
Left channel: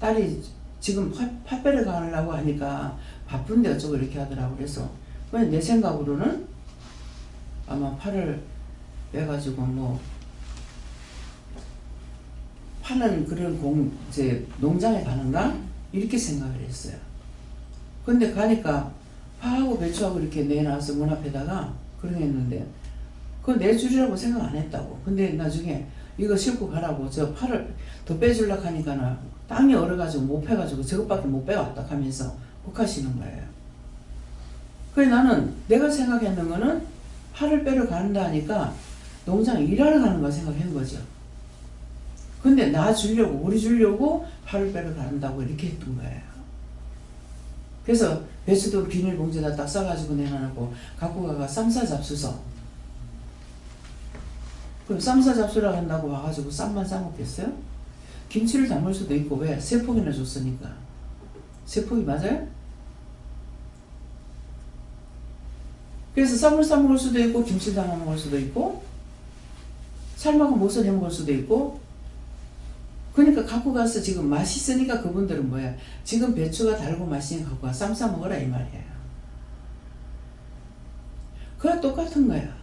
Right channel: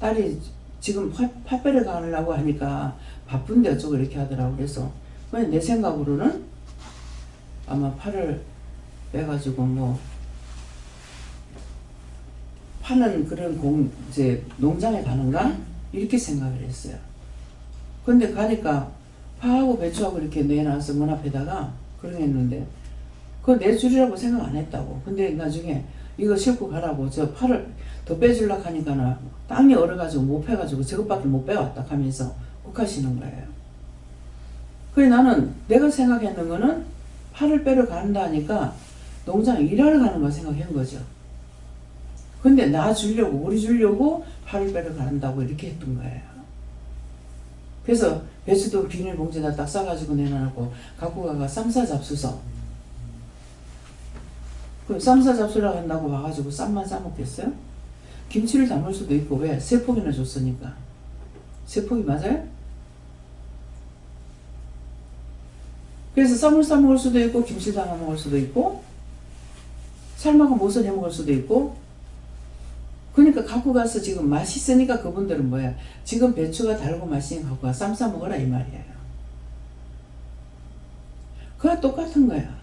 딸이 지금 팥배를 가려고 하니까 바쁜데 어쩌고 이렇게 하더라고. 그래서 그냥 내 생각으로는 아마 파를 빼가지고 뭐 파는 그런 이제 농장에 가는가 이렇게 생각을 했어요. 근데 가니까 파하고 배추하고 이렇게 내놔서 문 앞에다가 그런 게 있는데 그거 내주리라고 생각 안 했다고. 근데 나중에 이거 싣고 가라고 저 파를 더 빼주려고 하니까 땅이 얼어가지고 못 패가지고 저것밖에 못 빼왔다 하면서 욱하시는 거예요. 그래 나는 내가 생각했는 거는 파를 빼러 간다 하니까 농장에 일하러 가는 거 생각한 거죠. 근데 나 주려고 우리 주려고 파를 빼러 간다고 이렇게 했던 거예요. 그래서 배추도 비닐봉지에다 딱 싸가지고 내놔놓고 갖고 가가 쌈싸 잡수서 그럼 쌈싸 잡수라고 한다고 와가지고 쌈만 싸먹겠어요? 김치를 담을 수도 있고 왜? 3폭이나 줬으니까. 3폭이 맞아요? 그래서 쌈을 싸먹을 수도 있고 김치를 담아 먹을 수도 있고 삶아서 못을 해 먹을 수도 있고 그러니까 갖고 가서 지금 맛있으니까 그분들은 뭐야? 지금 배추가 달고 맛있으니까 갖고 가 쌈 싸 먹어라 이 말이에요. 그거 똑같은 거야.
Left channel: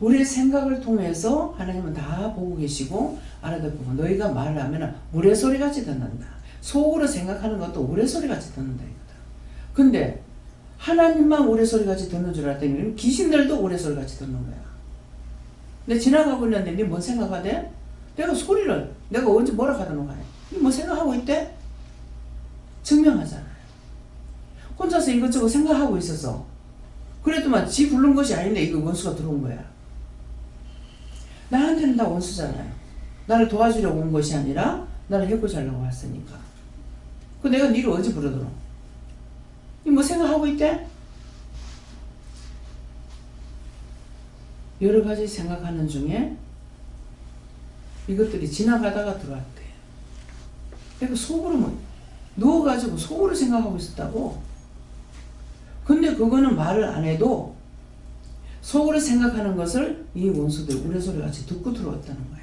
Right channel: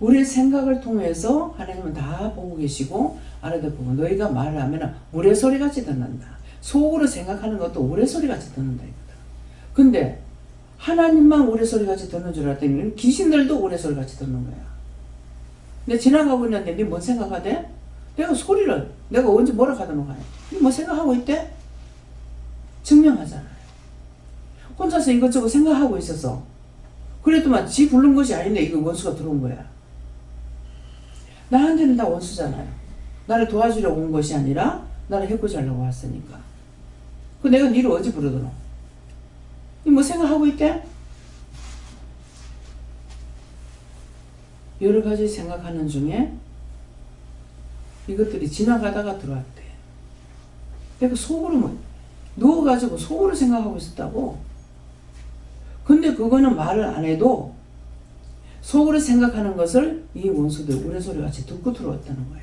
우리의 생각을 통해서 하나님은 다 보고 계시고 알아듣고 너희가 말을 하면 우레소리같이 듣는다. 속으로 생각하는 것도 우레소리같이 듣는다 이거다. 근데 하나님만 우레소리같이 듣는 줄 알았더니 귀신들도 우레소리같이 듣는 거야. 근데 지나가고 있는데 니 뭔 생각하대? 내가 소리를 내가 언제 뭐라 하더노 가네. 니 뭐 생각하고 있대? 증명하잖아요. 혼자서 이것저것 생각하고 있어서 그래도만 지 부른 것이 아닌데 이거 원수가 들어온 거야. 나한테는 다 원수잖아요. 나를 도와주려고 온 것이 아니라 나를 해코지 하려고 왔으니까. 그 내가 니를 어디 부르더노? 니 뭐 생각하고 있대? 여러 가지 생각하는 중에 이것들이 지나가다가 들어왔대. 내가 속으로 뭐 누워가지고 속으로 생각하고 있었다고. 근데 그거는 말을 안 해도 속으로 생각하는 것을 이 원수들 우레소리 같이 듣고 들어왔다는 거야.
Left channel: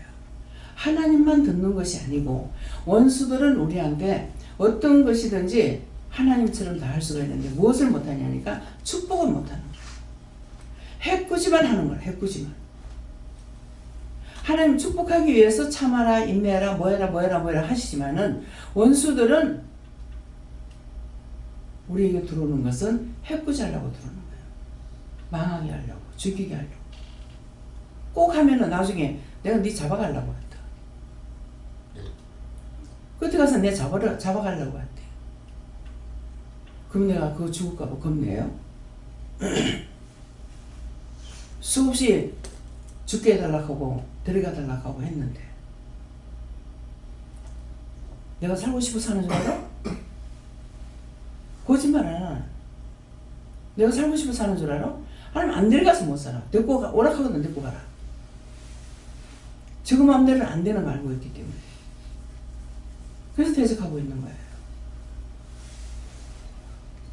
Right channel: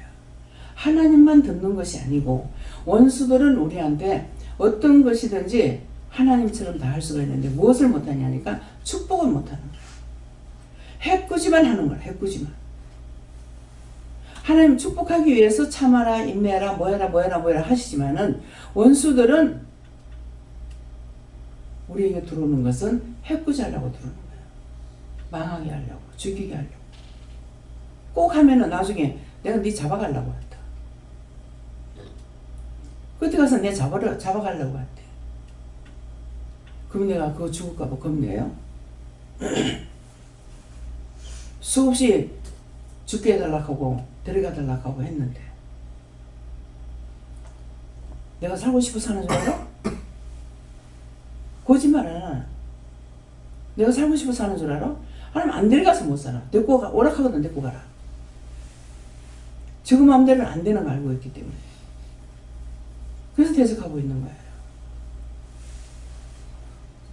하나님만 듣는 것이 아니고 원수들은 우리한테 어떤 것이든지 하나님처럼 다 할 수가 있는데 무엇을 못하냐니까 축복을 못하는 거야. 해꾸지만 하는 거야. 해꾸지만. 하나님 축복하기 위해서 참아라 인내하라 뭐해라 하시지만은 원수들은 우리에게 들어오는 것은 해꾸지 하려고 들어오는 거예요. 망하게 하려고 죽이게 하려고 꼭 하면은 나중에 내가 네 잡아가려고 한다. 그때 가서 내 잡아가려고 한대. 그럼 내가 그거 죽을까봐 겁내요. 수없이 죽게 해달라고 하고 데려가달라고 하고 했는데 내가 살고 싶어 사는 줄 알아? 거짓말 안 하나. 내가 살고 싶어 사는 줄 알아? 하나님 안 데려가서 못 살아. 데리고 가, 오락하거든 데리고 가라. 저 마음대로는 안 되는 걸 알고 있기 때문에. 그래서 대적하고 있는 거예요.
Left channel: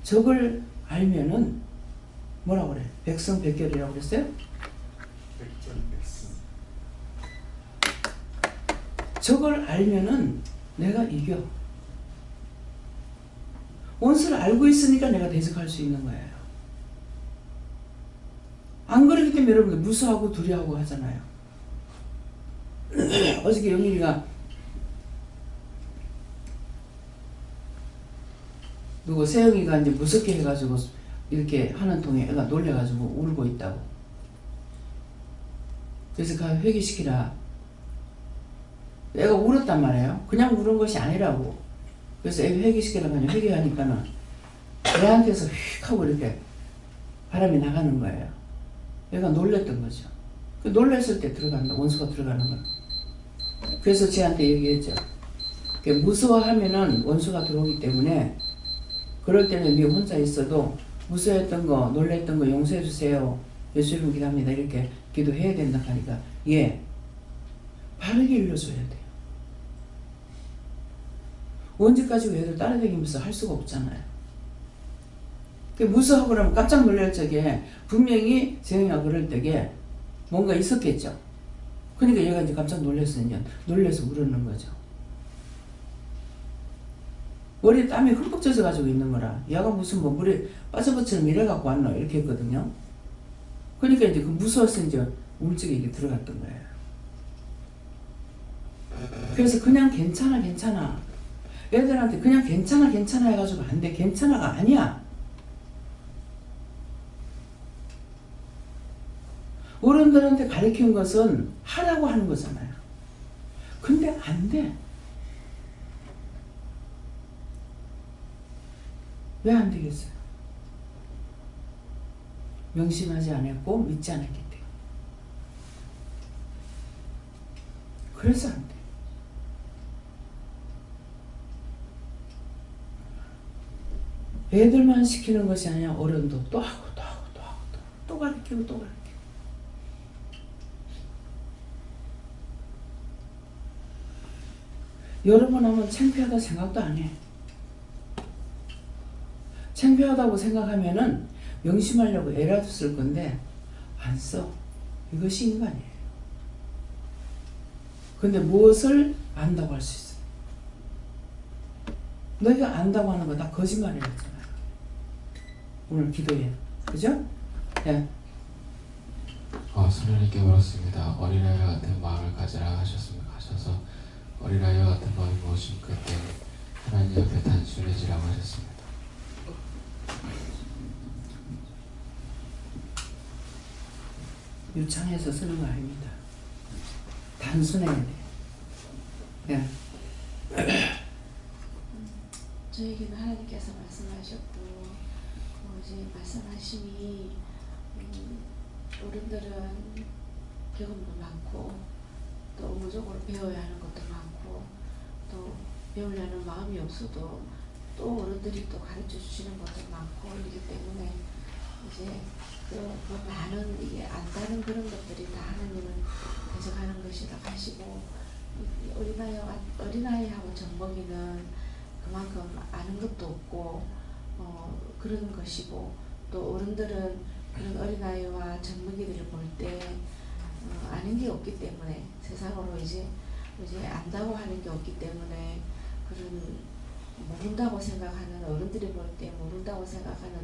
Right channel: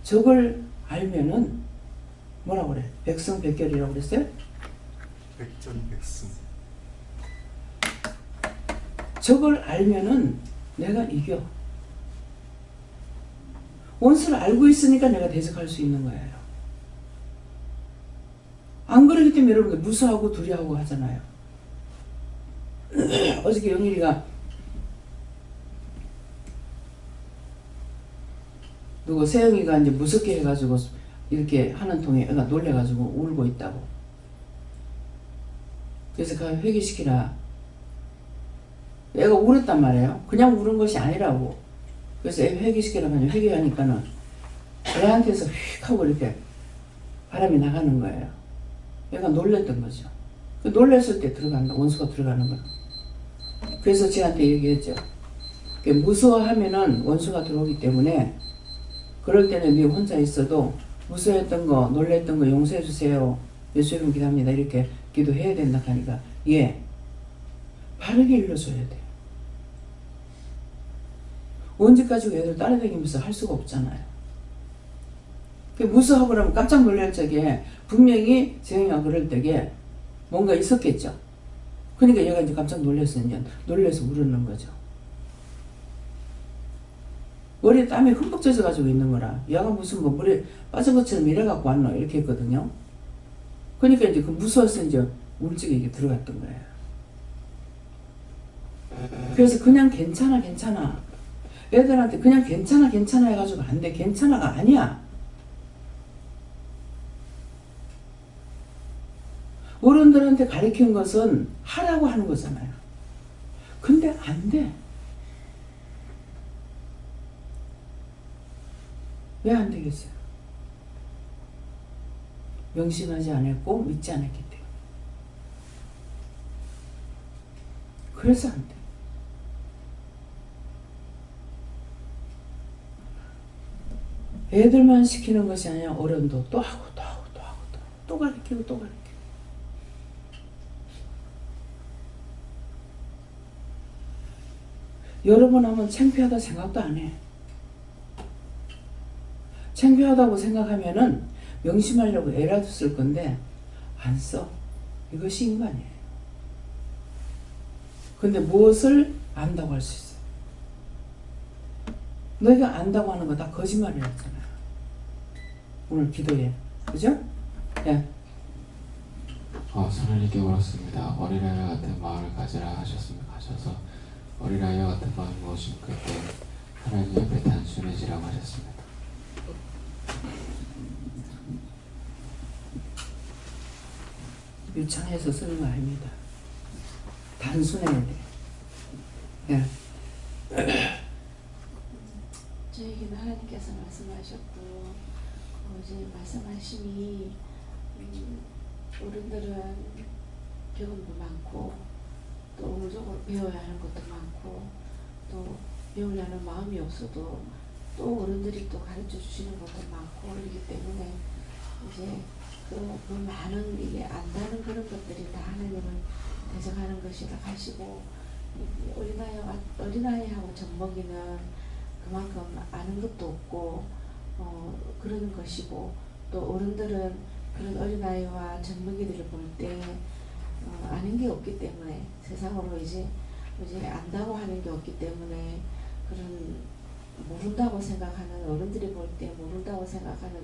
저걸 알면은 뭐라고 그래? 백성백결이라고 그랬어요? 백전백승. 저걸 알면은 내가 이겨. 원수를 알고 있으니까 내가 대적할 수 있는 거예요. 안 그러기 때문에 여러분들 무서워하고 두려워하고 하잖아요. 어저께 영일이가 누구 세영이가 이제 무섭게 해가지고 이렇게 하는 통에 애가 놀래가지고 울고 있다고. 그래서 가 회개시키라. 애가 울었단 말이에요. 그냥 울은 것이 아니라고. 그래서 애 회개시키라고 하니 회개하니까는 애한테서 휙 하고 이렇게 바람이 나가는 거예요. 얘가 놀랬던 거죠. 그 놀랬을 때 들어간다. 원수가 들어가는 거예요. 그래서 쟤한테 얘기했죠. 무서워하면은 원수가 들어오기 때문에 그럴 때는 네 혼자 있어도 무서워했던 거, 놀랬던 거 용서해 주세요. 예수 이름 기도합니다. 이렇게 기도해야 된다 하니까 예, 바르게 일러줘야 돼요. 언제까지 애들 따라다니면서 할 수가 없잖아요. 무서워하고 그러면 깜짝 놀랄 적에 분명히 재영이가 그럴 때에 뭔가 있었겠죠. 그러니까 얘가 이제 깜짝 놀라서 울었는 거죠. 머리에 땀이 흠뻑 젖어가지고 있는 거라. 얘가 무슨 뭐 물에 빠져버처럼 이래갖고 왔노 이렇게 했거든요. 그러니까 이제 그 무서워서 이제 울적에 이게 들어갔던 거예요. 그래서 그냥 괜찮아 애들한테 그냥 괜찮아 해가지고 안 돼. 괜찮아가 아니야. 어른들한테 가르친 것은 하라고 하는 거잖아요. 근데 안 돼. 왜 안 되겠어요? 명심하지 않았고 믿지 않았기 때문에. 그래서 안 돼. 애들만 시키는 것이 아니라 어른도 또 하고 또 가르치고 또 가르치고. 여러 번 하면 창피하다 생각도 안 해. 창피하다고 생각하면은 명심하려고 애라도 쓸 건데 안 써. 이것이 인간이에요. 근데 무엇을 안다고 할 수 있어요? 너희가 안다고 하는 거 다 거짓말이었잖아요. 오늘 기도해. 그죠? 예. 선생님께 물었습니다. 어린아이와 같은 마음을 가지라 하셔서 어린아이와 같은 마음이 무엇입니까? 그때 하나님 옆에 단순해지라고 하셨습니다. 유창해서 쓰는 거 아닙니다. 단순해야 돼. 예. 저에게는 하나님께서 말씀하셨고 이제 말씀하심이 어른들은 경험도 많고 또 의무적으로 배워야 하는 것도 많고 또 배우려는 마음이 없어도 또 어른들이 또 가르쳐 주시는 것도 많고 그렇기 때문에 이제 그 많은 이게 안다는 그런 것들이 다 하나님을 대적하는 것이라 하시고 어린아이하고 젖먹이는 그만큼 아는 것도 없고 그러는 것이고 또 어른들은 그런 어린아이와 젖먹이들을 볼 때 아는 게 없기 때문에 세상으로 이제 안다고 하는 게 없기 때문에 그런 모른다고 생각하는 어른들이 볼 때 모른다고 생각하는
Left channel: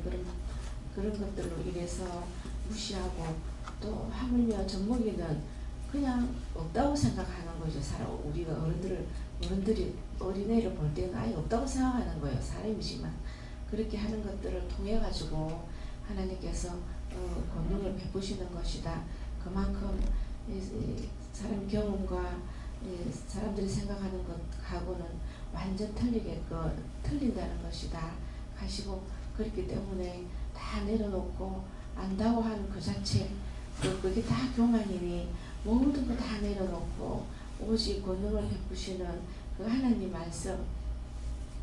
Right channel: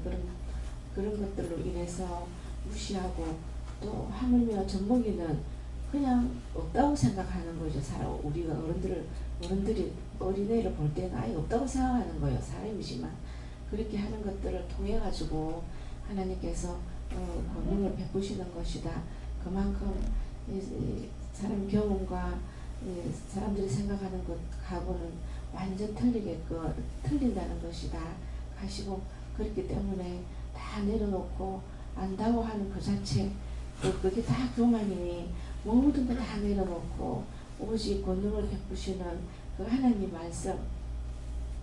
그런 것들로 인해서 무시하고 또 하물며 젖먹이는 그냥 없다고 생각하는 거죠. 우리가 어른들이 어린애를 볼 때는 아예 없다고 생각하는 거예요. 사람이지만 그렇게 하는 것들을 통해 가지고 하나님께서 권능을 베푸시는 것이다. 그만큼 사람 경험과 사람들이 생각하는 것하고는 완전 틀린다는 것이다 하시고 그렇기 때문에 다 내려놓고 안다고 하는 그 자체 그게 다 교만이니 모든 거 다 내려놓고 오직 권능을 베푸시는 그 하나님 말씀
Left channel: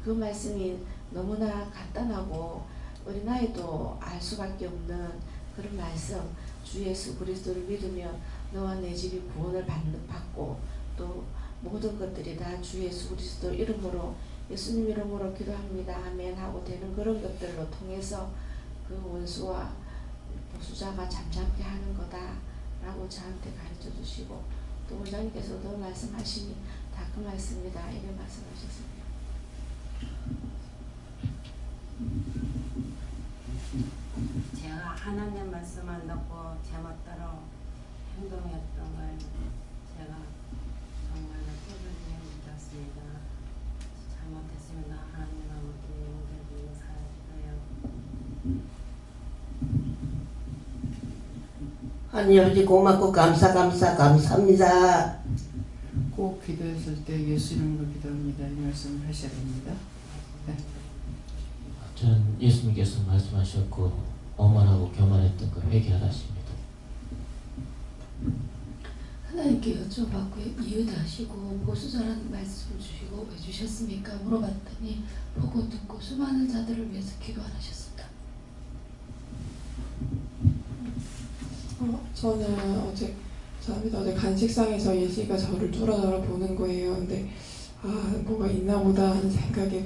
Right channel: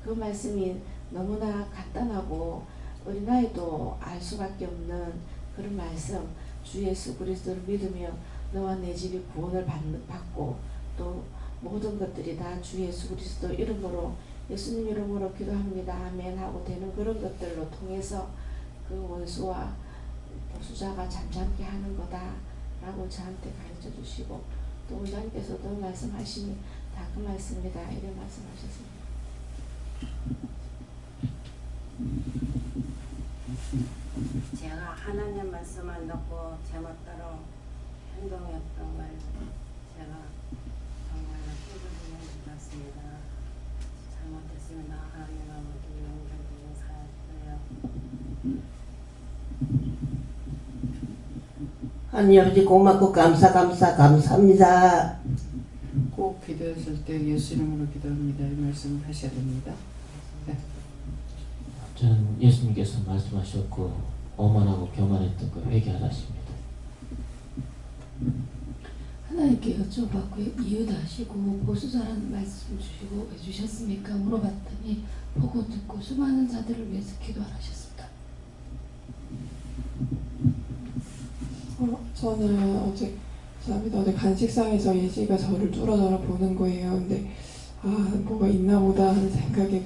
그 말씀이 너무나 간단하고 어린아이도 알 수밖에 없는 그런 말씀 주 예수 그리스도를 믿으며 너와 내 집이 구원을 받고 또 모든 것들이 다 주 예수 그리스도 이름으로 예수님 이름으로 기도합니다 아멘 하고 되는 그런 것들로 통해서 그 원수와 보수자가 잠잠케 하는 거다 라고 저한테 가르쳐 주시고 또 원장님께서도 말씀하시니 다 그 말씀이다 이렇게 말씀하셨습니다. 제가 하나님 말씀을 듣고 제멋대로 행동했던 걸 제가 정말로 깨끗이 해주셨습니다. 잘못했습니다. 하나님 아버지 용서해 주세요. 하나님 아버지 고맙고 감사합니다. 꼭 기도했을 때 예수 이름으로 기도합니다. 이 말씀을 하셔야 됩니다. 네. 저는 예수님께서 말씀하셨고 오만하고 교만했던 그 회개하라십니다. 하나님께 여쭤봤고 이유도 하시고 보수자라는 말씀 주시고 왜 주셨습니까? 물어봤더니 보고 듣고 수많은 자들을 위해서 기도 안 하셨습니다. 저는 어제 간식상에서 예지가 저를 뚫어져라 보는 거예요. 근데 뭐가 있나 보다 하는 생각에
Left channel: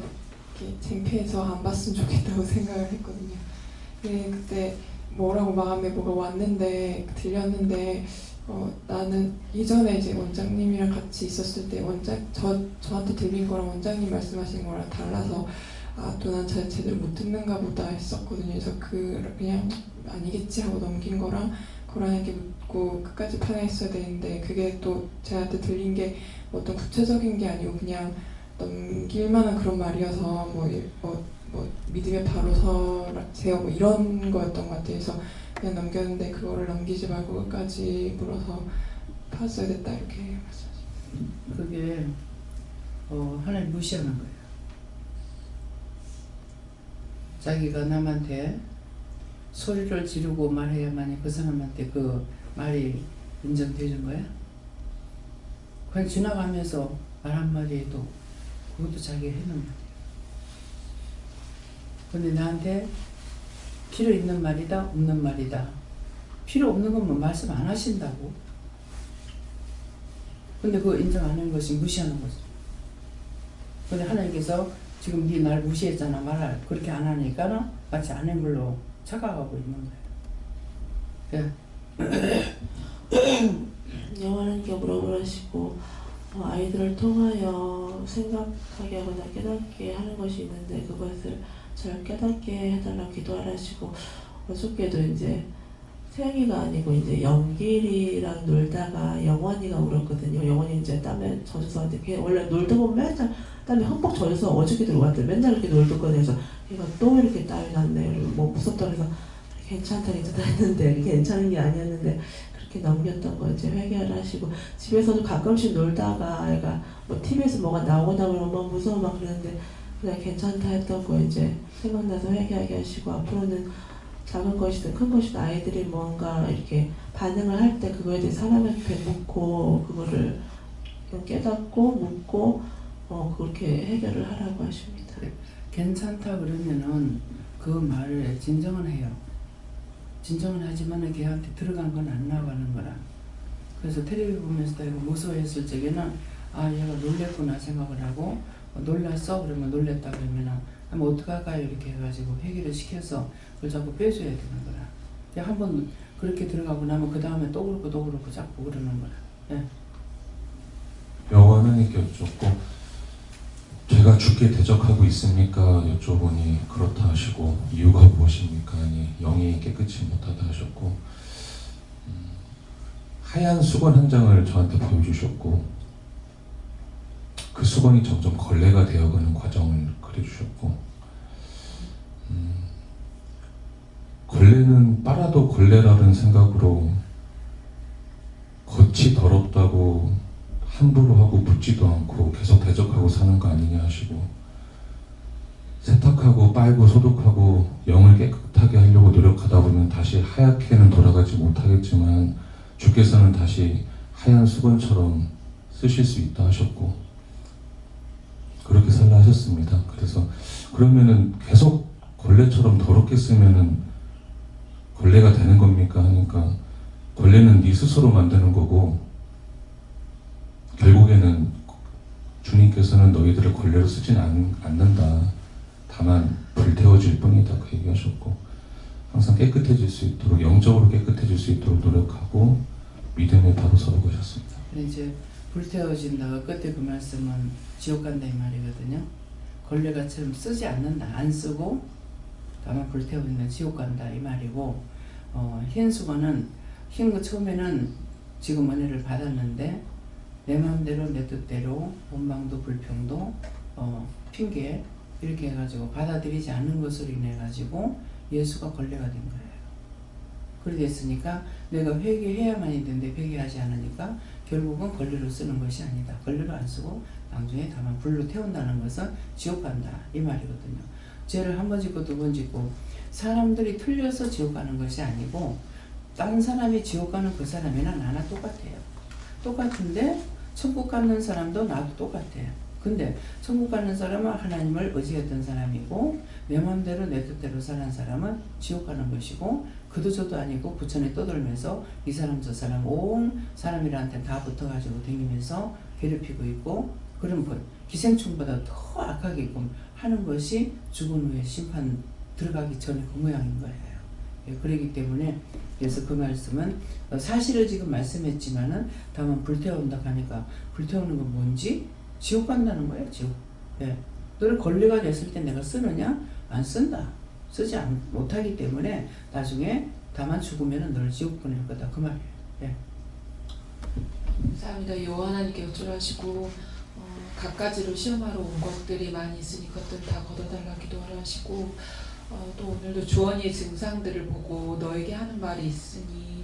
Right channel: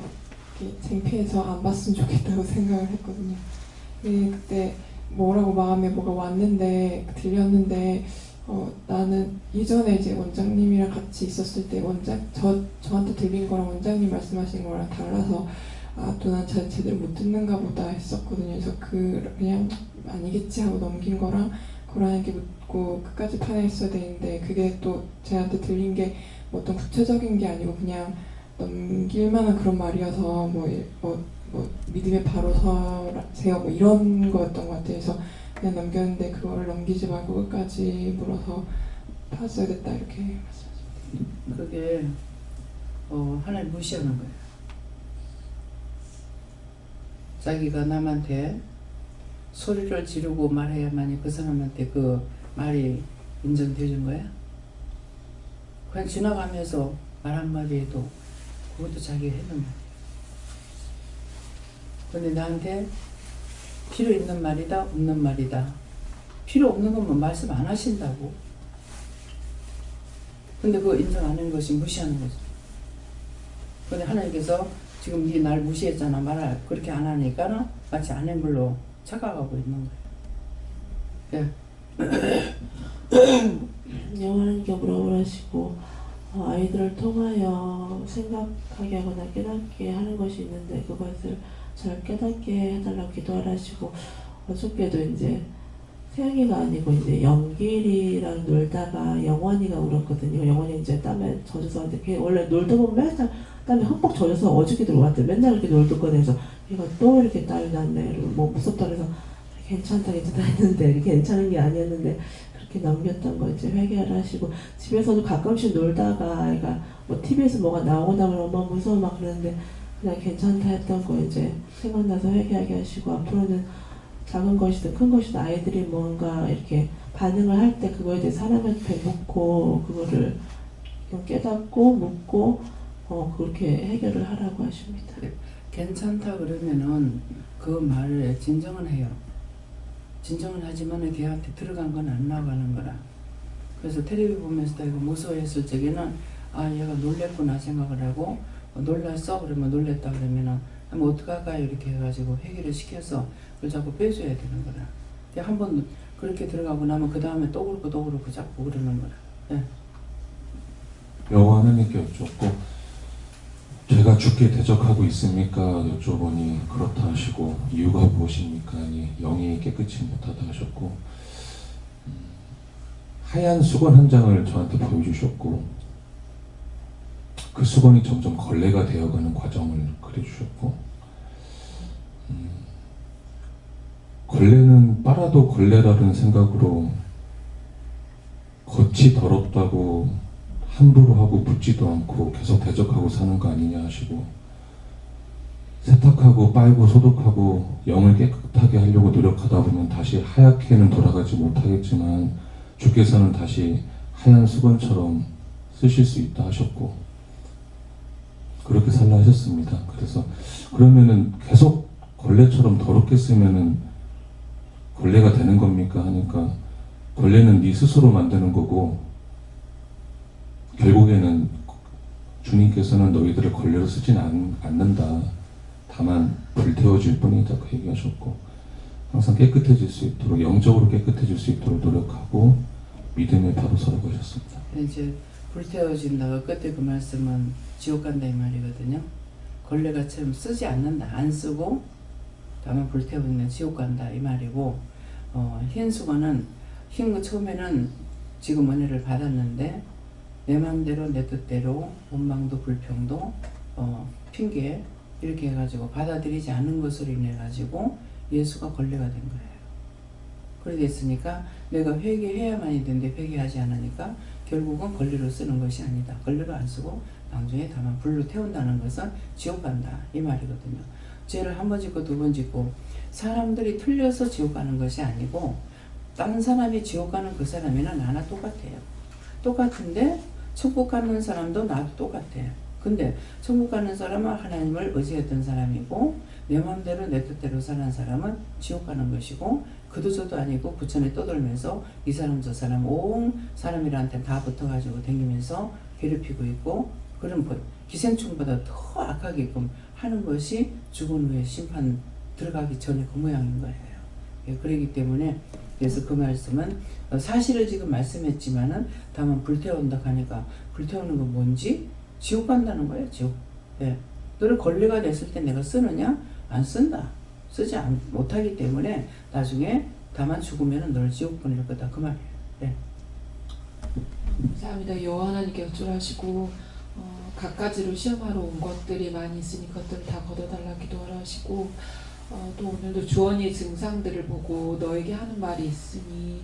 이렇게 창피해서 안 봤으면 좋겠다고 생각을 했거든요. 근데 그때 뭐라고 마음에 뭐가 왔는데 들렸는데 나는 이전에 이제 원장님이랑 같이 있었을 때 저한테 들린 거랑 원장님 말씀하신 거랑 달라서 또 난 잘 제대로 못 듣는가 보다 했었거든요. 그래서 그냥 아니겠지 하고 넘긴 거랑 고라니께 묻고 끝까지 판단했어야 되는데 그게 또 제한테 들린 게 어떤 구체적인 게 아니고 그냥 넘길 만한 그런 말이어서 뭐 믿음의 바로 서세요 뭐 이런 거였던 것 같아요. 그래서 그냥 넘겼는데 그거를 넘기지 말고 끝까지 물어서 봤어야 됐다 이렇게 말씀하십니다. 그게 하나님 무시하는 거예요. 자기가 남한테 소리를 지르고 말해야만이 그 사람한테 그 말이 인정되는 거야? 그냥 지나가면서 말 한마디 해도 그것도 자기가 했는 말이야. 근데 나한테 필요 있는 말이다 없는 말이다. 필요 없는 건 뭐 말씀 안 하신다고. 근데 그거 인정 안 하는 것이 무시하는 거죠. 근데 하나님께서 지금 네 날 무시했잖아. 말을 그렇게 안 하니까 마치 안 한 걸로 착각하고 있는 거예요. 영원한 격으로 하시고 아이들을 통하여 생각하게 하거나 깨닫게 하는 것이 있는데 그것을 잘 깨닫게 해달라고 기도하시고 어저께도 이제 태영이가 아니고 이제 영길이랑 놀다가 영원이가 울었거든요. 영원이 이제 땀에 젖어서 걔 원래 놀다 보면 맨날 땀에 흠뻑 젖어서 어저께도 울었대. 맨날 이렇게 놀던 거에서 얘가 또 이렇게 땀이 났네. 그리고 뭐 무섭다 그래서 괜찮다 했는데 이렇게 괜찮은 게 아니었는데 그렇게 넘겼던 거 이제 회개를 하시고 집에서도 가끔씩 놀다가 애가 뭐 TV에서 뭐가 나오다 보면 엄마 무서워 막 그러는데 그냥 괜찮다 했던 거 이제 생각나서 회개하게 하시고 앞으로는 작은 것이든 큰 것이든 아이들이 뭔가 이렇게 반응을 할 때 그거에 대해 사람을 묻고 그거를 깨닫고 묻고 그렇게 해결을 하라고 하십니다. 괜찮다 그러면은 그 말을 진정은 해요. 진정은 하지만 걔한테 들어간 건 안 나가는 거라. 그래서 텔레비 보면서도 이거 무서워했을 적에는 얘가 놀랬구나 생각을 하고 놀랐어? 그러면 놀랬다 그러면은 한번 어떡할까요? 이렇게 해가지고 회개를 시켜서 그걸 자꾸 빼줘야 되는 거라. 한번 그렇게 들어가고 나면 그 다음에 또 그렇고 자꾸 그러는 거라. 네. 여호와 하나님께 여쭙고 제가 죽게 대적하고 있습니까? 여쭤보니 그렇다 하시고 이유가 무엇입니까? 아니 영이 깨끗이 못하다 하셨고 하얀 수건 한 장을 저한테 보여주셨고 그 수건이 점점 걸레가 되어가는 과정을 그려주셨고 걸레는 빨아도 걸레라는 생각으로 겉이 더럽다고 함부로 하고 묻지도 않고 계속 대적하고 사는 거 아니냐 하시고 세탁하고 빨고 소독하고 영을 깨끗하게 하려고 노력하다 보면 다시 하얗게는 돌아가지 못하겠지만 주께서는 다시 하얀 수건처럼 쓰실 수 있다 하셨고 그렇게 살라 하셨습니다. 그래서 그러면은 계속 걸레처럼 더럽게 쓰면은 걸레가 되는 겁니까? 하니까 걸레는 네 스스로 만드는 거고 결국에는 주님께서는 너희들을 걸레로 쓰진 않는다. 다만 불태워질 뿐이다. 그 얘기하셨고 항상 깨끗해질 수 있도록 영적으로 깨끗해질 수 있도록 노력하고 믿음의 바로 서라고 하셨습니다. 이제 불태워진다가 끝에 그 말씀은 지옥 간다 이 말이거든요. 걸레가처럼 쓰지 않는다. 안 쓰고 다만 불태우면 지옥 간다 이 말이고 흰 수건은 흰 거 처음에는 지금 은혜를 받았는데 내 마음대로 내 뜻대로 원망도 불평도 핑계 이렇게 해가지고 받아들이지 않는 것으로 인해 가지고 예수가 걸레가 된 거예요. 그래 됐으니까 내가 회개해야만이 되는데 회개하지 않으니까 결국은 걸레로 쓰는 것이 아니다. 걸레로 안 쓰고 나중에 다만 불로 태운다는 것은 지옥 간다 이 말이거든요. 죄를 한 번 짓고 두 번 짓고 사람들이 틀려서 지옥 가는 것이 아니고 다른 사람이 지옥 가는 그 사람이나 나나 똑같아요. 똑같은데 천국 가는 사람도 나도 똑같아요. 근데 천국 가는 사람은 하나님을 의지했던 사람이고 내 마음대로 내 뜻대로 사는 사람은 지옥 가는 것이고 그도 저도 아니고 부천에 떠돌면서 이 사람 저 사람 온 사람들한테 다 붙어가지고 다니면서 괴롭히고 있고 그런 기생충보다 더 악하게끔 하는 것이 죽은 후에 심판 들어가기 전에 그 모양인 거예요. 예, 그렇기 때문에 그래서 그 말씀은 사실을 지금 말씀했지만은 다만 불태운다 하니까 불태우는 건 뭔지 지옥 간다는 거예요. 지옥. 예. 너를 권리가 됐을 때 내가 쓰느냐? 안 쓴다. 쓰지 못하기 때문에 나중에 다만 죽으면 너를 지옥 보낼 거다. 그 말이에요. 예. 감사합니다. 여호와 하나님께 어쩌라시고 갖가지로 시험하러 온 것들이 많이 있으니 그것들 다 걷어달라 기도하라 하시고 또 오늘도 주원이의 증상들을 보고 너에게 하는 말이 있으니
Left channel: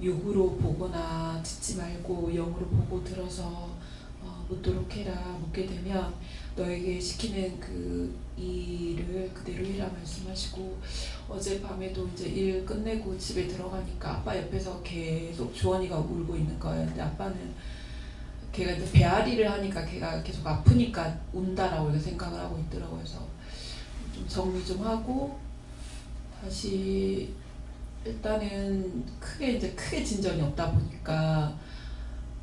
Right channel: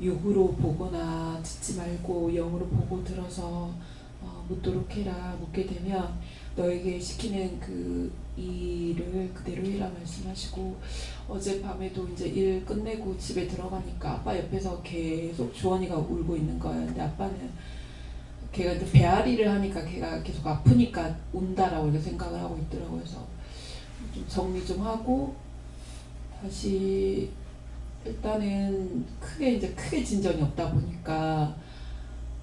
육으로 보거나 듣지 말고 영으로 보고 들어서 묻도록 해라. 묻게 되면 너에게 시키는 그 일을 그대로 해라 말씀하시고 어젯밤에도 이제 일 끝내고 집에 들어가니까 아빠 옆에서 계속 주원이가 울고 있는 거예요. 근데 아빠는 걔가 이제 배앓이를 하니까 걔가 계속 아프니까 운다라고 이렇게 생각을 하고 있더라고요. 그래서 좀 정리 좀 하고 다시 일단은 크게 진전이 없다 보니까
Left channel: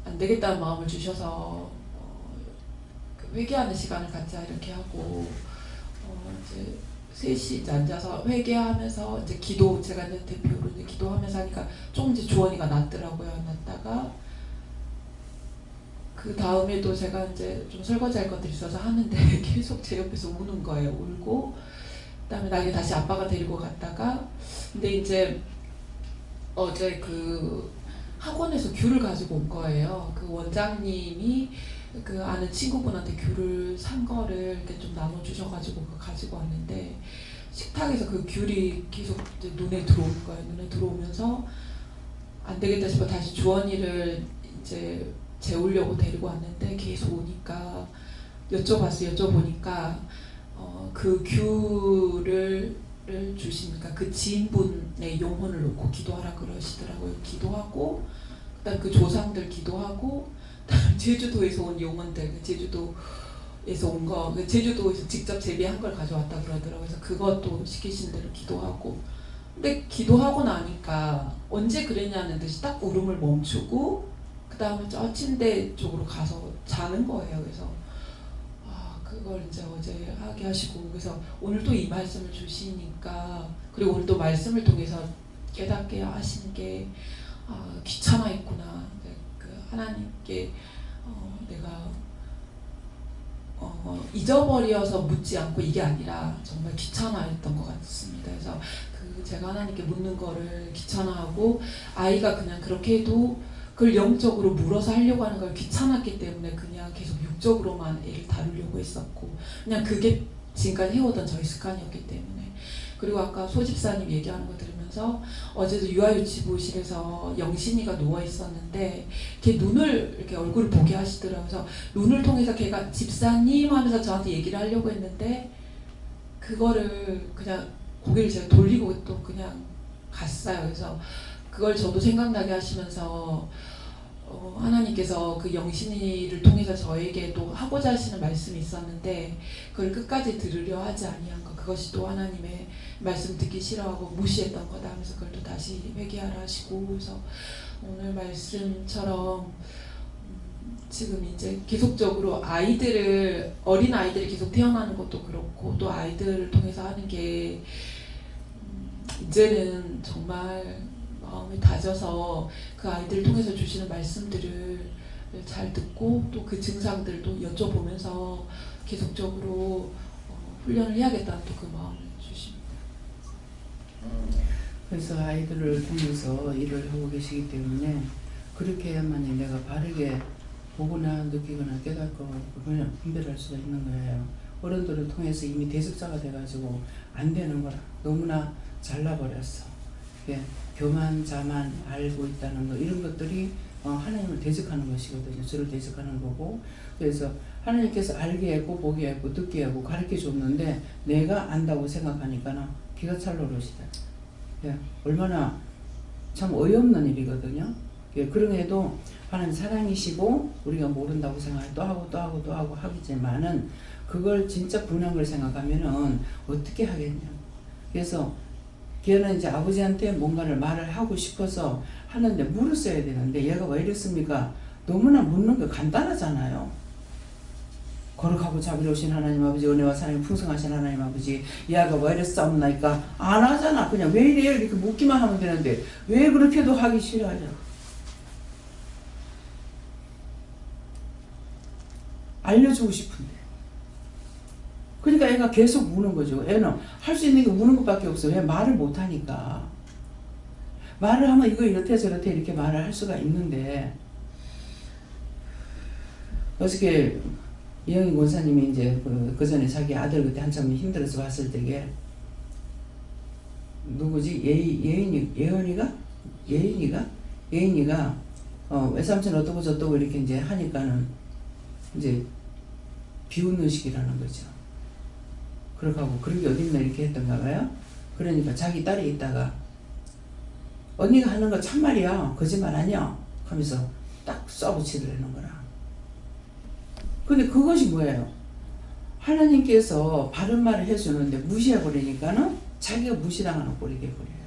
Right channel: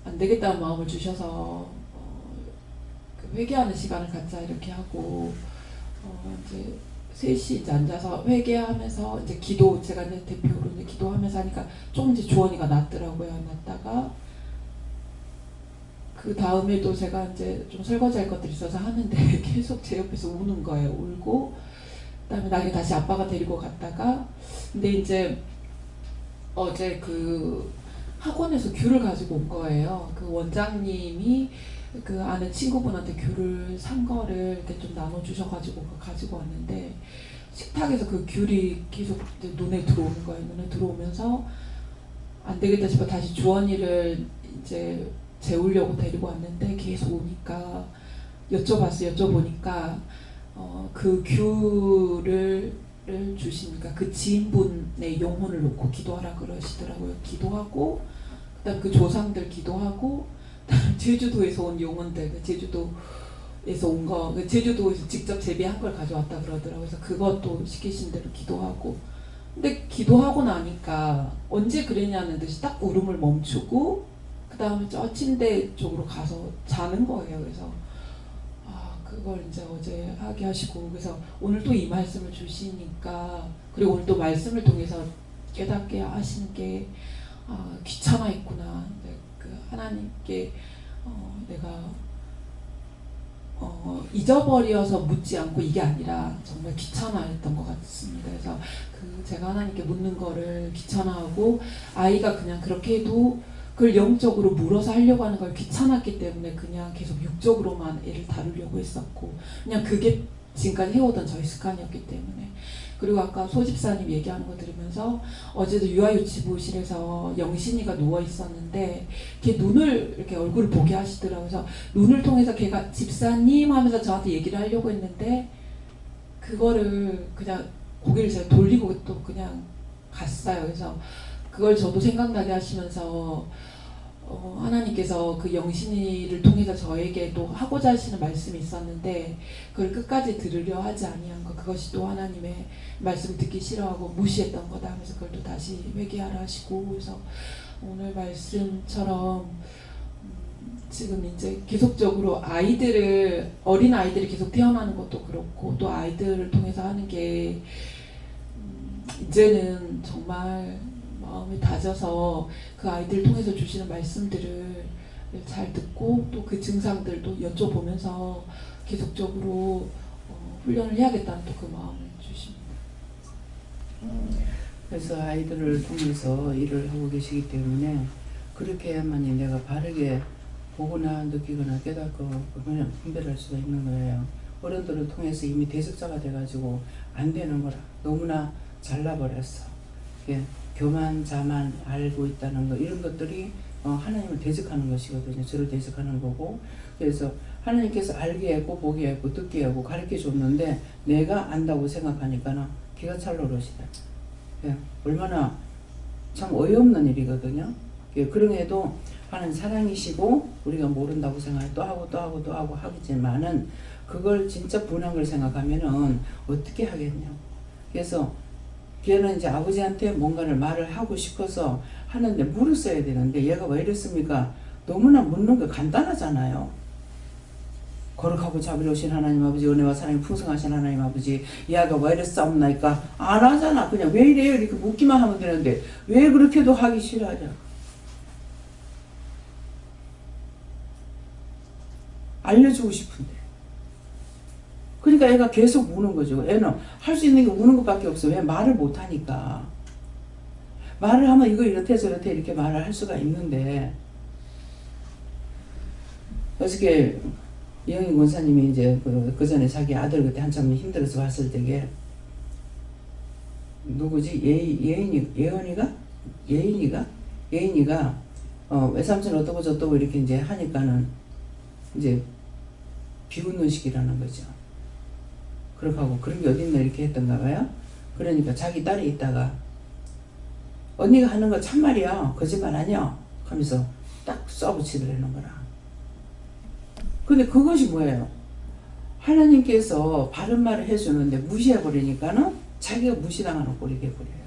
안 되겠다는 마음을 주셔서 회개하는 시간을 갖자 이렇게 하고 이제 셋이 이제 앉아서 회개하면서 이제 기도 제가 이제 대표로 이제 기도하면서 하니까 조금 이제 주원이가 낫더라고요. 낫다가 그 다음에도 제가 이제 좀 설거지할 것들이 있어서 하는데 계속 제 옆에서 우는 거예요. 울고 그다음에 나중에 다시 아빠가 데리고 갔다가 근데 이제 어제 그 학원에서 귤을 가지고 온 거예요. 그 원장님이 그 아는 친구분한테 귤을 산 거를 이렇게 좀 나눠주셔가지고 그거 가지고 왔는데 식탁에서 그 귤이 계속 이제 눈에 들어오는 거예요. 눈에 들어오면서 안 되겠다 싶어 다시 주원이를 이제 재우려고 데리고 왔는데 계속 오니까 여쭤보니까 그 귤을 주시니까 그 지인분의 영혼을 놓고 기도하라 그러시더라고요. 기도하고 그다음 그 조상들 기도하고 그다음 제주도에서 온 용언들 제주도에서 온 거 제주도에서 직접 재배한 걸 가져왔다 그러더라고요. 그래서 그것도 시키신 대로 기도하고 근데 기도하고 나니까 언제 그랬냐는 듯이 딱 울음을 멈추고 그 다음에 저 침대 쪽으로 가서 자는 거예요. 그래서 그걸 이제 어제 하게 하시고 그래서 오늘 또 이 말씀을 주시니까 그리고 오늘 또 말씀을 통해서 깨닫게 하시는 게 귀찮아 있구나. 그 하나님께 내가 잊어버려서 묻지 않고 이게 아니라 정말 귀찮아했던 것 같습니다. 그래서 제가 하나님께 묻는 거를 귀찮아하고 아이가 그냥 그렇게 해도 그걸 영적으로 물어서 하려고 하는 걸 귀찮았기 때문에 그냥 계속 육적으로만 애를 다루려고 했었고 그냥 그게 지금까지 해오던 저희 습관이었기 때문에 그리고 아까 소집사님 얘기하는 거 들으면서 어제도 유아유치부실에서 영신이가 누워 있었는데 걔 눈을 이렇게 얼굴을 보게 하시더라고요. 그래서 눈을 통해서 걔가 집사님 하면서 저한테 얘기를 하려고 했는데 그거를 그냥 고개를 제가 돌리고 또 그냥 갔어요. 그래서 그걸 저도 생각나게 하시면서 하나님께서 그 영신이를 통해서 저에게도 하고자 하시는 말씀이 있었는데 그걸 끝까지 들으려 하지 아니한 것 그것이 또 하나님의 말씀 듣기 싫어하고 무시했던 거다 하면서 그걸 또 다시 회개하라 하시고 그래서 오늘 말씀처럼 지금 이제 계속적으로 어린 아이들이 계속 태어나는 것도 그렇고 또 아이들을 통해서 하는 게 이제는 정말 마음을 다져서 그 아이들을 통해서 주시는 말씀들을 잘 듣고 또 그 증상들도 여쭤보면서 계속적으로 훈련을 해야겠다는 또 그 마음을 주십니다. 그래서 아이들을 통해서 일을 하고 계시기 때문에 그렇게 해야만이 내가 바르게 보거나 느끼거나 깨닫고 분별할 수가 있는 거예요. 어른들을 통해서 이미 대적자가 돼가지고 안 되는 거라 너무나 잘라버렸어. 예. 교만, 자만 알고 있다는 거 이런 것들이 하나님을 대적하는 것이거든요. 저를 대적하는 거고 그래서 하나님께서 알게 했고 보게 했고 듣게 하고 가르쳐 줬는데 내가 안다고 생각하니까 기가 찰 노릇이다. 예, 얼마나 참 어이없는 일이거든요. 예, 그런 해도 하나님 사랑이시고 우리가 모른다고 생각해 또 하고 또 하고 또 하고 하겠지만은 그걸 진짜 분한 걸 생각하면은 어떻게 하겠냐고. 그래서 걔는 이제 아버지한테 뭔가를 말을 하고 싶어서 하는데 물었어야 되는데 얘가 왜 이랬습니까? 너무나 묻는 게 간단하잖아요. 거룩하고 자비로우신 하나님 아버지, 은혜와 사랑이 풍성하신 하나님 아버지, 얘가 왜 이래 싸움나니까 안 하잖아. 그냥 왜 이래요? 이렇게 묻기만 하면 되는데 왜 그렇게도 하기 싫어하냐. 알려주고 싶은데. 그러니까 애가 계속 우는 거죠. 애는 할 수 있는 게 우는 것밖에 없어. 왜 말을 못하니까. 말을 하면 이거 이렇대 저렇대 이렇게 말을 할 수가 있는데 어저께 이영희 권사님이 이제 그 전에 자기 아들 그때 한참 힘들어서 봤을 때게 누구지? 예인이가 외삼촌 어떠고 저떠고 이렇게 이제 하니까는 이제 비웃는 식이라는 거죠. 그렇게 하고 그런 게 어딨나 이렇게 했던가 봐요. 그러니까 자기 딸이 있다가 언니가 하는 거 참말이야 거짓말 아니야 하면서 딱 쏴붙이더라는 거라. 근데 그것이 뭐예요? 하나님께서 바른 말을 해주는데 무시해버리니까는 자기가 무시당하는 꼴이 돼버려요.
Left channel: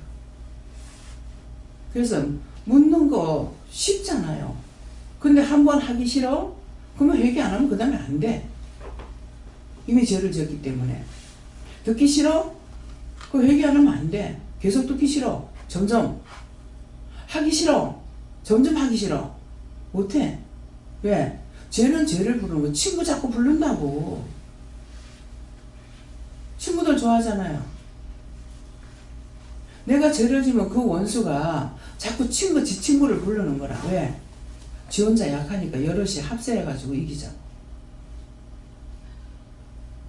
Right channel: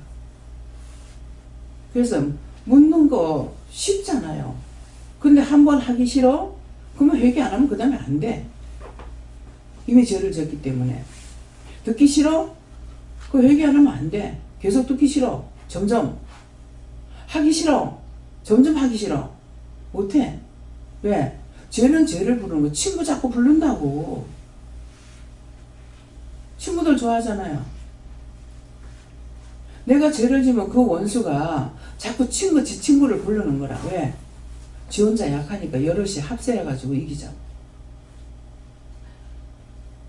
그래서 묻는 거 쉽잖아요. 근데 한 번 하기 싫어? 그러면 회개 안 하면 그 다음에 안 돼. 이미 죄를 졌기 때문에. 듣기 싫어? 그 회개 안 하면 안 돼. 계속 듣기 싫어. 점점. 하기 싫어. 점점 하기 싫어. 못해. 왜? 죄는 죄를 부르는 거. 친구 자꾸 부른다고. 친구들 좋아하잖아요. 내가 죄를 지면 그 원수가 자꾸 지 친구를 부르는 거라. 왜? 지 혼자 약하니까 여럿이 합세해가지고 이기자고.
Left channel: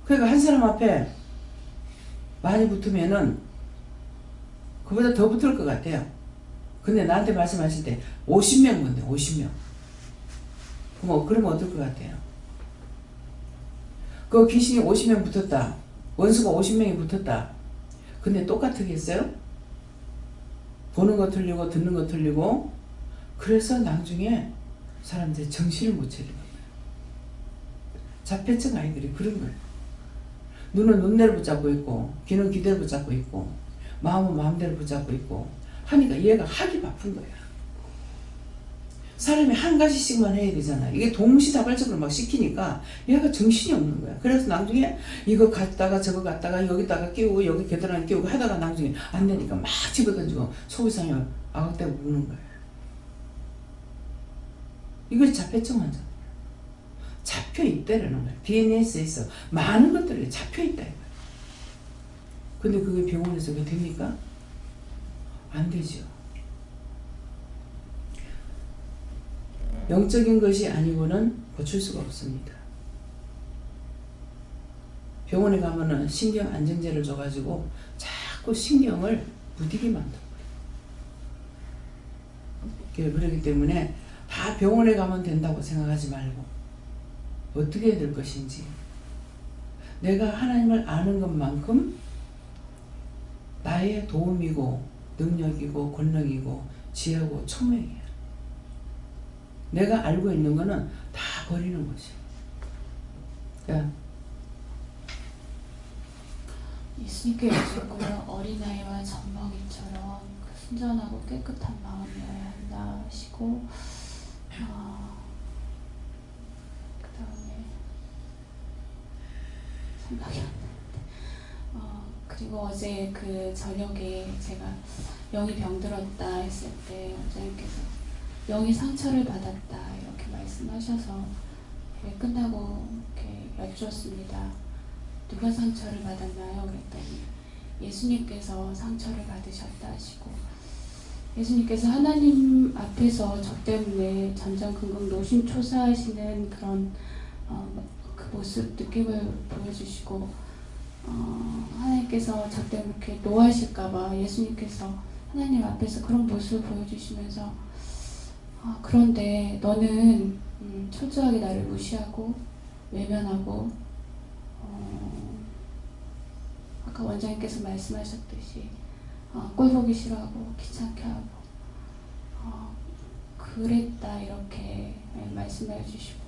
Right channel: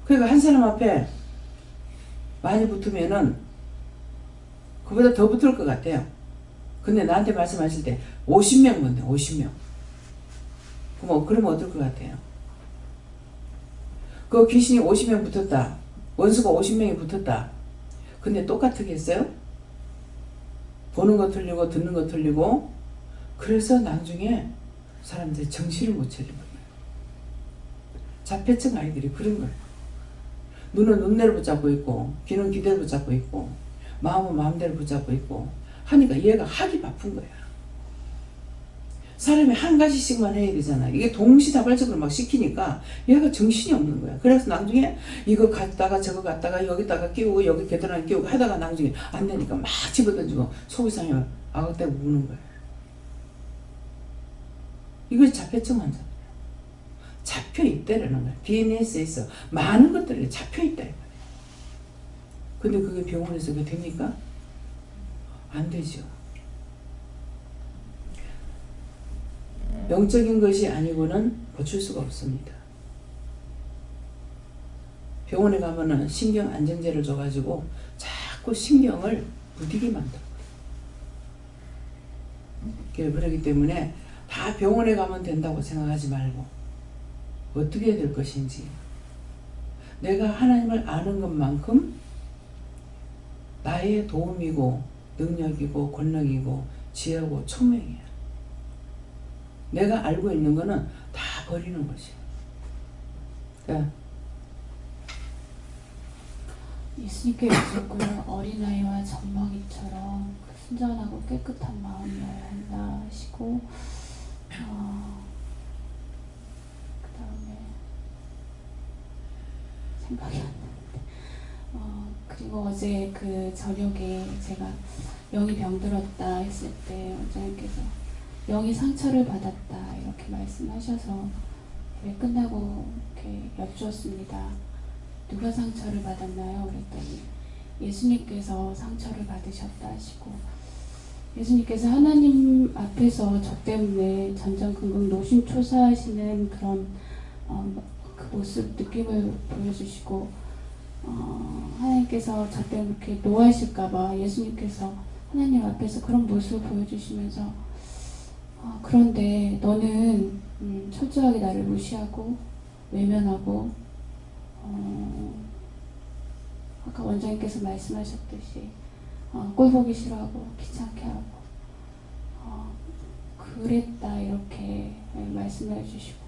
그러니까 한 사람 앞에 많이 붙으면은 그보다 더 붙을 것 같아요. 근데 나한테 말씀하실 때 50명 본대. 50명. 그러면 어떨 것 같아요? 그 귀신이 50명 붙었다. 원수가 50명이 붙었다. 근데 똑같겠어요? 보는 거 틀리고 듣는 거 틀리고. 그래서 나중에 사람들이 정신을 못 차리는 거예요. 자폐증 아이들이 그런 거예요. 눈은 눈대로 붙잡고 있고 귀는 귀대로 붙잡고 있고 마음은 마음대로 붙잡고 있고 하니까 얘가 하기 바쁜 거야. 사람이 한 가지씩만 해야 되잖아. 이게 동시다발적으로 막 시키니까 얘가 정신이 없는 거야. 그래서 나중에 이거 갔다가 저거 갔다가 여기다가 끼우고 여기 계단에 끼우고 하다가 나중에 안 되니까 막 집어던지고 속이상해 아웃되고 우는 거야. 이것이 자폐증 환자들이야. 잡혀있다라는 거야. DNA에 있어. 많은 것들이 잡혀있다. 근데 그게 병원에서 그게 됩니까? 안 되죠. 영적인 것이 아니고는 고칠 수가 없습니다. 병원에 가면은 신경 안정제를 줘가지고 자꾸 신경을 무디게 만들어요. 그렇기 때문에 다 병원에 가면 된다고 생각하지 말고 어떻게 해야 될 것인지 내가 하나님을 아는 것만큼 나의 도움이고 능력이고 권능이고 지혜고 총명이야. 내가 알고 있는 거는 다 버리는 것이야. 그러니까 예수님께 여쭙고요. 어린아이와 젖먹이처럼 순전하고 깨끗한 마음이어야 한다 하시고 그 다음에 생각이 안 나는데 그리고 어제 그 저녁에 제가 영이 병들었다 했을 때 원장님께서 영이 상처를 받았다 이렇게 말씀하셔서 끝나고 이렇게 여쭈었습니다. 누가 상처를 받았나요? 그랬더니 예수님께서 상처를 받으셨다 하시고 예수님께서 하나님 앞에서 저 때문에 전전긍긍 노심초사하시는 그런 그 모습 느낌을 보여주시고 하나님께서 저 때문에 이렇게 노하실까봐 예수님께서 하나님 앞에서 그런 모습을 보여주시면서 그런데 너는 철저하게 나를 무시하고 외면하고 아까 원장님께서 말씀하셨듯이 꼴 보기 싫어하고 귀찮게 하고 그랬다 이렇게 말씀해 주시고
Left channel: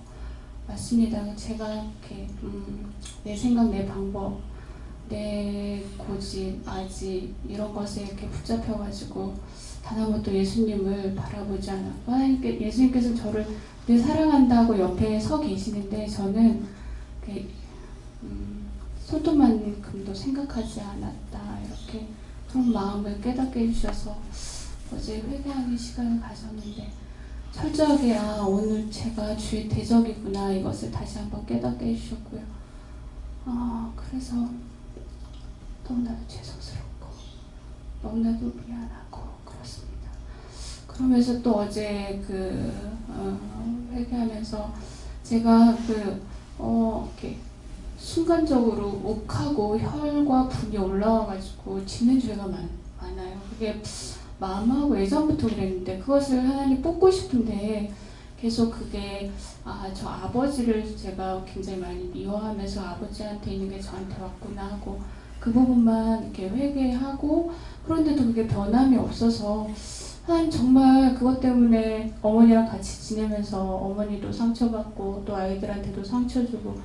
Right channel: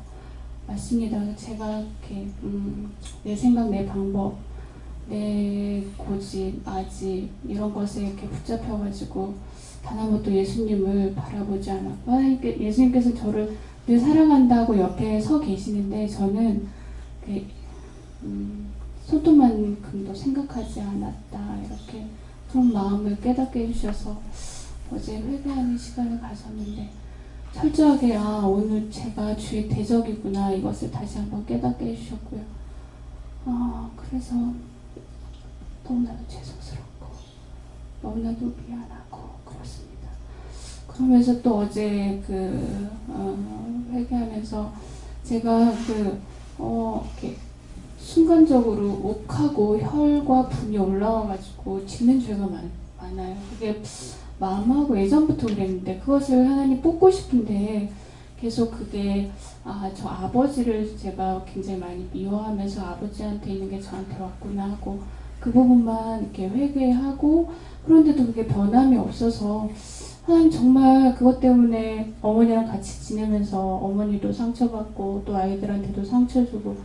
맞습니다. 제가 이렇게 내 생각, 내 방법, 내 고집, 아집 이런 것에 이렇게 붙잡혀가지고 단 한 번도 예수님을 바라보지 않았고 하나님께 예수님께서 저를 늘 사랑한다고 옆에 서 계시는데 저는 손톱만큼도 생각하지 않았다 이렇게 그런 마음을 깨닫게 해주셔서 어제 회개하는 시간을 가졌는데 철저하게 오늘 제가 주의 대적이구나 이것을 다시 한번 깨닫게 해주셨고요. 그래서 너무나도 죄송스럽고 너무나도 미안하고 그렇습니다. 그러면서 또 어제 회개하면서 제가 이렇게 순간적으로 욱하고 혈과 분이 올라와가지고 짓는 죄가 많아요. 그게 마음하고 예전부터 그랬는데 그것을 하나님 뽑고 싶은데 계속 그게 저 아버지를 제가 굉장히 많이 미워하면서 아버지한테 있는 게 저한테 왔구나 하고 그 부분만 이렇게 회개하고 그런데도 그게 변함이 없어서 하나님 정말 그것 때문에 어머니랑 같이 지내면서 어머니도 상처받고 또 아이들한테도 상처 주고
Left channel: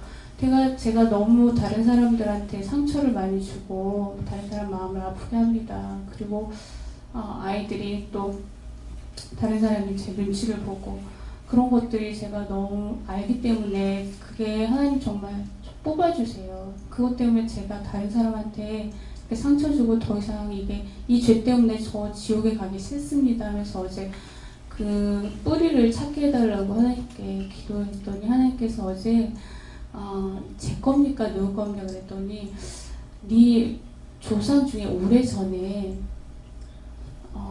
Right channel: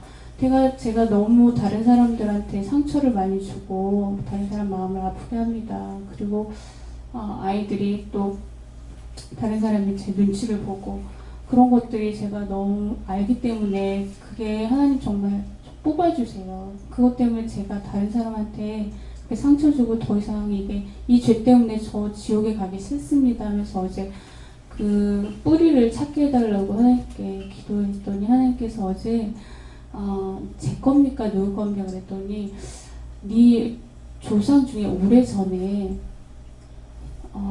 제가 너무 다른 사람들한테 상처를 많이 주고 다른 사람 마음을 아프게 합니다. 그리고 아이들이 또 다른 사람이 제 눈치를 보고 그런 것들이 제가 너무 알기 때문에 그게 하나님 정말 뽑아주세요. 그것 때문에 제가 다른 사람한테 상처 주고 더 이상 이 죄 때문에 저 지옥에 가기 싫습니다 하면서 어제 그 뿌리를 찾게 해달라고 하나님께 기도했더니 하나님께서 어제 제 겁니까 누구 겁니까 그랬더니 네 조상 중에 오래전에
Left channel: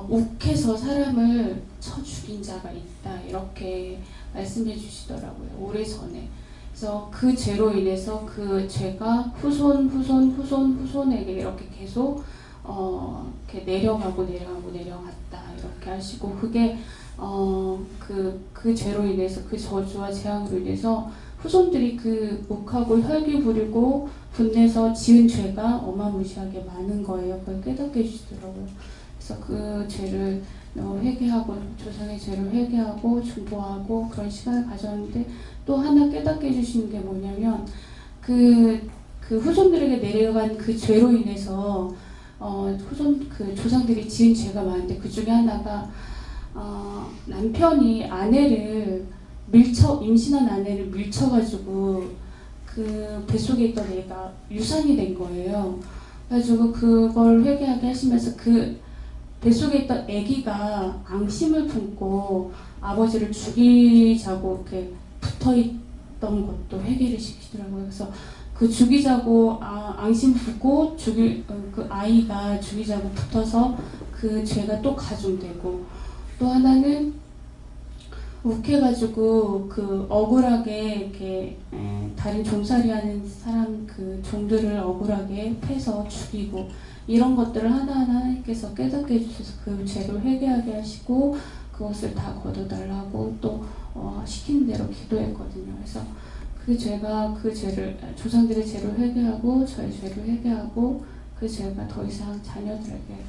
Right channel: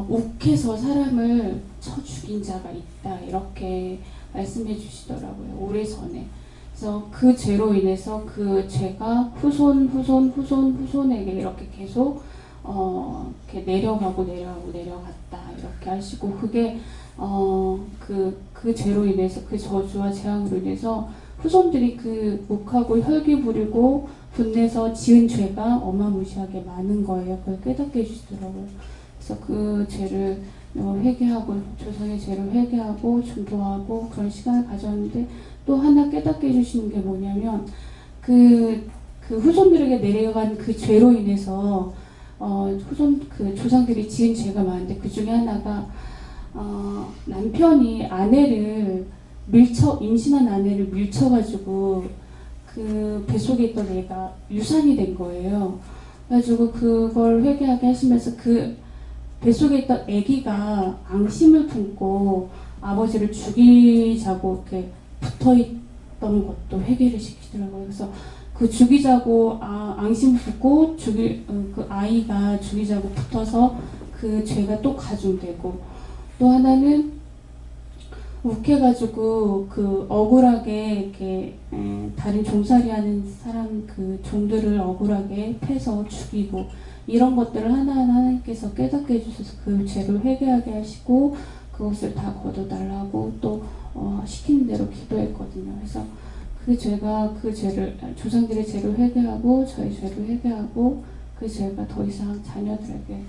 욱해서 사람을 쳐 죽인 자가 있다 이렇게 말씀해 주시더라고요. 오래전에. 그래서 그 죄로 인해서 그 죄가 후손에게 이렇게 계속 이렇게 내려갔다 이렇게 하시고 그게 그 죄로 인해서 그 저주와 재앙으로 인해서 후손들이 그 욱하고 혈기 부리고 분내서 지은 죄가 어마무시하게 많은 거예요. 그걸 깨닫게 해주시더라고요. 그래서 그 죄를 회개하고 조상의 죄를 회개하고 중보하고 그런 시간을 가졌는데 또 하나 깨닫게 해주시는 게 뭐냐면 그 후손들에게 내려간 그 죄로 인해서 그 조상들이 지은 죄가 많은데 그 중에 하나가 남편이 임신한 아내를 밀쳐가지고 그 뱃속에 있던 애가 유산이 된 거예요. 그래가지고 그걸 회개하게 하시면서 그 뱃속에 있던 아기가 앙심을 품고 아버지를 죽이자고 이렇게 붙어있던 것도 회개를 시키더라고요. 그래서 그 죽이자고 앙심 품고 그 아이가 죽이자고 붙어서 그 죄가 또 가중되고 또 하나는 욱해가지고 그 억울하게 이렇게 다른 종살이하는 사람 그 종들을 억울하게 패서 죽이고 이런 것들을 하나하나 하나님께서 깨닫게 해주셔서 그 죄를 회개하게 하시고 그것을 다 걷어달라고 또 시키는 대로 기도했거든요. 그래서 그 죄를 조상들의 죄를 회개하고 저의 죄를 회개하고 그 죄가 더 이상 자녀들에게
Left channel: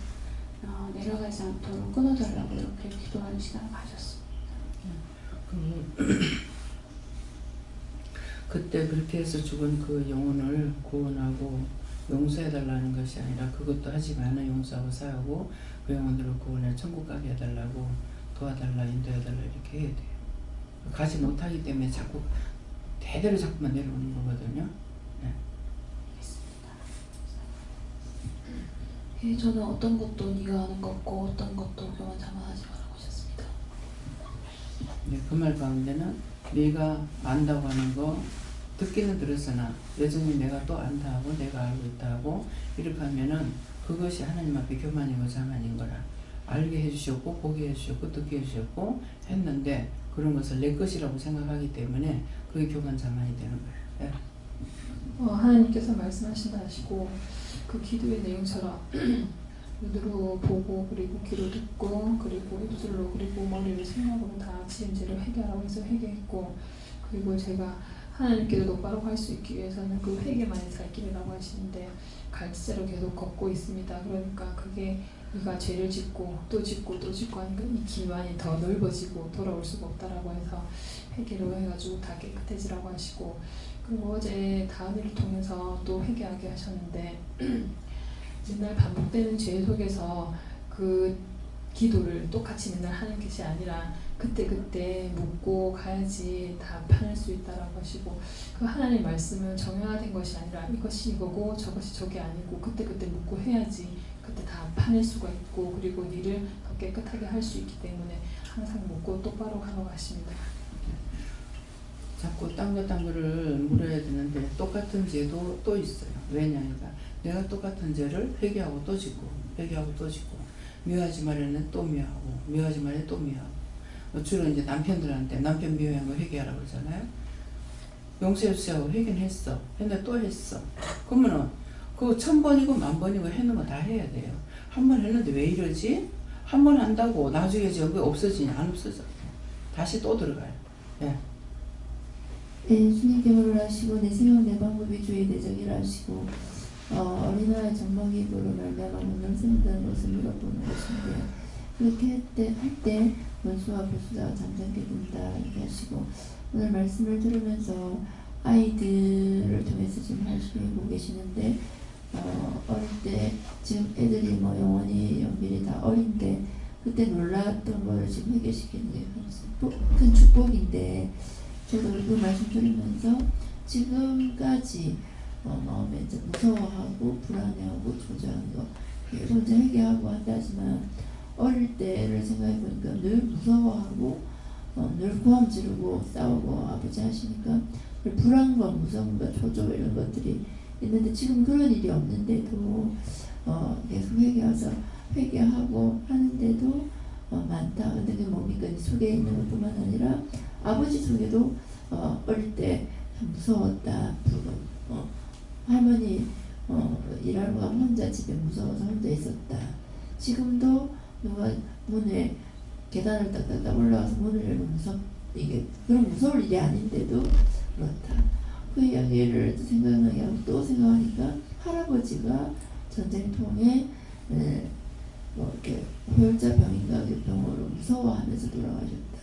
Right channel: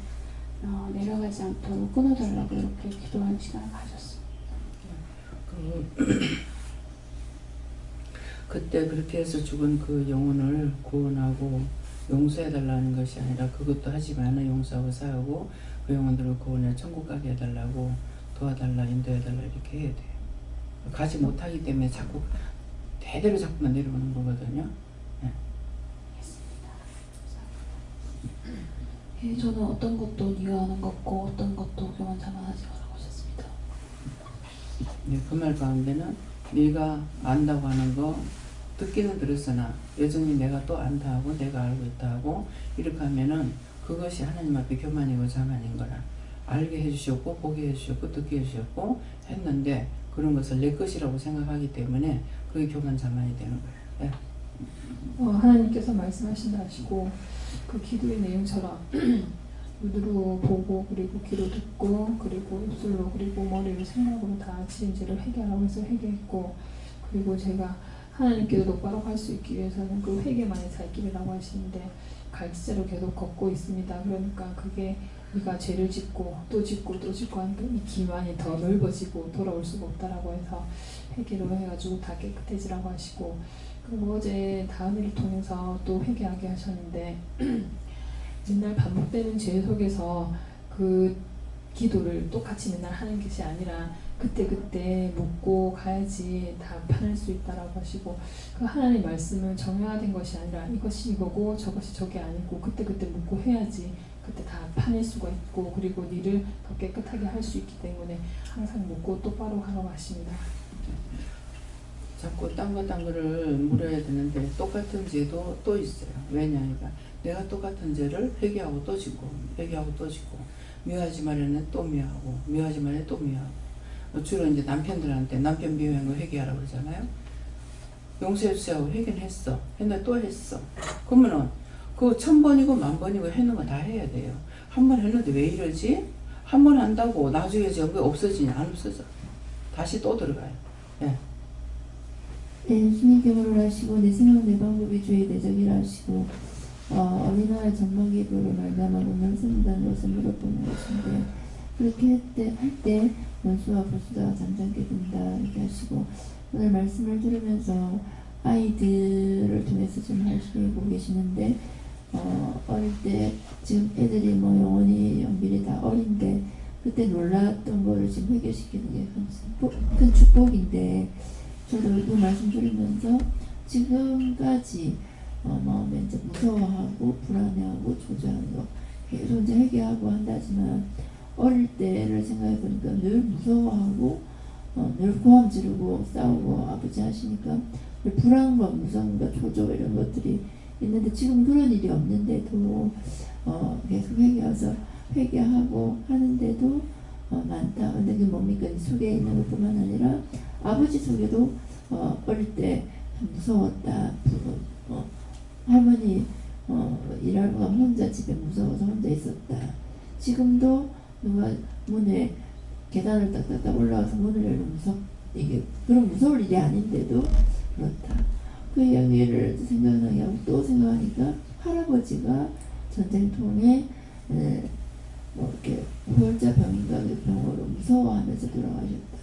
내려가지 않도록 끊어달라고 이렇게 기도하는 시간을 가졌습니다. 그때 그렇게 해서 죽은 그 영혼을 구원하고 용서해달라는 것이 아니라 그것도 하지만 용서하고 사하고 그 영혼들을 구원해 천국 가게 해달라고 도와달라 인도해달라 이렇게 해야 돼요. 가지 못하기 때문에 자꾸 대대로 자꾸만 내려오는 거거든요. 네. 예, 저는 어떤 것도 네가 아는 것 없고 어떤 것도 교만 자만하지 말라고 하셨습니다. 네, 그 말 가운데는 네가 안다고 하는 거 듣기는 들었으나 여전히 내가 또 안다 하고 내가 알고 있다 하고 이렇게 하면은 그것이 하나님 앞에 교만이고 자만인 거라 알게 해주셨고 보게 해주셨고 듣게 해주셨고 했는데 그런 것을 내 것이라고 생각하기 때문에 그게 교만 자만이 되는 거예요. 네. 하나님께서 말씀하신다 하시고 그 기도의 내용처럼 눈으로 보고 그리고 귀로 듣고 그리고 입술로 그리고 머리로 생각으로 다 지은 죄를 회개하라고 해서 회개했고 그리고 제가 하나님께도 똑바로 갈 수 있기 위해서는 그 회개만의 살 길이라고 하시는데 갈지자로 계속 걷고 있습니다. 그러니까 그게 우리가 죄를 짓고 또 짓고 또 짓고 하는 이 기만이 더 넓어지고 돌아올 수가 없다라고 해서 회개를 해가지고 다 깨끗해지라고 하시고, 그리고 어제 다은이를 통해서 또 회개하게 하셨는데 맨날 반복되는 죄 속에서 그 기도를 똑같이 맨날 하는 것이 아니라 그때그때 묻고 가야지 다 판할 수 있다라고 하시고, 그 하나님의 말씀은 정형화된 것이 아니라 이것이 이거고 저것이 저게 아니고 그때그때 묻고 해야지 그때 다 파낼 수가 있고, 그리고 니를 더 깨끗하게 할 수 있기 때문에 항상 묻고 똑바로 하라고 하십니다. 자꾸 딴 거를 물어야 되는데 똑같은 죄도 또 있어요. 왜냐니까 내가 똑같은 죄를 회개하고 또 짓고 회개하고 또 짓고, 미워하지 말에는 또 미워하고 미워하지 말에 또 미워하고. 주로 이제 남편들한테 남편 미워한 거 회개하라고 그러잖아요. 용서해주세요. 회개는 했어. 근데 또 했어. 그러면은 그거 1000번이고 10,000번이고 해놓으면 다 해야 돼요. 한 번 했는데 왜 이러지? 한 번 한다고 나중에 전부 없어지냐? 안 없어져. 다시 또 들어가요. 예. 주님 계보를 하시고 내 생각 내 방법이 주의 대적이라 하시고, 어린아이 젖먹이로 말미암아 오늘 쓴다는 것을 물어보는 것인데, 그렇게 할 때 원수와 보수자가 잠잠게 된다 이렇게 하시고, 오늘 말씀을 들으면서 아이들을 통해서 지금 하시고 계시는데, 어릴 때 지금 애들이 뭐 영원히 연필이 다 어린데 그때 놀랐던 거를 지금 해결시키는 게 큰 축복인데, 저도 그 말씀 들으면서 지금까지 마음에 이제 무서워하고 불안해하고 조절하는 거 계속 이제 회개하고 한다지만, 어릴 때를 생각해 보니까 늘 무서워하고 늘 고함 지르고 싸우고 아버지 하시니까 늘 불안과 무서움과 초조 이런 것들이 있는데, 지금 그런 일이 없는데도 계속 회개하고 하는데도 많다. 근데 그게 뭡니까? 속에 있는 것뿐만 아니라 아버지 속에도 어릴 때 무서웠다. 할머니 일하러 가면 혼자 집에 무서워서 혼자 있었다. 지금도 누가 문에 계단을 딱딱딱 올라가서 문을 열면 이게 그런 무서울 일이 아닌데도 그렇다. 그 이야기를 생각나게 하고 또 생각하니까 할아버지가 전쟁통에 이렇게 호열자병인가 그 병으로 무서워하면서 돌아가셨다.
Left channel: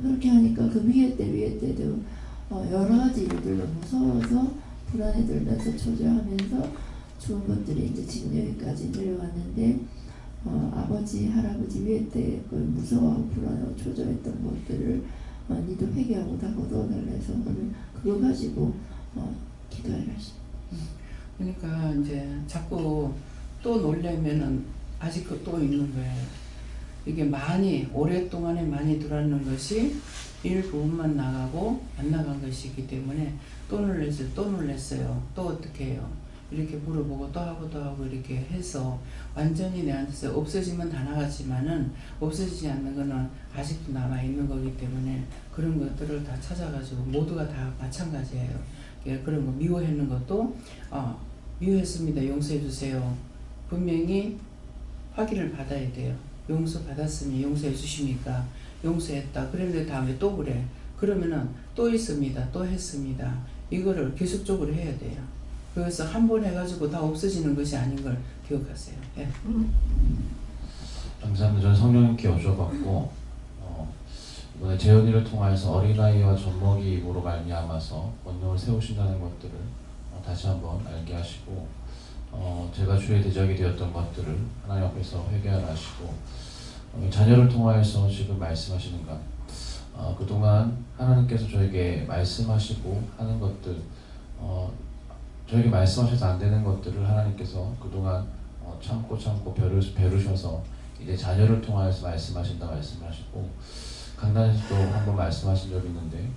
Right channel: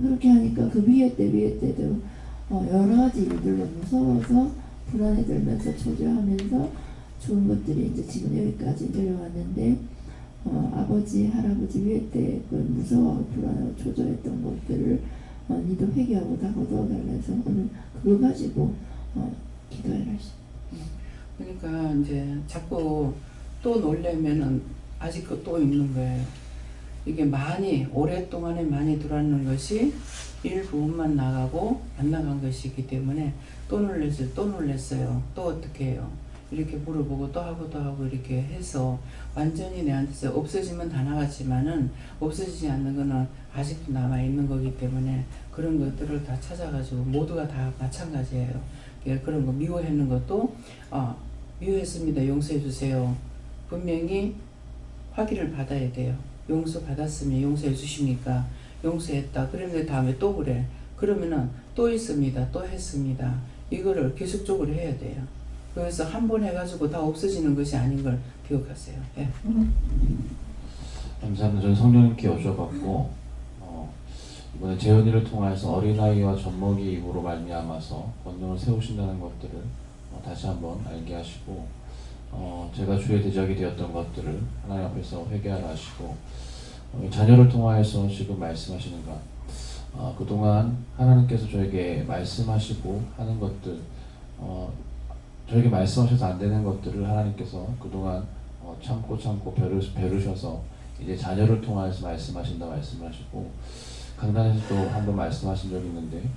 그렇게 하니까 그 위에 때도 여러 가지 일들로 무서워서 불안에 들면서 초조하면서 좋은 것들이 이제 지금 여기까지 내려왔는데, 아버지 할아버지 위에 때 그 무서워하고 불안하고 초조했던 것들을 니도 회개하고 다 거두어달라 해서 오늘 그거 가지고 기도해라 하십니다. 그러니까 이제 자꾸 또 놀려면은 아직 또 있는 거예요. 이게 오랫동안에 많이 들어왔는 것이 일부분만 나가고 안 나간 것이기 때문에 또 놀랬어요. 또 어떻게 해요? 이렇게 물어보고 또 하고 이렇게 해서 완전히 내한테서 없어지면 다 나갔지만은 없어지지 않는 거는 아직도 남아있는 거기 때문에 그런 것들을 다 찾아가지고 모두가 다 마찬가지예요. 그런 거 미워했는 것도 미워했습니다. 용서해 주세요. 분명히 확인을 받아야 돼요. 용서 받았으면 용서해 주십니까? 용서했다. 그런데 다음에 또 그래. 그러면은 또 있습니다. 또 했습니다. 이거를 계속적으로 해야 돼요. 그래서 한 번 해가지고 다 없어지는 것이 아닌 걸 기억하세요. 예. 감사합니다. 저는 성령님께 여쭤봤고, 이번에 재현이를 통하여서 어린아이와 젖먹이 입으로 말미암아서 권능을 세우신다는 것들을 다시 한번 알게 하시고, 제가 주의 대적이 되었던 것들을 하나님 앞에서 회개하라 하시고, 자녀를 통하여서 지금 말씀하시는 것, 그동안 하나님께서 저에게 말씀하시고 하는 것들, 저에게 말씀하셔서 안 되는 것들을 하나님께서 그동안 참고 벼르셔서 이제 자녀를 통하여서 말씀하신다 말씀하시고, 강단에서도 한번 말씀하신 적이 있는데,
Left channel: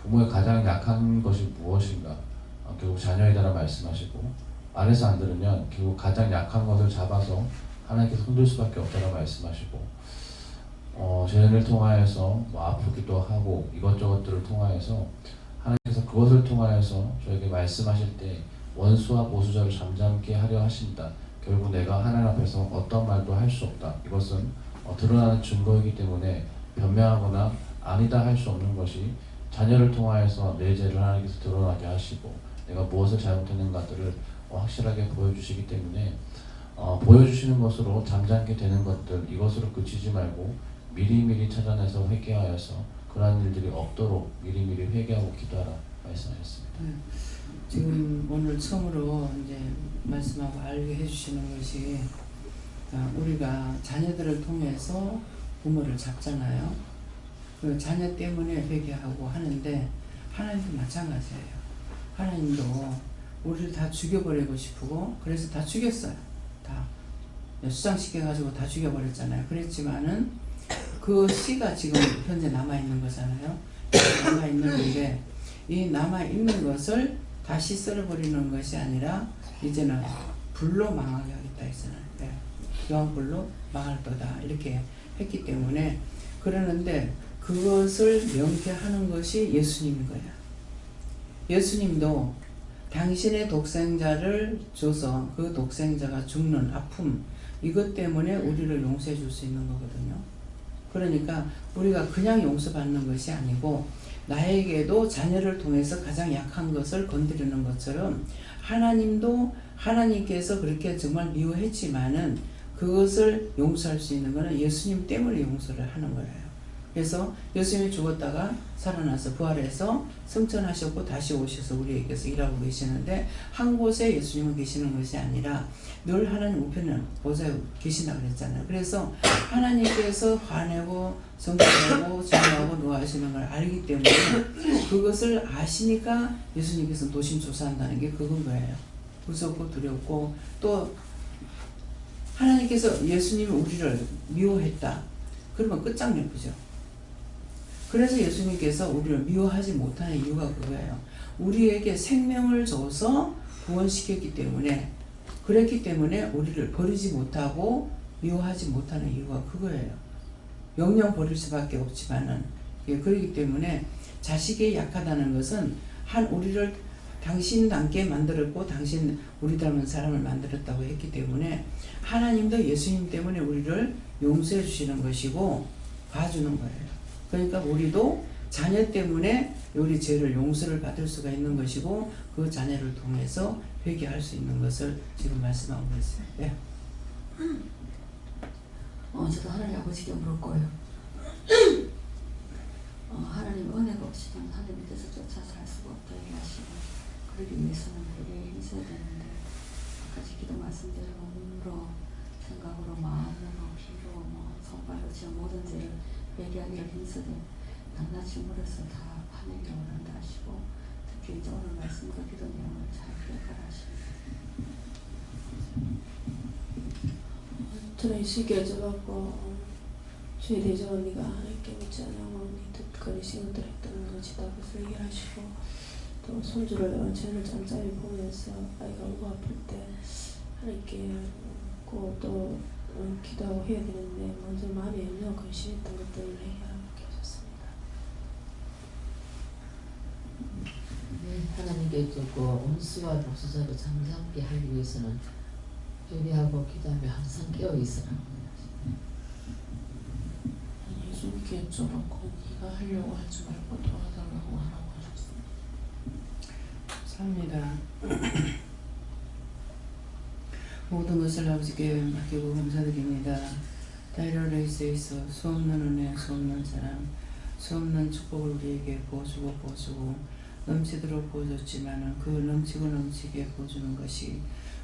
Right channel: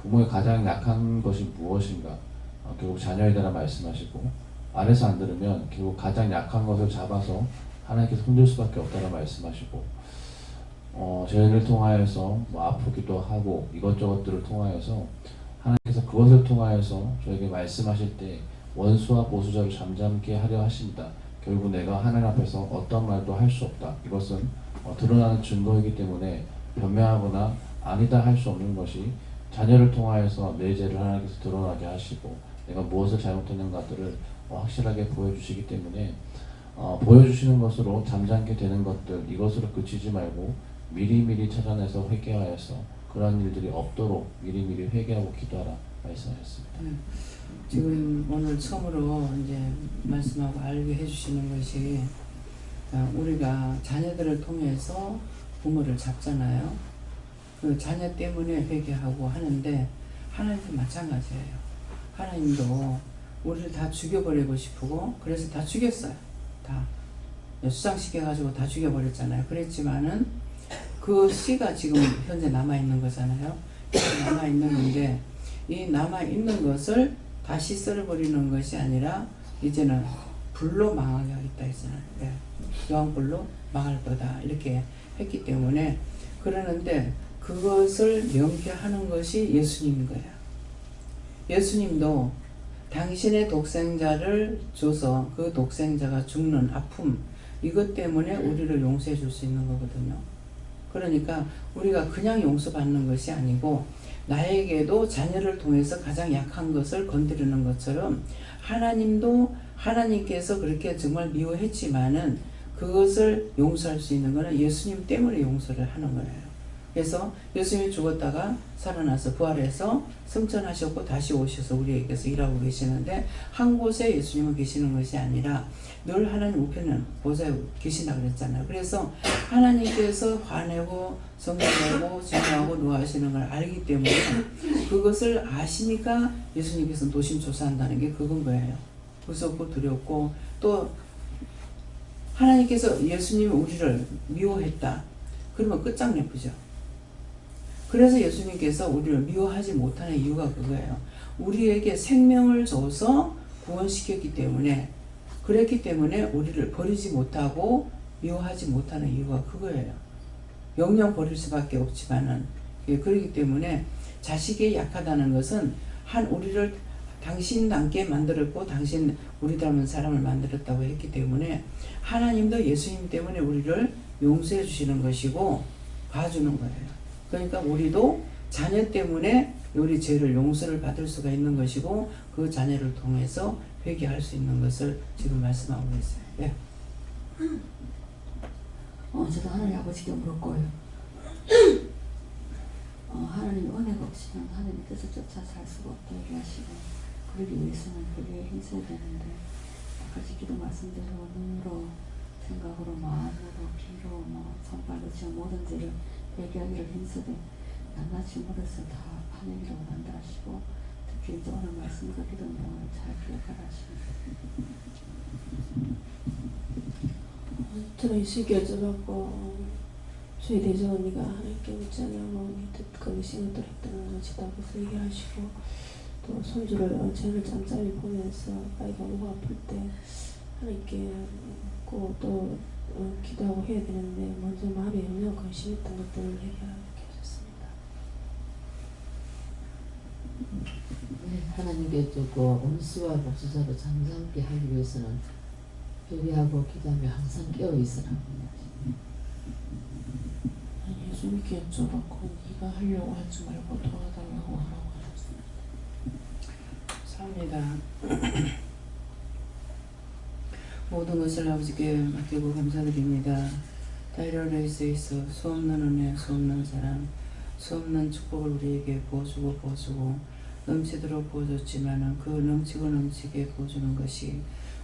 부모의 가장 약한 것이 무엇인가, 결국 자녀에 대한 말씀하시고, 아래서 안 들으면 결국 가장 약한 것을 잡아서 하나님께서 흔들 수밖에 없다는 말씀하시고, 재현을 통하여서 아프기도 하고 이것저것들을 통하여서 하나님께서 그것을 통하여서 저에게 말씀하실 때 원수와 보수자를 잠잠게 하려 하신다. 결국 내가 하나님 앞에서 어떤 말도 할 수 없다. 이것은 드러나는 증거이기 때문에 변명하거나 아니다 할 수 없는 것이 자녀를 통하여서 내 죄를 하나님께서 드러나게 하시고 내가 무엇을 잘못했는가들을 확실하게 보여주시기 때문에 보여주시는 것으로 잠잠게 되는 것들 이것으로 그치지 말고 미리미리 찾아내서 회개하여서 그러한 일들이 없도록 미리미리 회개하고 기도하라 말씀하셨습니다. 지금 오늘 처음으로 이제 말씀하고 알게 해주시는 것이 우리가 자녀들을 통해서 부모를 잡잖아요. 그 자녀 때문에 회개하고 하는데 하나님도 마찬가지예요. 하나님도 우리를 다 죽여버리고 싶고 그래서 다 죽였어요. 다 수장시켜가지고 다 죽여버렸잖아요. 그랬지만은 그 씨가 지금 현재 남아있는 거잖아요. 남아있는데 이 남아있는 것을 다시 썰어버리는 것이 아니라 이제는 불로 망하게 하겠다 했잖아요. 여왕불로 망할 거다 이렇게 했기 때문에 그러는데 그것을 명쾌하는 것이 예수님인 거야. 예수님도 당신의 독생자를 줘서 그 독생자가 죽는 아픔 이것 때문에 우리를 용서해 줄 수 있는 거거든요. 그러니까 우리가 그냥 용서받는 것이 아니고 나에게도 자녀를 통해서 가장 약한 것을 건드리는 것처럼 하나님도 하나님께서 그렇게 정말 미워했지만은 그것을 용서할 수 있는 것은 예수님 때문에 용서를 하는 거예요. 그래서 예수님이 죽었다가 살아나서 부활해서 승천하셨고 다시 오셔서 우리에게서 일하고 계시는데 한 곳에 예수님은 계시는 것이 아니라 늘 하나님 우편에 보좌에 계신다고 그랬잖아요. 그래서 하나님께서 화내고 성취하고 진노하고 노하시는 걸 알기 때문에 그것을 아시니까 예수님께서 노심초사한다는 게 그건 거예요. 무섭고 두렵고 또 하나님께서 예수님이 우리를 미워했다. 그러면 끝장내보죠. 그래서 예수님께서 우리를 미워하지 못하는 이유가 그거예요. 우리에게 생명을 줘서 구원시켰기 때문에 그랬기 때문에 우리를 버리지 못하고 미워하지 못하는 이유가 그거예요. 영영 버릴 수밖에 없지만은 그렇기 때문에 자식이 약하다는 것은 우리를 당신 닮게 만들었고 당신 우리 닮은 사람을 만들었다고 했기 때문에 하나님도 예수님 때문에 우리를 용서해 주시는 것이고 봐주는 거예요. 그러니까 우리도 자녀 때문에 우리 죄를 용서를 받을 수가 있는 것이고 그 자녀를 통해서 회개할 수 있는 것을 지금 말씀하고 있어요. 네. 저도 하나님 아버지께 물을 거예요. 하나님 은혜가 없이는 하나님께서 쫓아 살 수가 없다고 하시고 그러기 위해서는 회개에 힘써야 되는데 아까 기도 말씀대로 눈으로 생각으로 마음으로 귀로 손발로 지은 모든 죄를 회개하기를 힘쓰되 낱낱이 물에서 다 파내기를 원한다 하시고 특히 이제 오늘 말씀과 기도 내용을 잘 기억하라 하십니다. 저는 이 시기를 접었고 주의 대전 언니가 하나님께 묻지 않냐고 듣거니 시간들 했다는 것이다 것을 얘기하시고 또 손주를 죄를 잠잠히 보면서 아이가 너무 아플 때 하나님께 묻고 또 기도하고 해야 되는데 먼저 마음에 염려 근심했던 것들을 해결하게 하셨습니다. 하나님께 두고 온수와 복수자로 잠잠게 하기 위해서는 회개하고 기도하며 항상 깨어 있으라. 예수님께 여쭤봤고 네가 하려고 하지 말고 도와달라고 하라고 하셨습니다. 삽니다. 모든 것을 아버지께 맡기고 감사드립니다. 다이러레이스에 있어 수없는 은혜, 수없는 사랑, 수없는 축복을 우리에게 부어주고 넘치도록 부어줬지만은 그 넘치고 넘치게 부어주는 것이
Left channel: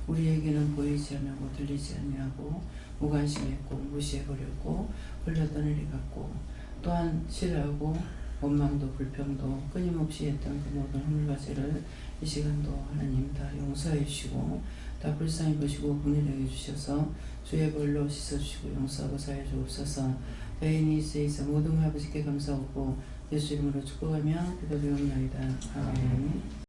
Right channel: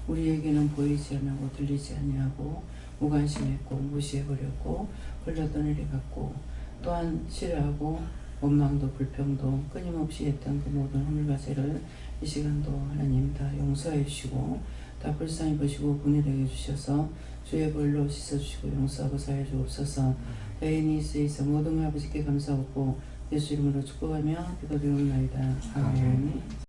우리에게는 보이지 않고 들리지 아니하고 무관심했고 무시해버렸고 흘러떠내리 갔고 또한 싫어하고 원망도 불평도 끊임없이 했던 그 모든 허물과 죄를 이 시간도 하나님 다 용서해 주시고 다 불쌍히 보시고 긍휼히 여겨주셔서 주의 벌로 씻어주시고 용서하고 사해 주옵소서. 다인이 있어 모든 아버지께 감사하고 예수 이름으로 축복하며 기도드리옵나이다. 아멘.